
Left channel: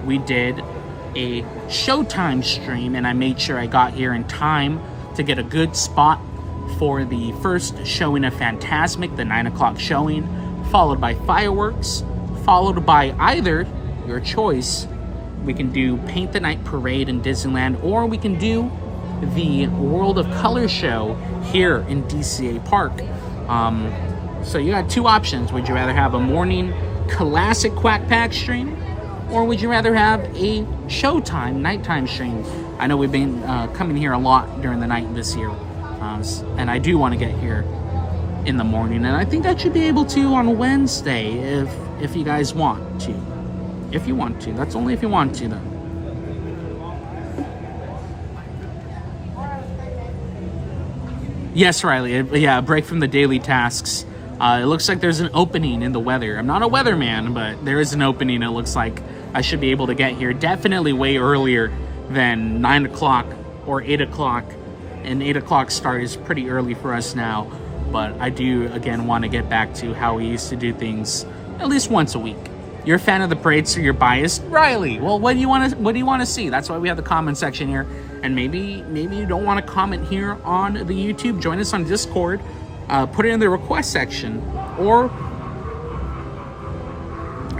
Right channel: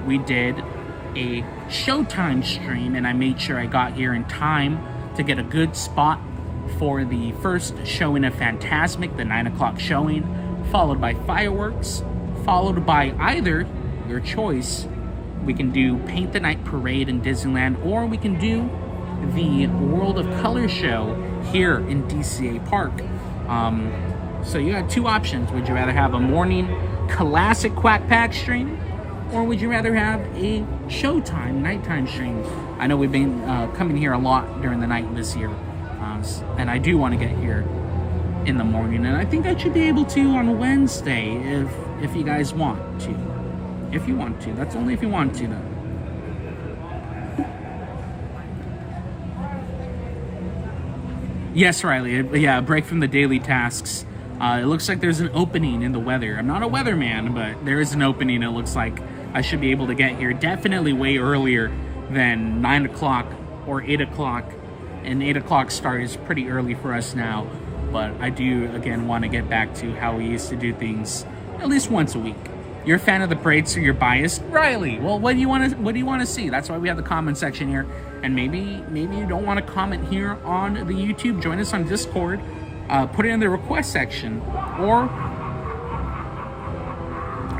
we did a Showtime stream, and I made sure I got here in time to get a good spot for the first showing of Fantasmic, the 9 o'clock showing, followed by fireworks, followed by either, your choice, we can do Paint the Night Parade in Disneyland, or we can do the World of Color show here in DCA Park. So you got two options. Would you rather have a morning classic Quack Pack stream, or would you rather have a Showtime nighttime stream? I know we've been coming here a lot during the night this year, and I do want to get here in the morning, and I think I should be able to on Wednesday if you guys want to. If you want to. That's only if you want to, though. Yes, Riley. Yeah, a break from the daily tasks. It looks like there's an opening in the weather. I'm not a weatherman, but there is an opening. It looks like I should be able to get here definitely way earlier than 9 o'clock or 8 o'clock. And 8 o'clock start is pretty early for us now. But I do, again, want to get back to how we used to do things at least once a week. You're a fan of the parade, so you're biased, Riley. Well, what do you want to see? That's why we have the comment section here. And maybe you don't want to comment here on the YouTube. Join us on Discord. Put it in the request section, or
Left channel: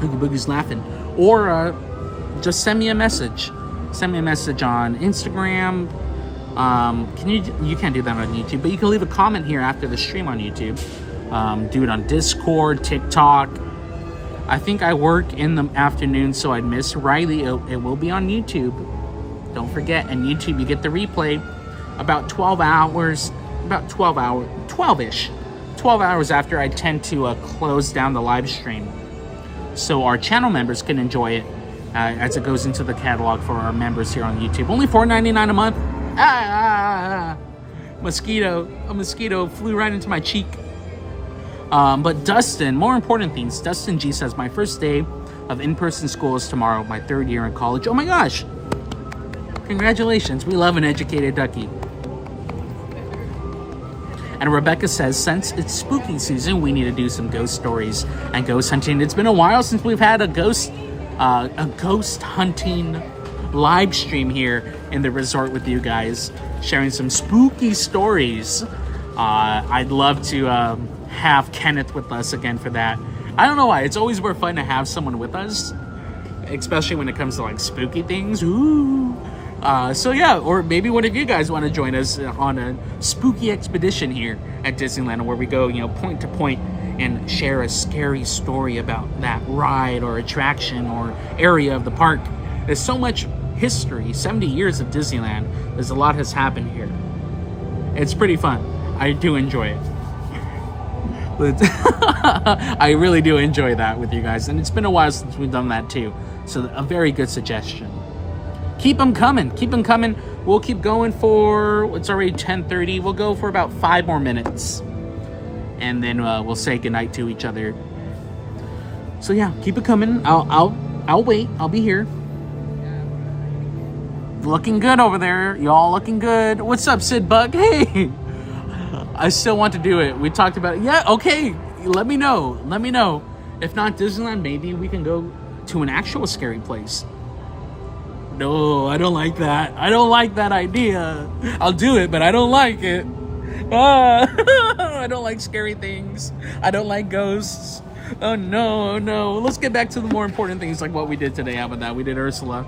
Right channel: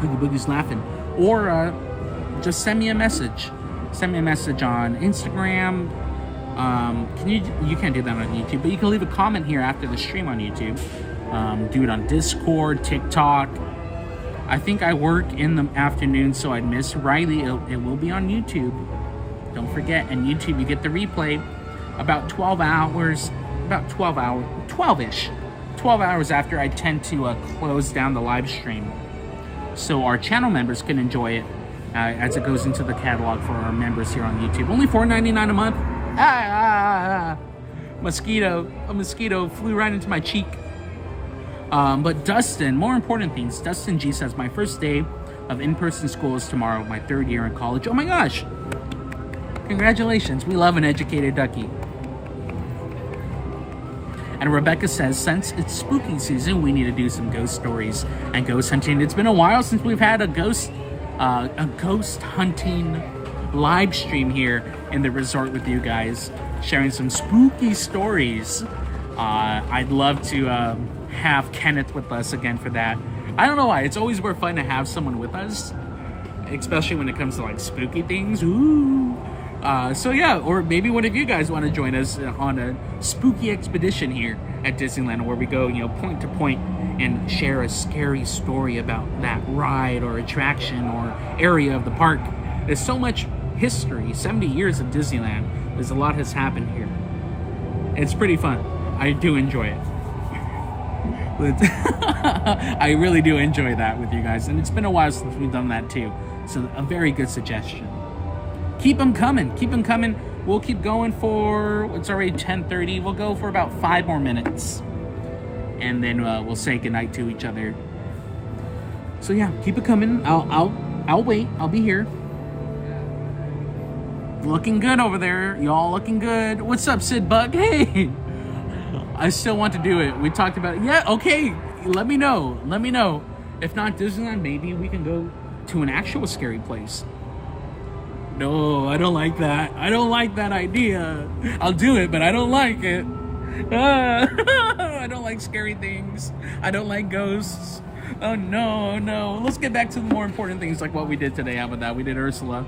Oogie Boogie's laughing, or just send me a message. Send me a message on Instagram. You can't do that on YouTube, but you can leave a comment here after the stream on YouTube. Do it on Discord, TikTok. I think I work in the afternoon, so I'd miss Riley. It will be on YouTube. Don't forget, and YouTube, you get the replay about 12 hours, 12-ish. 12 hours after I tend to close down the live stream. So our channel members can enjoy it as it goes into the catalog for our members here on YouTube. Only $4.99 a month. A mosquito flew right into my cheek. But Dustin, more important things. Dustin G says, my first day of in-person school is tomorrow, my 3rd year in college. Oh my gosh. Congratulations. We love an educated ducky. And Rebecca says, since it's spooky season, we need to do some ghost stories and ghost hunting. It's been a while since we've had a ghost hunting live stream here in the resort with you guys, sharing some spooky stories. I'd love to have Kenneth with us again for that. I don't know why. It's always more fun to have someone with us, especially when it comes to like spooky things. Ooh. So yeah, or maybe one of you guys want to join us on a spooky expedition here at Disneyland, where we go, point to point and share a scary story about that ride or attraction or area of the park. There's so much history, 70 years of Disneyland. There's a lot has happened here. It's pretty fun. I do enjoy it. I really do enjoy that with you guys, and it's been a while since we've done that too. So a very good suggestion. Keep them coming. Keep them coming. We'll keep going for, it's already 10:30. We'll go for about 5 more minutes. And then we'll say goodnight to each other. So yeah, keep it coming. I'll wait. I'll be here. Looking good over there. Y'all looking good. What's up, Sid Bug? Hey! I still want to do it. We talked about it. Yeah, okay. Let me know. Let me know. If not Disneyland, maybe we can go to an actual scary place. No, I don't like that. I don't like that idea. I'll do it, but I don't like it. I don't like scary things. I don't like ghosts. Oh no, no. Let's get back to the more important things like what we did today. How about that? We did Ursula.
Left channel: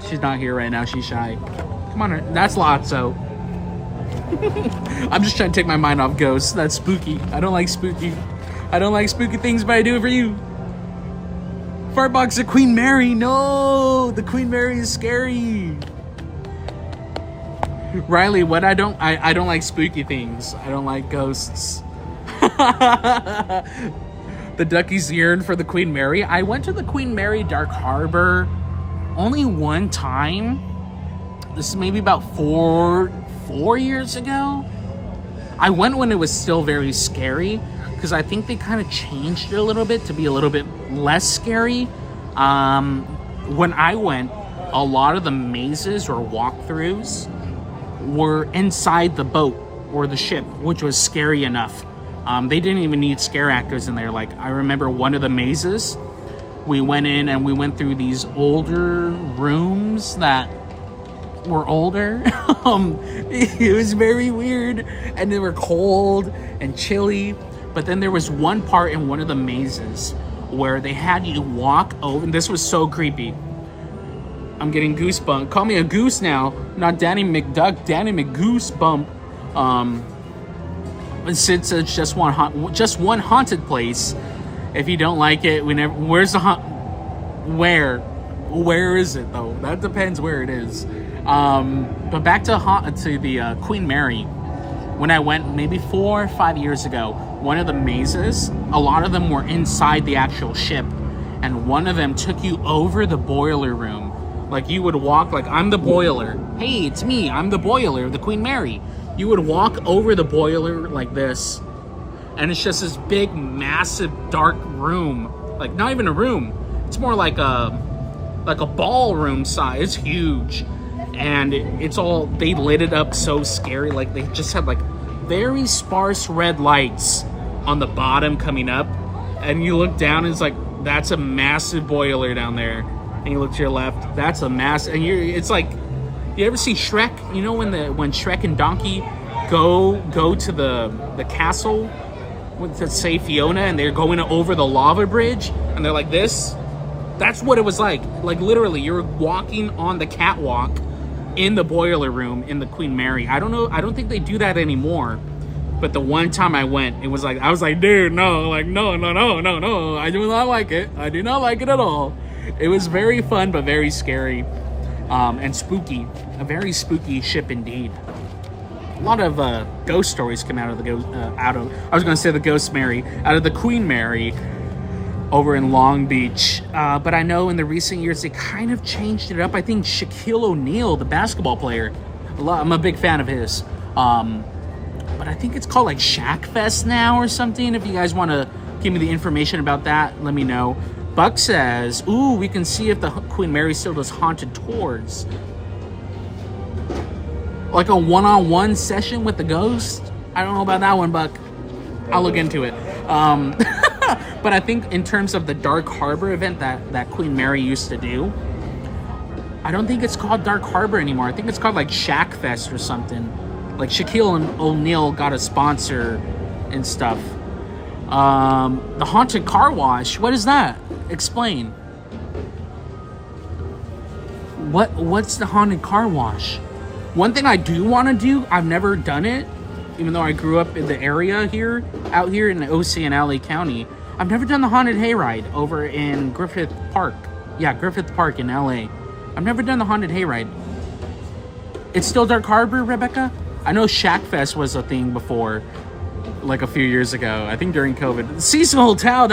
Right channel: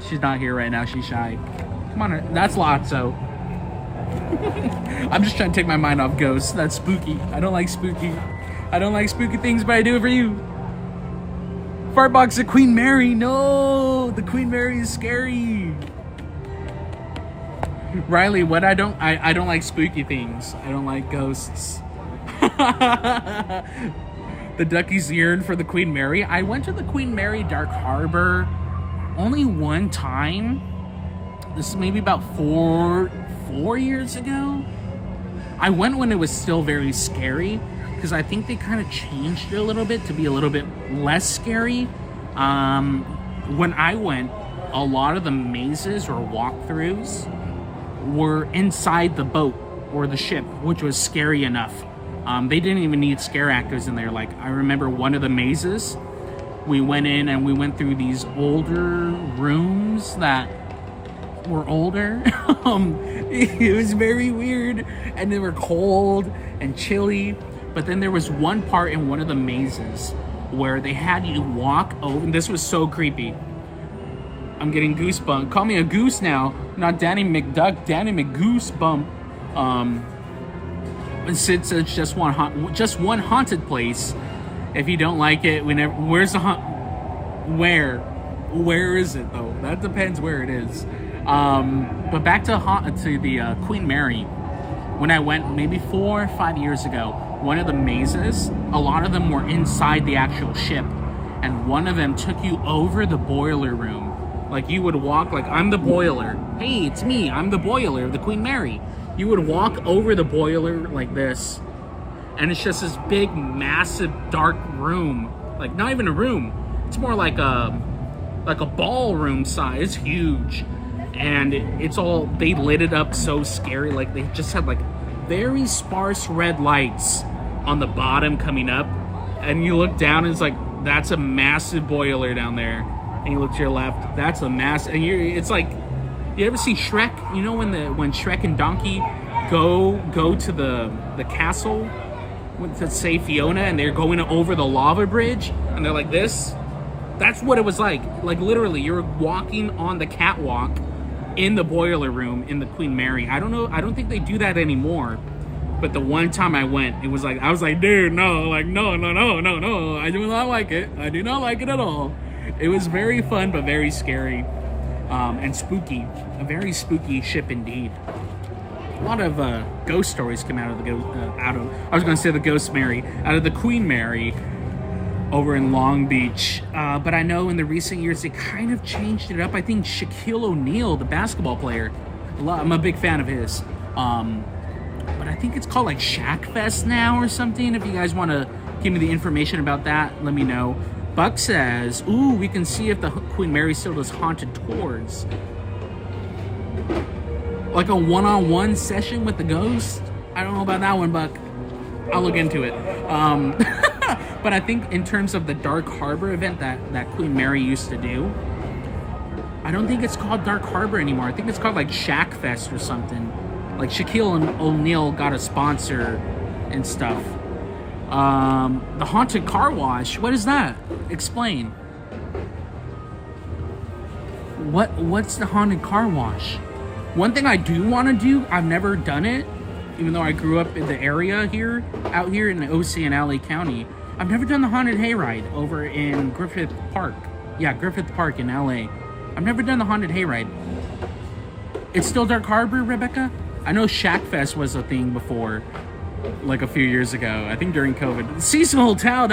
She's not here right now. She's shy. Come on. That's Lotso. I'm just trying to take my mind off ghosts. That's spooky. I don't like spooky. I don't like spooky things, but I do it for you. Fartbox of Queen Mary. No, the Queen Mary is scary. Riley, what I don't like spooky things. I don't like ghosts. The duckies yearn for the Queen Mary. I went to the Queen Mary Dark Harbor only one time. This is maybe about four years ago. I went when it was still very scary, because I think they kind of changed it a little bit to be a little bit less scary. When I went, a lot of the mazes or walkthroughs were inside the boat or the ship, which was scary enough. They didn't even need scare actors in there. Like, I remember one of the mazes, we went in and we went through these older rooms that were older. It was very weird, and they were cold and chilly. But then there was one part in one of the mazes where they had you walk over, and this was so creepy. I'm getting goosebumps. Call me a goose now, not Danny McDuck, Danny McGoosebump. Since it's just one haunted place, if you don't like it, where's the where is it though? That depends where it is. But back to the Queen Mary. When I went maybe 4 or 5 years ago, one of the mazes, a lot of them were inside the actual ship, and one of them took you over the boiler room. Like, you would walk, like, I'm the boiler. Hey, it's me. I'm the boiler of the Queen Mary. You would walk over the boiler like this, and it's just this big, massive, dark room. Like, not even a room. It's more like a ballroom size. It's huge. And it's all, they lit it up so scary. Like, they just had, like, very sparse red lights on the bottom coming up. And you look down, and it's like, that's a massive boiler down there. And you look to your left, that's a massive, and it's like, you ever see Shrek? You know when Shrek and Donkey go to the castle with, let's say, Fiona, and they're going over the lava bridge, and they're like this? That's what it was like. Like, literally, you're walking on the catwalk in the boiler room in the Queen Mary. I don't know, I don't think they do that anymore. But the one time I went, it was like, I was like, dude, no, like, no. I do not like it. I do not like it at all. It was very fun, but very scary and spooky. A very spooky ship indeed. A lot of ghost stories come out of the Ghost Mary, out of the Queen Mary over in Long Beach. But I know in the recent years, they kind of changed it up. I think Shaquille O'Neal, the basketball player, I'm a big fan of his. But I think it's called like Shack Fest now or something. If you guys want to give me the information about that, let me know. Buck says, ooh, we can see if the Queen Mary still does haunted tours. Like a one-on-one session with the ghost? I don't know about that one, Buck. I'll look into it. But I think in terms of the Dark Harbor event that Queen Mary used to do, I don't think it's called Dark Harbor anymore. I think it's called like Shack Fest or something. Like Shaquille O'Neal got a sponsor and stuff. The haunted car wash. What is that? Explain. What's the haunted car wash? One thing I do want to do, I've never done it, even though I grew up in the area here, out here in the OC and LA County. I've never done the haunted hayride over in Griffith Park. Yeah, Griffith Park in LA. I've never done the haunted hayride. It's still Dark Harbor, Rebecca? I know Shack Fest was a thing before, like a few years ago. I think during COVID. Cecil Hotel,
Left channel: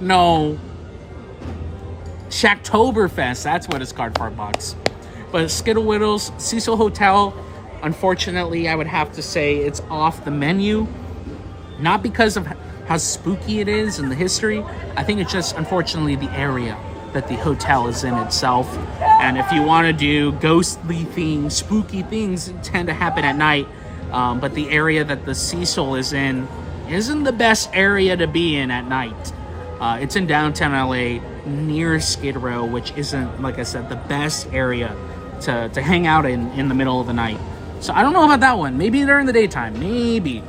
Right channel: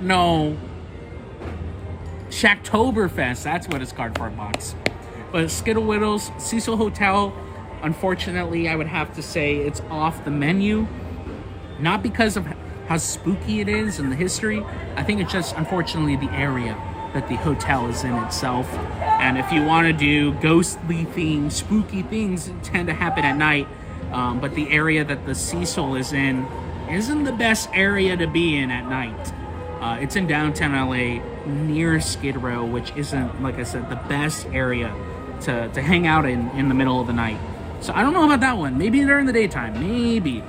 no. Shacktoberfest, that's what it's called, Fart Box. But Skittle Whittles, Cecil Hotel, unfortunately, I would have to say it's off the menu. Not because of how spooky it is and the history. I think it's just, unfortunately, the area that the hotel is in itself. And if you want to do ghostly things, spooky things tend to happen at night. But the area that the Cecil is in isn't the best area to be in at night. It's in downtown LA near Skid Row, which isn't, like I said, the best area to hang out in the middle of the night. So I don't know about that one. Maybe during the daytime. Maybe.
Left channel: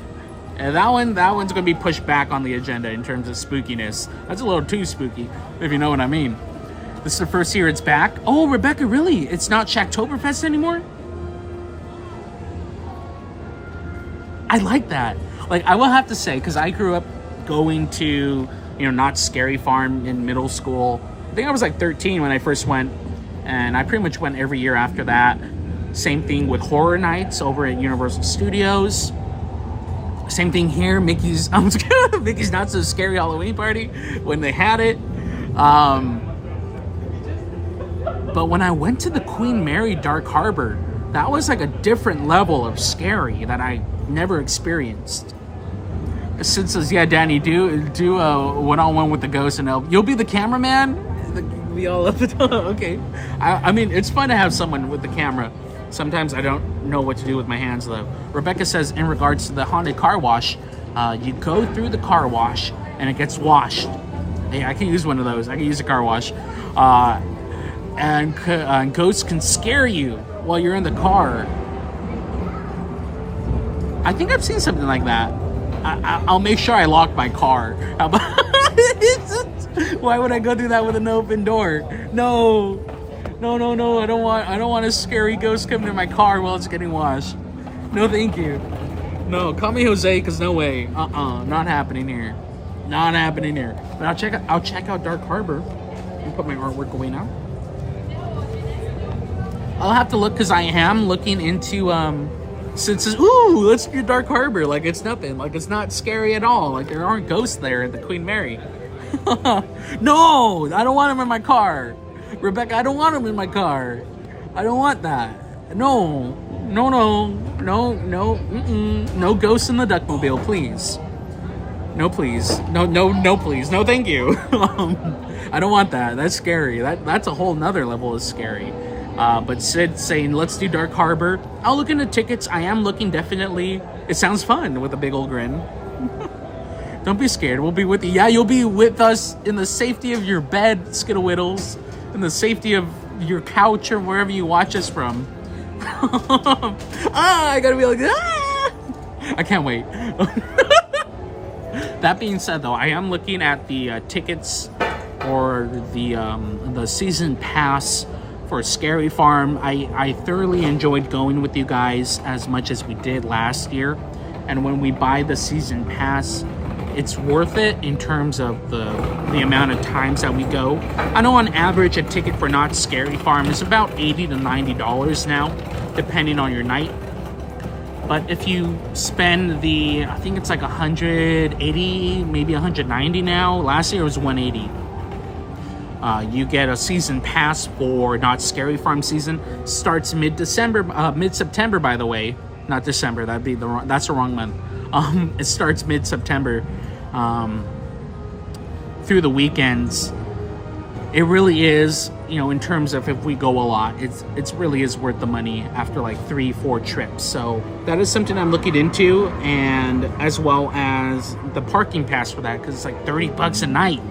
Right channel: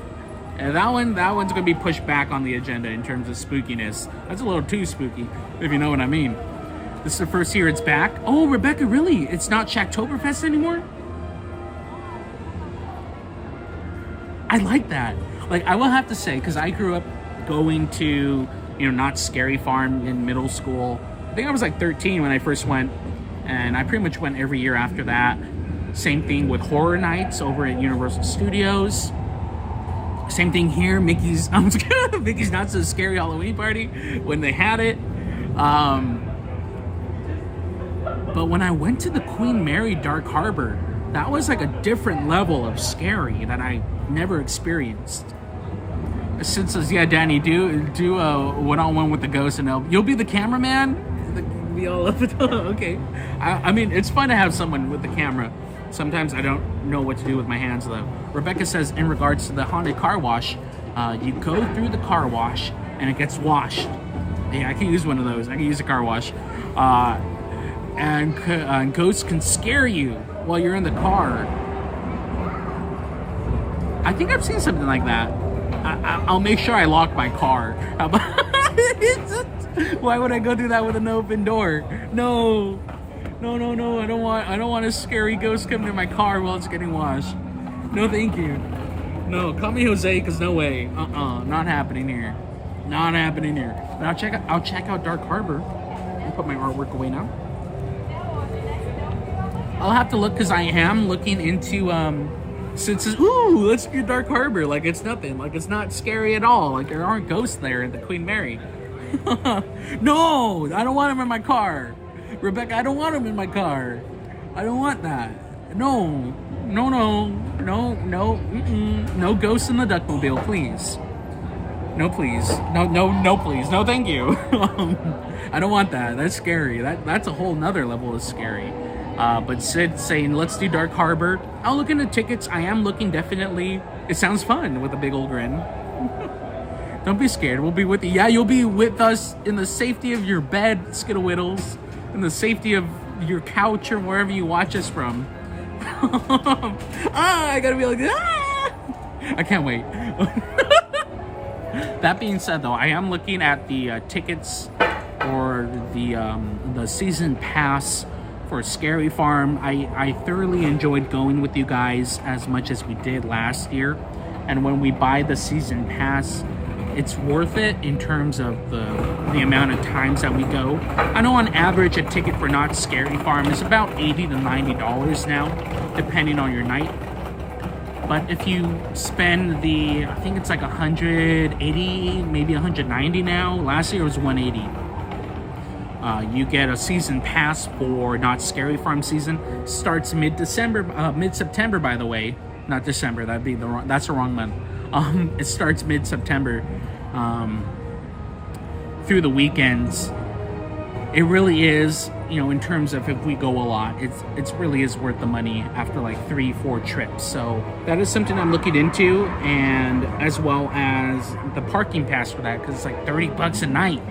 That one's going to be pushed back on the agenda in terms of spookiness. That's a little too spooky, if you know what I mean. This is the first year it's back. Oh, Rebecca, really? It's not Shacktoberfest anymore? I like that. Like, I will have to say, because I grew up going to, Not Scary Farm in middle school. I think I was like 13 when I first went, and I pretty much went every year after that. Same thing with Horror Nights over at Universal Studios. Same thing here, Mickey's Not So Scary Halloween Party when they had it. But when I went to the Queen Mary Dark Harbor, that was like a different level of scary that I never experienced. Sid says, yeah, Danny, do a one-on-one with the ghost and you'll be the cameraman? Be all up okay. I mean, it's fun to have someone with the camera. Sometimes I don't know what to do with my hands, though. Rebecca says, in regards to the haunted car wash, you go through the car wash and it gets washed. Hey, I can use one of those. I can use a car wash. And ghosts can scare you while you're in the car. I think I've seen something like that. I'll make sure I lock my car. How about why would I go do that with an open door? No. I don't want a scary ghost coming to my car while it's getting washed. No, thank you. No, call me Jose, because no way. Not happening here. Not happening here. But I'll check out Dark Harbor and put my artwork away now. I'll have to look, because I am looking into Sid says, ooh, let's do Dark Harbor. Like it's nothing. Like it's not scary at all. Like there aren't ghosts there at the Queen Mary. No, I don't want him in my car. Rebecca, I don't want him in my car. I don't want that. No, no ghosts in the Duckmobile, please. No, please. No, please. No, thank you. I don't want that. That's scary. That's a whole nother level of scary. But Sid saying, let's do Dark Harbor. I'll look into tickets. I am looking, definitely. It sounds fun with a big old grin. Don't be scared. We'll be with you. Yeah, you'll be with us in the safety of your bed, Skittlewiddles. In the safety of your couch or wherever you watch us from. I gotta be like, I can't wait. That being said, though, I am looking at the tickets or the season pass for Scary Farm. I thoroughly enjoyed going with you guys as much as we did last year. And when we buy the season pass, it's worth it in terms of the amount of times that we go. I know on average a ticket for Not Scary Farm is about $80 to $90 now, depending on your night. But if you spend I think it's like 180, maybe 190 now. Last year it was 180. You get a season pass for Not Scary Farm season. Starts mid-September, by the way. Not December. That's the wrong month. It starts mid-September through the weekends. It really is, in terms of if we go a lot, it's really is worth the money after like 3-4 trips. So that is something I'm looking into, and as well as the parking pass for that, because it's like $30 a night.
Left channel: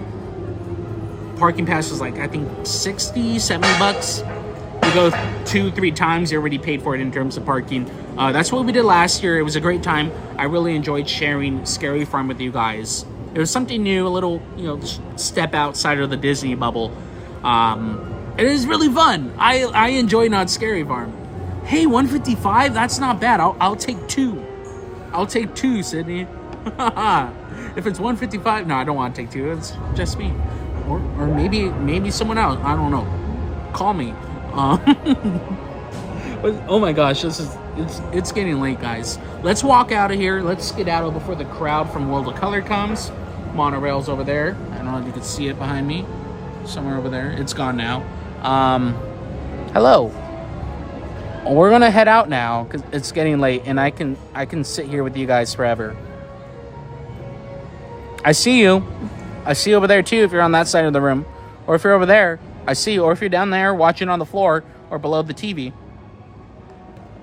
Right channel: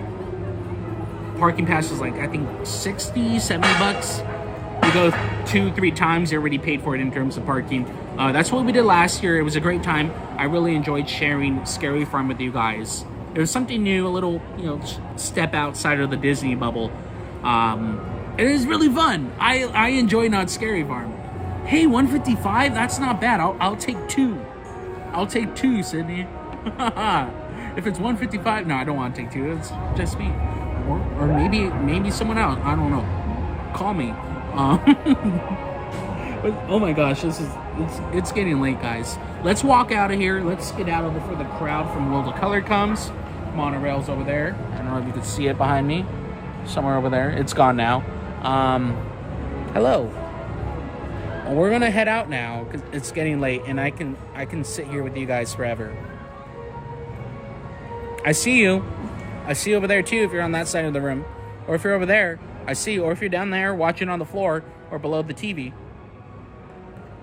Parking pass is like, I think $60-$70. You go 2-3 times, you already paid for it in terms of parking. That's what we did last year. It was a great time. I really enjoyed sharing Scary Farm with you guys. It was something new, a little, step outside of the Disney bubble. It is really fun. I enjoy Not Scary Farm. Hey, 155? That's not bad. I'll take 2. I'll take 2, Sydney. If it's 155, no, I don't want to take 2. It's just me, or maybe someone else. I don't know. Call me. Oh my gosh, it's getting late, guys. Let's walk out of here. Let's get out before the crowd from World of Color comes. Monorail's over there. I don't know if you can see it behind me. Somewhere over there. It's gone now. Hello. We're gonna head out now because it's getting late, and I can sit here with you guys forever. I see you. I see you over there too if you're on that side of the room. Or if you're over there, I see you. Or if you're down there watching on the floor or below the TV.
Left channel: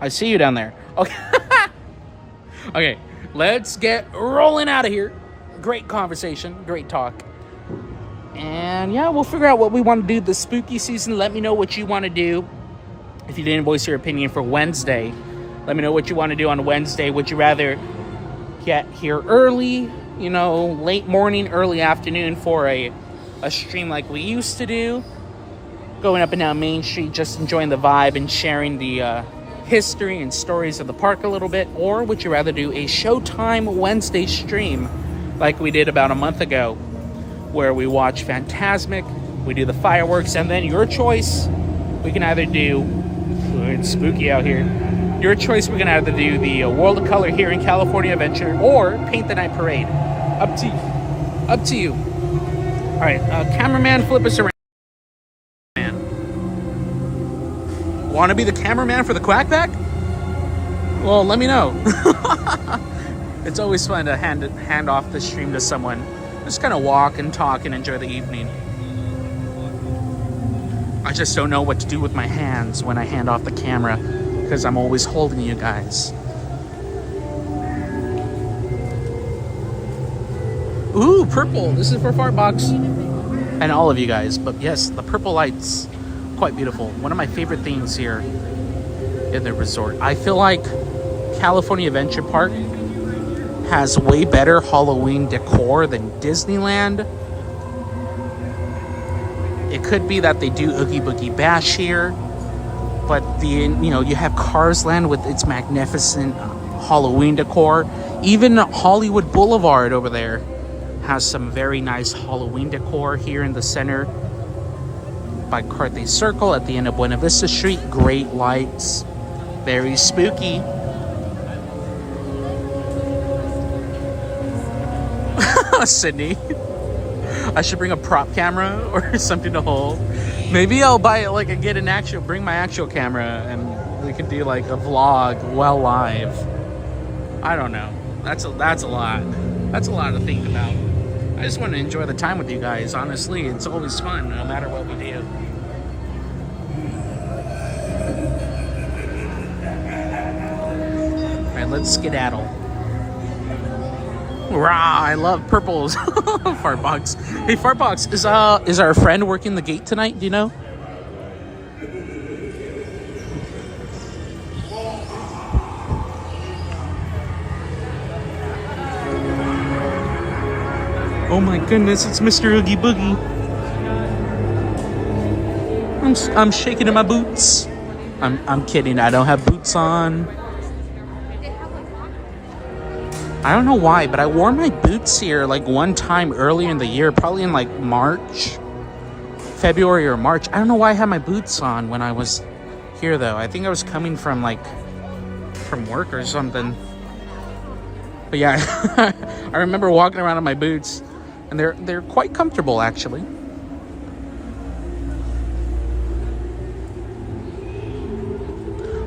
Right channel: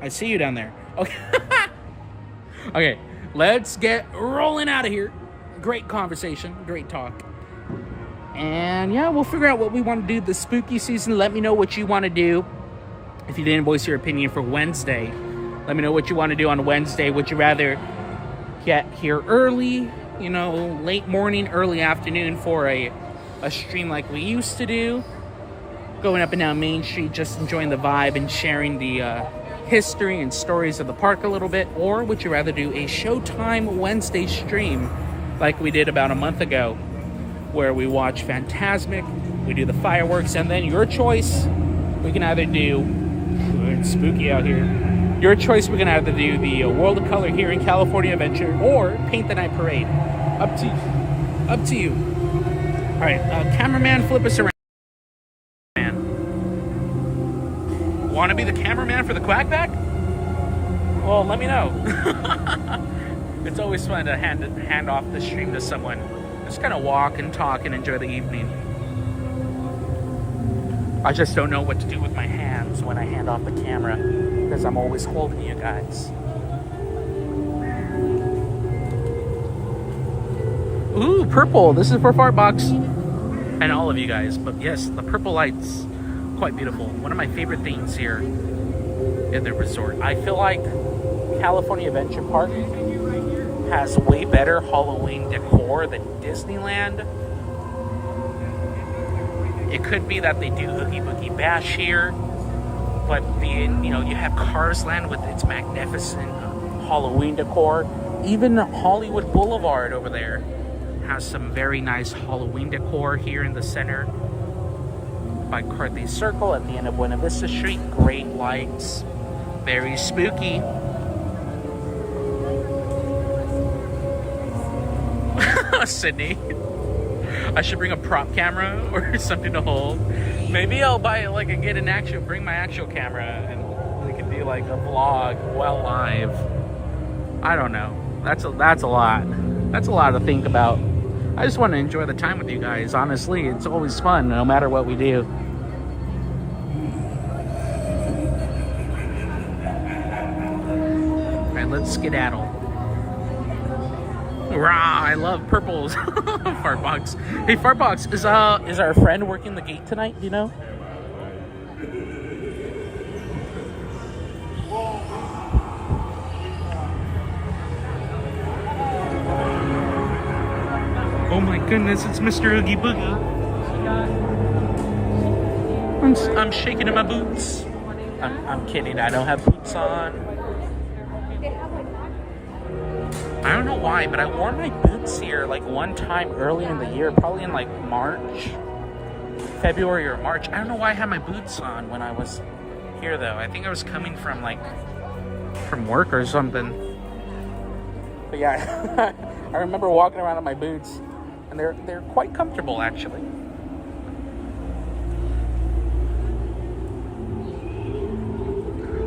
I see you down there. Okay. Okay, let's get rolling out of here. Great conversation, great talk. And yeah, we'll figure out what we want to do this spooky season. Let me know what you want to do. If you didn't voice your opinion for Wednesday, let me know what you want to do on Wednesday. Would you rather get here early, late morning, early afternoon for a stream like we used to do? Going up and down Main Street, just enjoying the vibe and sharing the history and stories of the park a little bit? Or would you rather do a Showtime Wednesday stream like we did about a month ago, where we watch Fantasmic, we do the fireworks, and then your choice, we can either do, it's spooky out here, your choice, we can either do the World of Color here in California Adventure or Paint the Night Parade. Up to you. All right, cameraman, flip us around. Want to be the cameraman for the Quackback? Well, let me know. It's always fun to hand off the stream to someone. Just kind of walk and talk and enjoy the evening. I just don't know what to do with my hands when I hand off the camera, because I'm always holding you guys. Ooh, purple. This is for Fartbox and all of you guys. But yes, the purple lights, quite beautiful. One of my favorite things here in the resort. I feel like California Adventure Park has way better Halloween decor than Disneyland. It could be that they do Oogie Boogie Bash here, but you have Cars Land with its magnificent Halloween decor. Even Hollywood Boulevard over there has some very nice Halloween decor here in the center by Carthay Circle at the end of Buena Vista Street. Great lights, very spooky. Sydney, I should bring a prop camera or something to hold. Maybe I'll bring my actual camera and we can do like a vlog while live. I don't know. That's a lot. That's a lot to think about. I just want to enjoy the time with you guys. Honestly, it's always fun no matter what we do. All right, let's skedaddle. Rah, I love purples. Fartbox. Hey, Fartbox, is our friend working the gate tonight? Do you know? Oh my goodness, it's Mr. Oogie Boogie. I'm shaking in my boots. I'm kidding, I don't have boots on. I don't know why, but I wore my boots here like one time earlier in the year, probably in like March, February or March. I don't know why I had my boots on when I was here though. I think I was coming from work or something. But yeah, I remember walking around in my boots, and they're quite comfortable actually.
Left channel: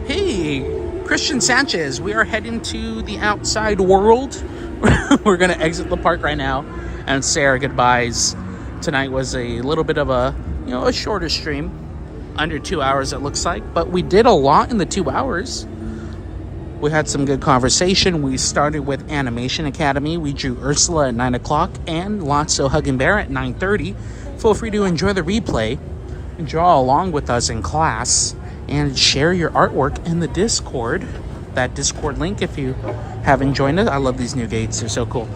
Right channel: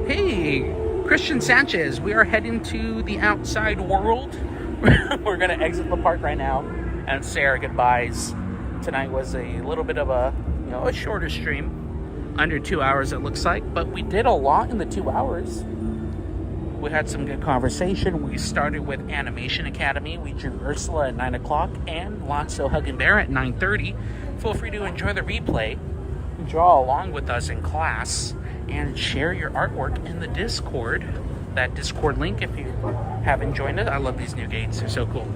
Hey, Christian Sanchez, we are heading to the outside world. We're gonna exit the park right now and say our goodbyes. Tonight was a little bit of a shorter stream, under 2 hours it looks like, but we did a lot in the 2 hours. We had some good conversation. We started with Animation Academy. We drew Ursula at 9 o'clock and Lotso Hugging Bear at 9:30. Feel free to enjoy the replay and draw along with us in class and share your artwork in the Discord. That Discord link if you haven't joined it. I love these new gates. They're so cool.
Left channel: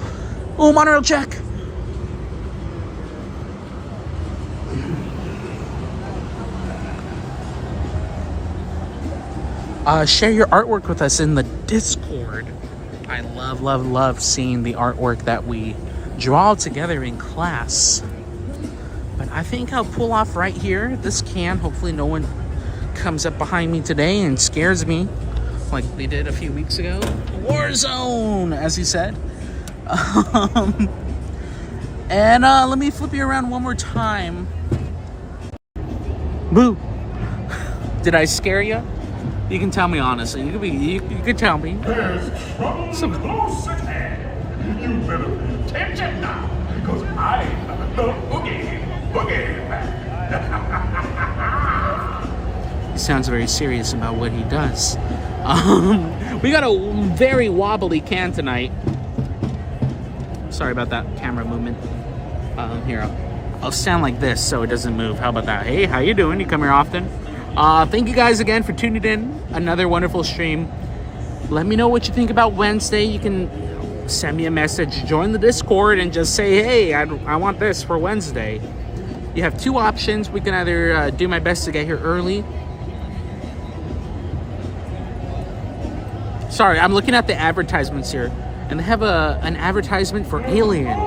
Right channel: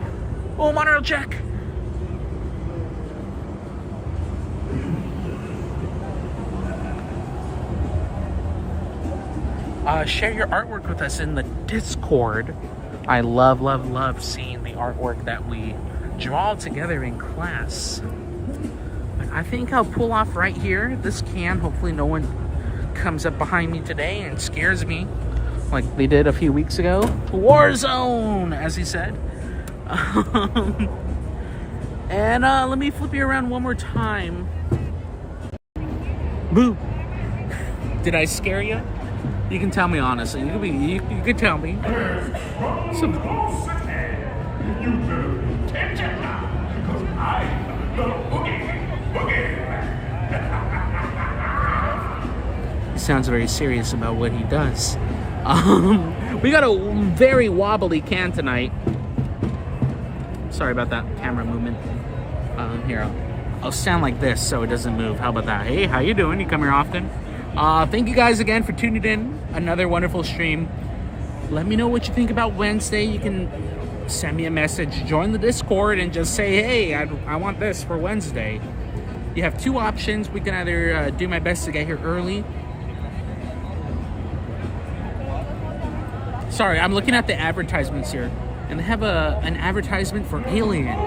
Ooh, monorail check. Share your artwork with us in the Discord. I love seeing the artwork that we draw together in class. But I think I'll pull off right here. This can. Hopefully no one comes up behind me today and scares me like they did a few weeks ago. Warzone, as he said. And let me flip you around one more time. Boo! Did I scare you? You can tell me honestly. You can tell me. You better be attention now, because I am the boogie. He sounds very serious about what he does. We got a very wobbly can tonight. Sorry about that camera movement. Here, I'll stand like this so it doesn't move. How about that? Hey, how you doing? You come here often? Thank you guys again for tuning in. Another wonderful stream. Let me know what you think about Wednesday. You can send me a message, join the Discord, and just say, hey, I want this for Wednesday. You have two options. We can either do my best to get here early. Sorry, I'm looking at the advertisements here, and they have an advertisement for Alien.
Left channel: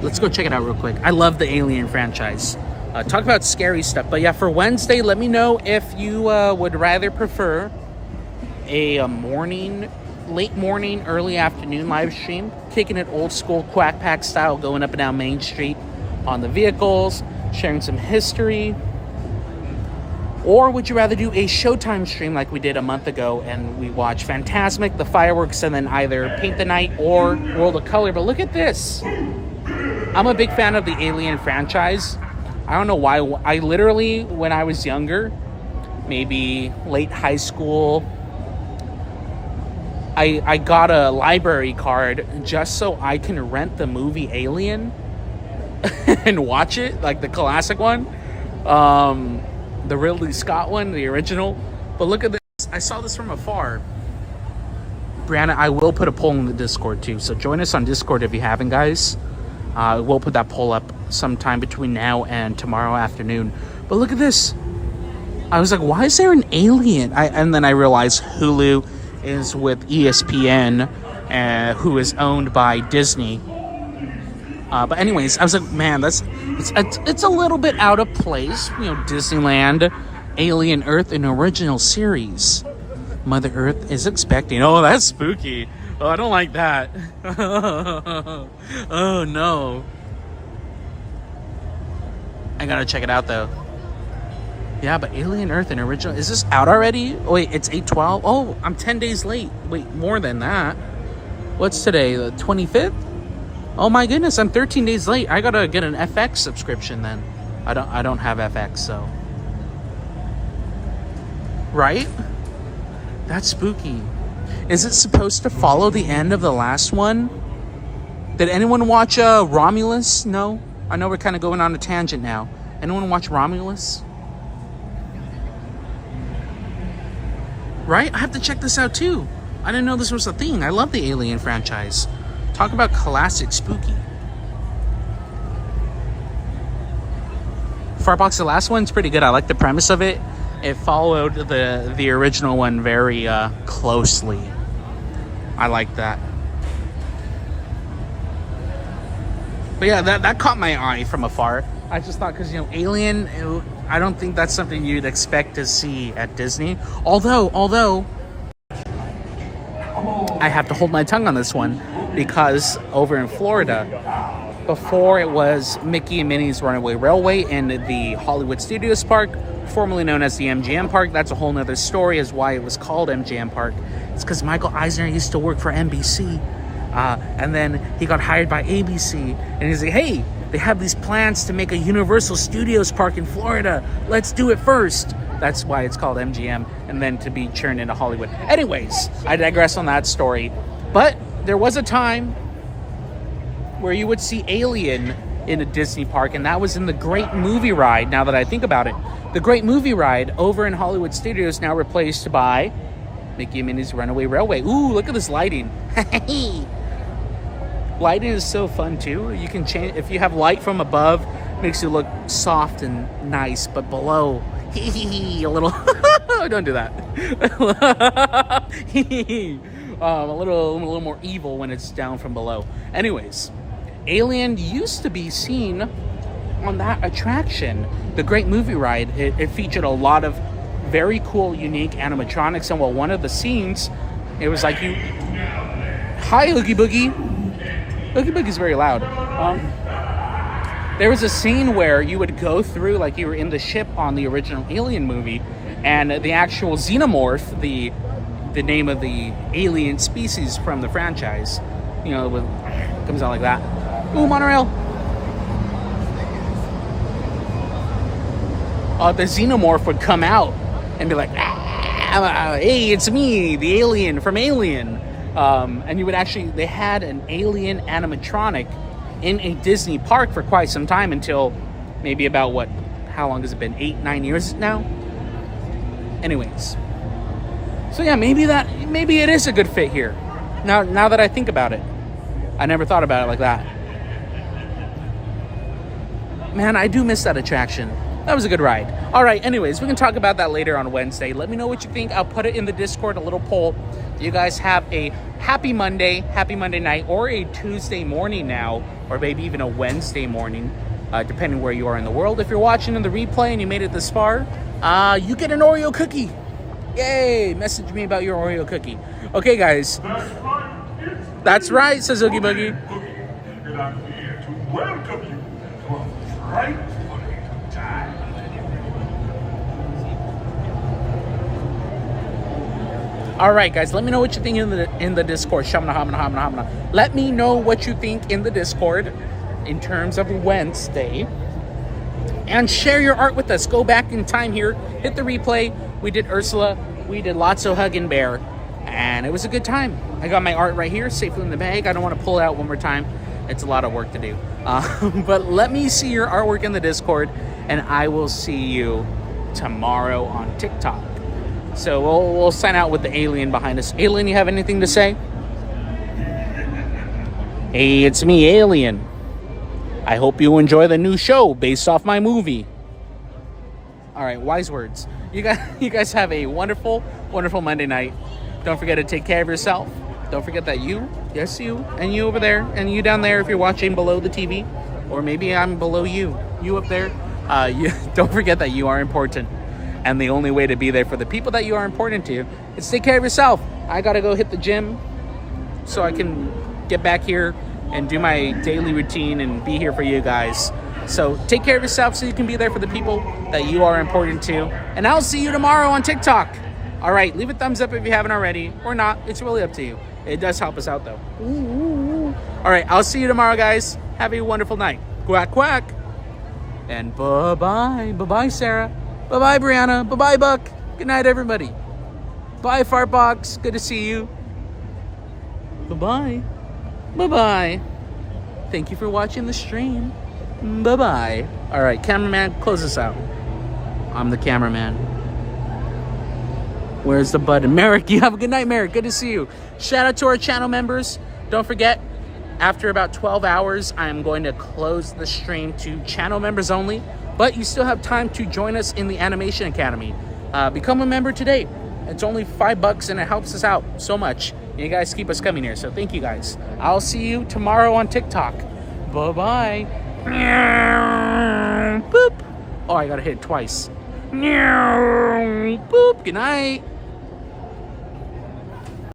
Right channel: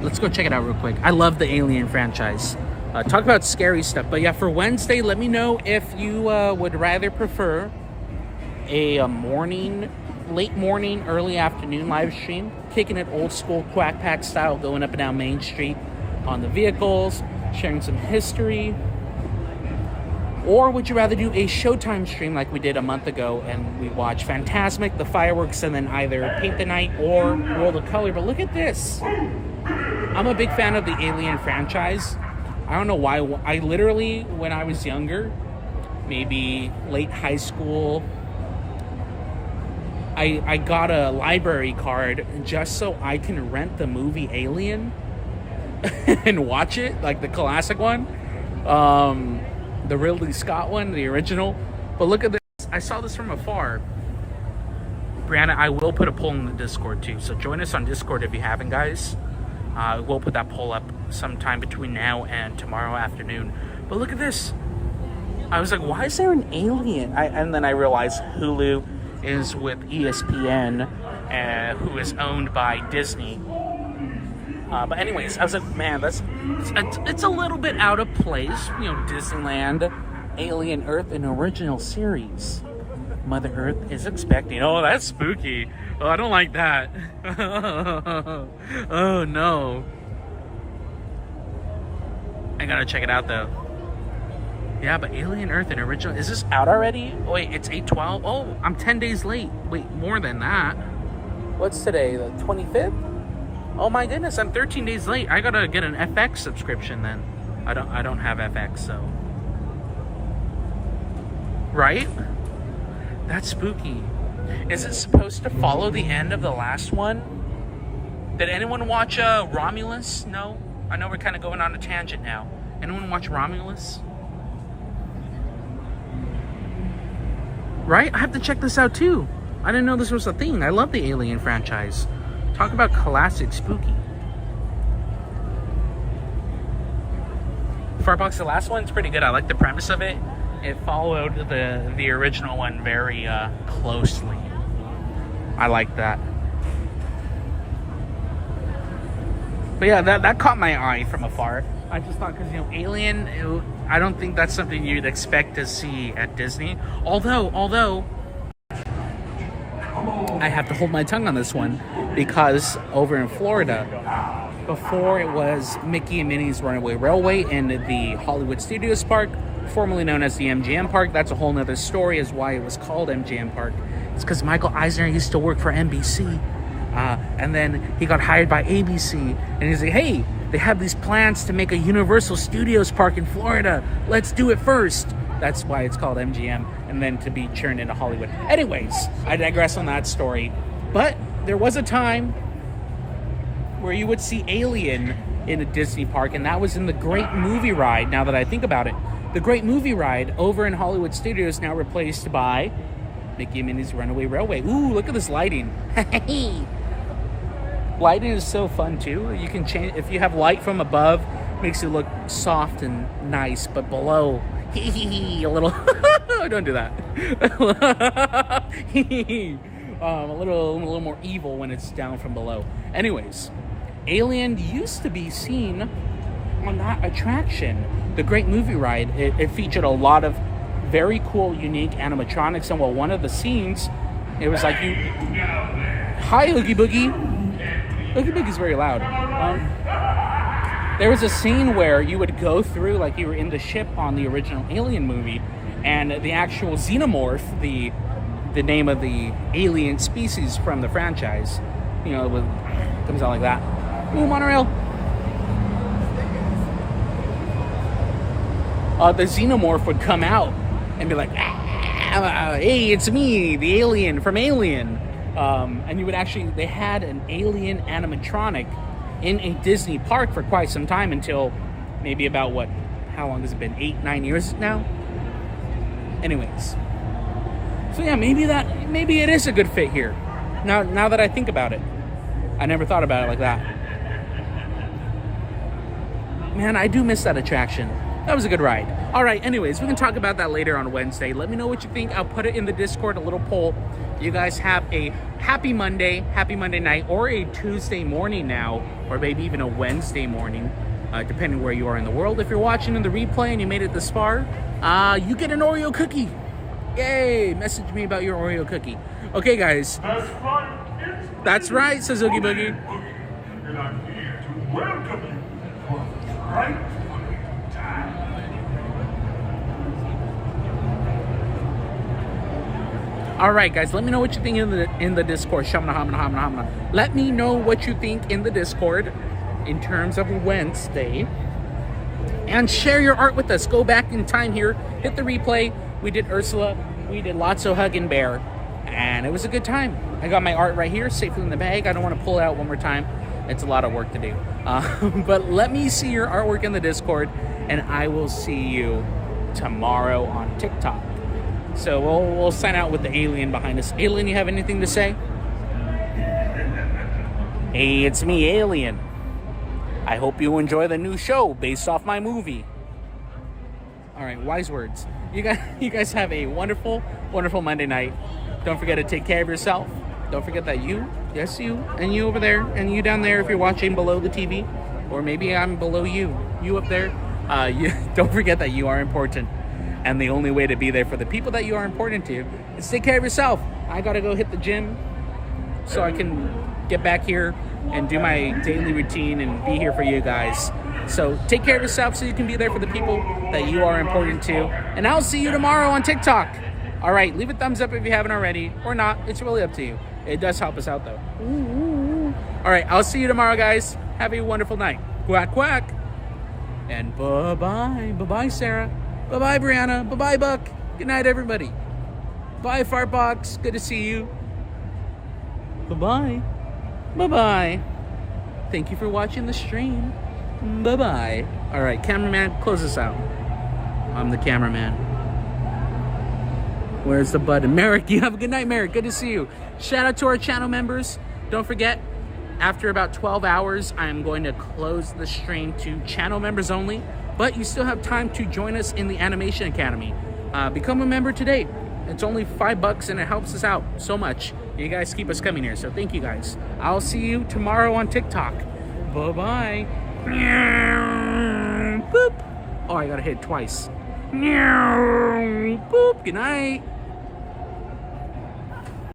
Let's go check it out real quick. I love the Alien franchise. Talk about scary stuff. But yeah, for Wednesday, let me know if you would rather prefer a late morning, early afternoon live stream, kicking it old school Quack Pack style, going up and down Main Street on the vehicles, sharing some history. Or would you rather do a Showtime stream like we did a month ago and we watched Fantasmic, the fireworks, and then either Paint the Night or World of Color? But look at this. I'm a big fan of the Alien franchise. I don't know why. I literally, when I was younger, maybe late high school, I got a library card just so I can rent the movie Alien and watch it, like the classic one, the Ridley Scott one, the original. But look at this. I saw this from afar. Brianna, I will put a poll in the Discord too, so join us on Discord if you haven't, guys. We'll put that poll up sometime between now and tomorrow afternoon. But look at this. I was like, why is there an alien? And then I realized Hulu is with ESPN, who is owned by Disney. But anyways, I was like, man, it's a little bit out of place. You know, Disneyland, Alien Earth, an original series. Mother Earth is expecting. Oh, that's spooky. Oh, I don't like that. Oh, no. I gotta check it out, though. Yeah, but Alien Earth and original... Is this out already? Wait, it's 8/12? Oh, I'm 10 days late. Wait, more than that. What's today? The 25th? Oh, my goodness, I'm 13 days late. I gotta get an FX subscription, then. I don't have FX, so... Right? That's spooky. Is it supposed to follow the end of the last one? Did anyone watch Romulus? No? I know we're kind of going on a tangent now. Anyone watch Romulus? Right? I have to check this out too. I didn't know this was a thing. I love the Alien franchise. Talk about classic spooky. Farbox, the last one's pretty good. I like the premise of it. It followed the original one very closely. I like that. But yeah, that caught my eye from afar. I just thought, because, you know, Alien, I don't think that's something you'd expect to see at Disney. Although, I have to hold my tongue on this one, because over in Florida, before it was Mickey and Minnie's Runaway Railway in the Hollywood Studios Park, formerly known as the MGM Park. That's a whole nother story as why it was called MGM Park. It's because Michael Eisner used to work for NBC. And then he got hired by ABC. And he's like, hey, they have these plans to make a Universal Studios Park in Florida. Let's do it first. That's why it's called MGM. And then to be churned into Hollywood. Anyways, I digress on that story. But there was a time where you would see Alien in a Disney park, and that was in the Great Movie Ride. Now that I think about it, the Great Movie Ride over in Hollywood Studios now replaced by Mickey and Minnie's Runaway Railway. Ooh, look at this lighting. Lighting is so fun too. You can change, if you have light from above, makes you look soft and nice, but below, a little, don't do that. A little more evil when it's down from below. Anyways, Alien used to be seen on that attraction, the Great Movie Ride. It featured a lot of very cool, unique animatronics, and one of the scenes, it was like you... Hi, Oogie Boogie. Oogie Boogie's very loud. There was a scene where you would go through, like you were in the ship on the original Alien movie, and the actual xenomorph, the name of the alien species from the franchise, you know, it comes out like that. Ooh, monorail. The xenomorph would come out and be like, hey, it's me, the alien from Alien. And you would actually, they had an alien animatronic in a Disney park for quite some time, until maybe about how long has it been? 8-9 years now? Anyways. So yeah, maybe it is a good fit here. Now that I think about it. I never thought about it like that. Man, I do miss that attraction. That was a good ride. All right, anyways, we can talk about that later on Wednesday. Let me know what you think. I'll put it in the Discord, a little poll. You guys have a happy Monday night, or a Tuesday morning now, or maybe even a Wednesday morning, depending where you are in the world. If you're watching in the replay and you made it this far, you get an Oreo cookie. Yay! Message me about your Oreo cookie. Okay, guys. That's right, says Oogie Boogie. And I'm here to welcome you. Right? All right, guys, let me know what you think in the Discord. Shamna, hamna, hamna, hamna. Let me know what you think in the Discord in terms of Wednesday. And share your art with us. Go back in time here. Hit the replay. We did Ursula. We did Lotso Huggin' Bear. And it was a good time. I got my art right here, safely in the bag. I don't want to pull it out one more time. It's a lot of work to do. But let me see your artwork in the Discord. And I will see you tomorrow on TikTok. So we'll sign out with the alien behind us. Alien, you have anything to say? Hey, it's me, Alien. I hope you enjoy the new show based off my movie. All right, wise words. You guys have a wonderful, wonderful Monday night. Don't forget to take care of yourself. Don't forget that you, yes you, and you over there, and you down there if you're watching below the TV, or maybe I'm below you up there. Don't forget that you are important. And the only way to be there for the people that you are important to is take care of yourself. I gotta go hit the gym so I can get back here and do my daily routine and be here for you guys. So take care of yourself so you can be there for the people that you are important to. And I'll see you tomorrow on TikTok. All right, leave a thumbs up if you haven't already, or not. It's really up to you. It does help us out though. Ooh. All right, I'll see you tomorrow, guys. Have a wonderful night. Quack, quack. And bye-bye. Bye-bye, Sarah. Bye-bye, Brianna. Bye-bye, Buck. Good night, everybody. Bye, Fartbox. Good to see you. Bye-bye. Bye-bye. Thank you for watching the stream. Bye-bye. All right, cameraman, close this out. I'm the cameraman. Where's the button? Merrick, you have a good night, Merrick. Good to see you. Shout out to our channel members. Don't forget, after about 12 hours, I'm going to close the stream to channel members only. But you still have time to join us in the Animation Academy. Become a member today. It's only $5 and it helps us out so much. You guys keep us coming here, so thank you guys. I'll see you tomorrow on TikTok. Bye-bye. Boop. Oh, I gotta hit it twice. Boop. Good night.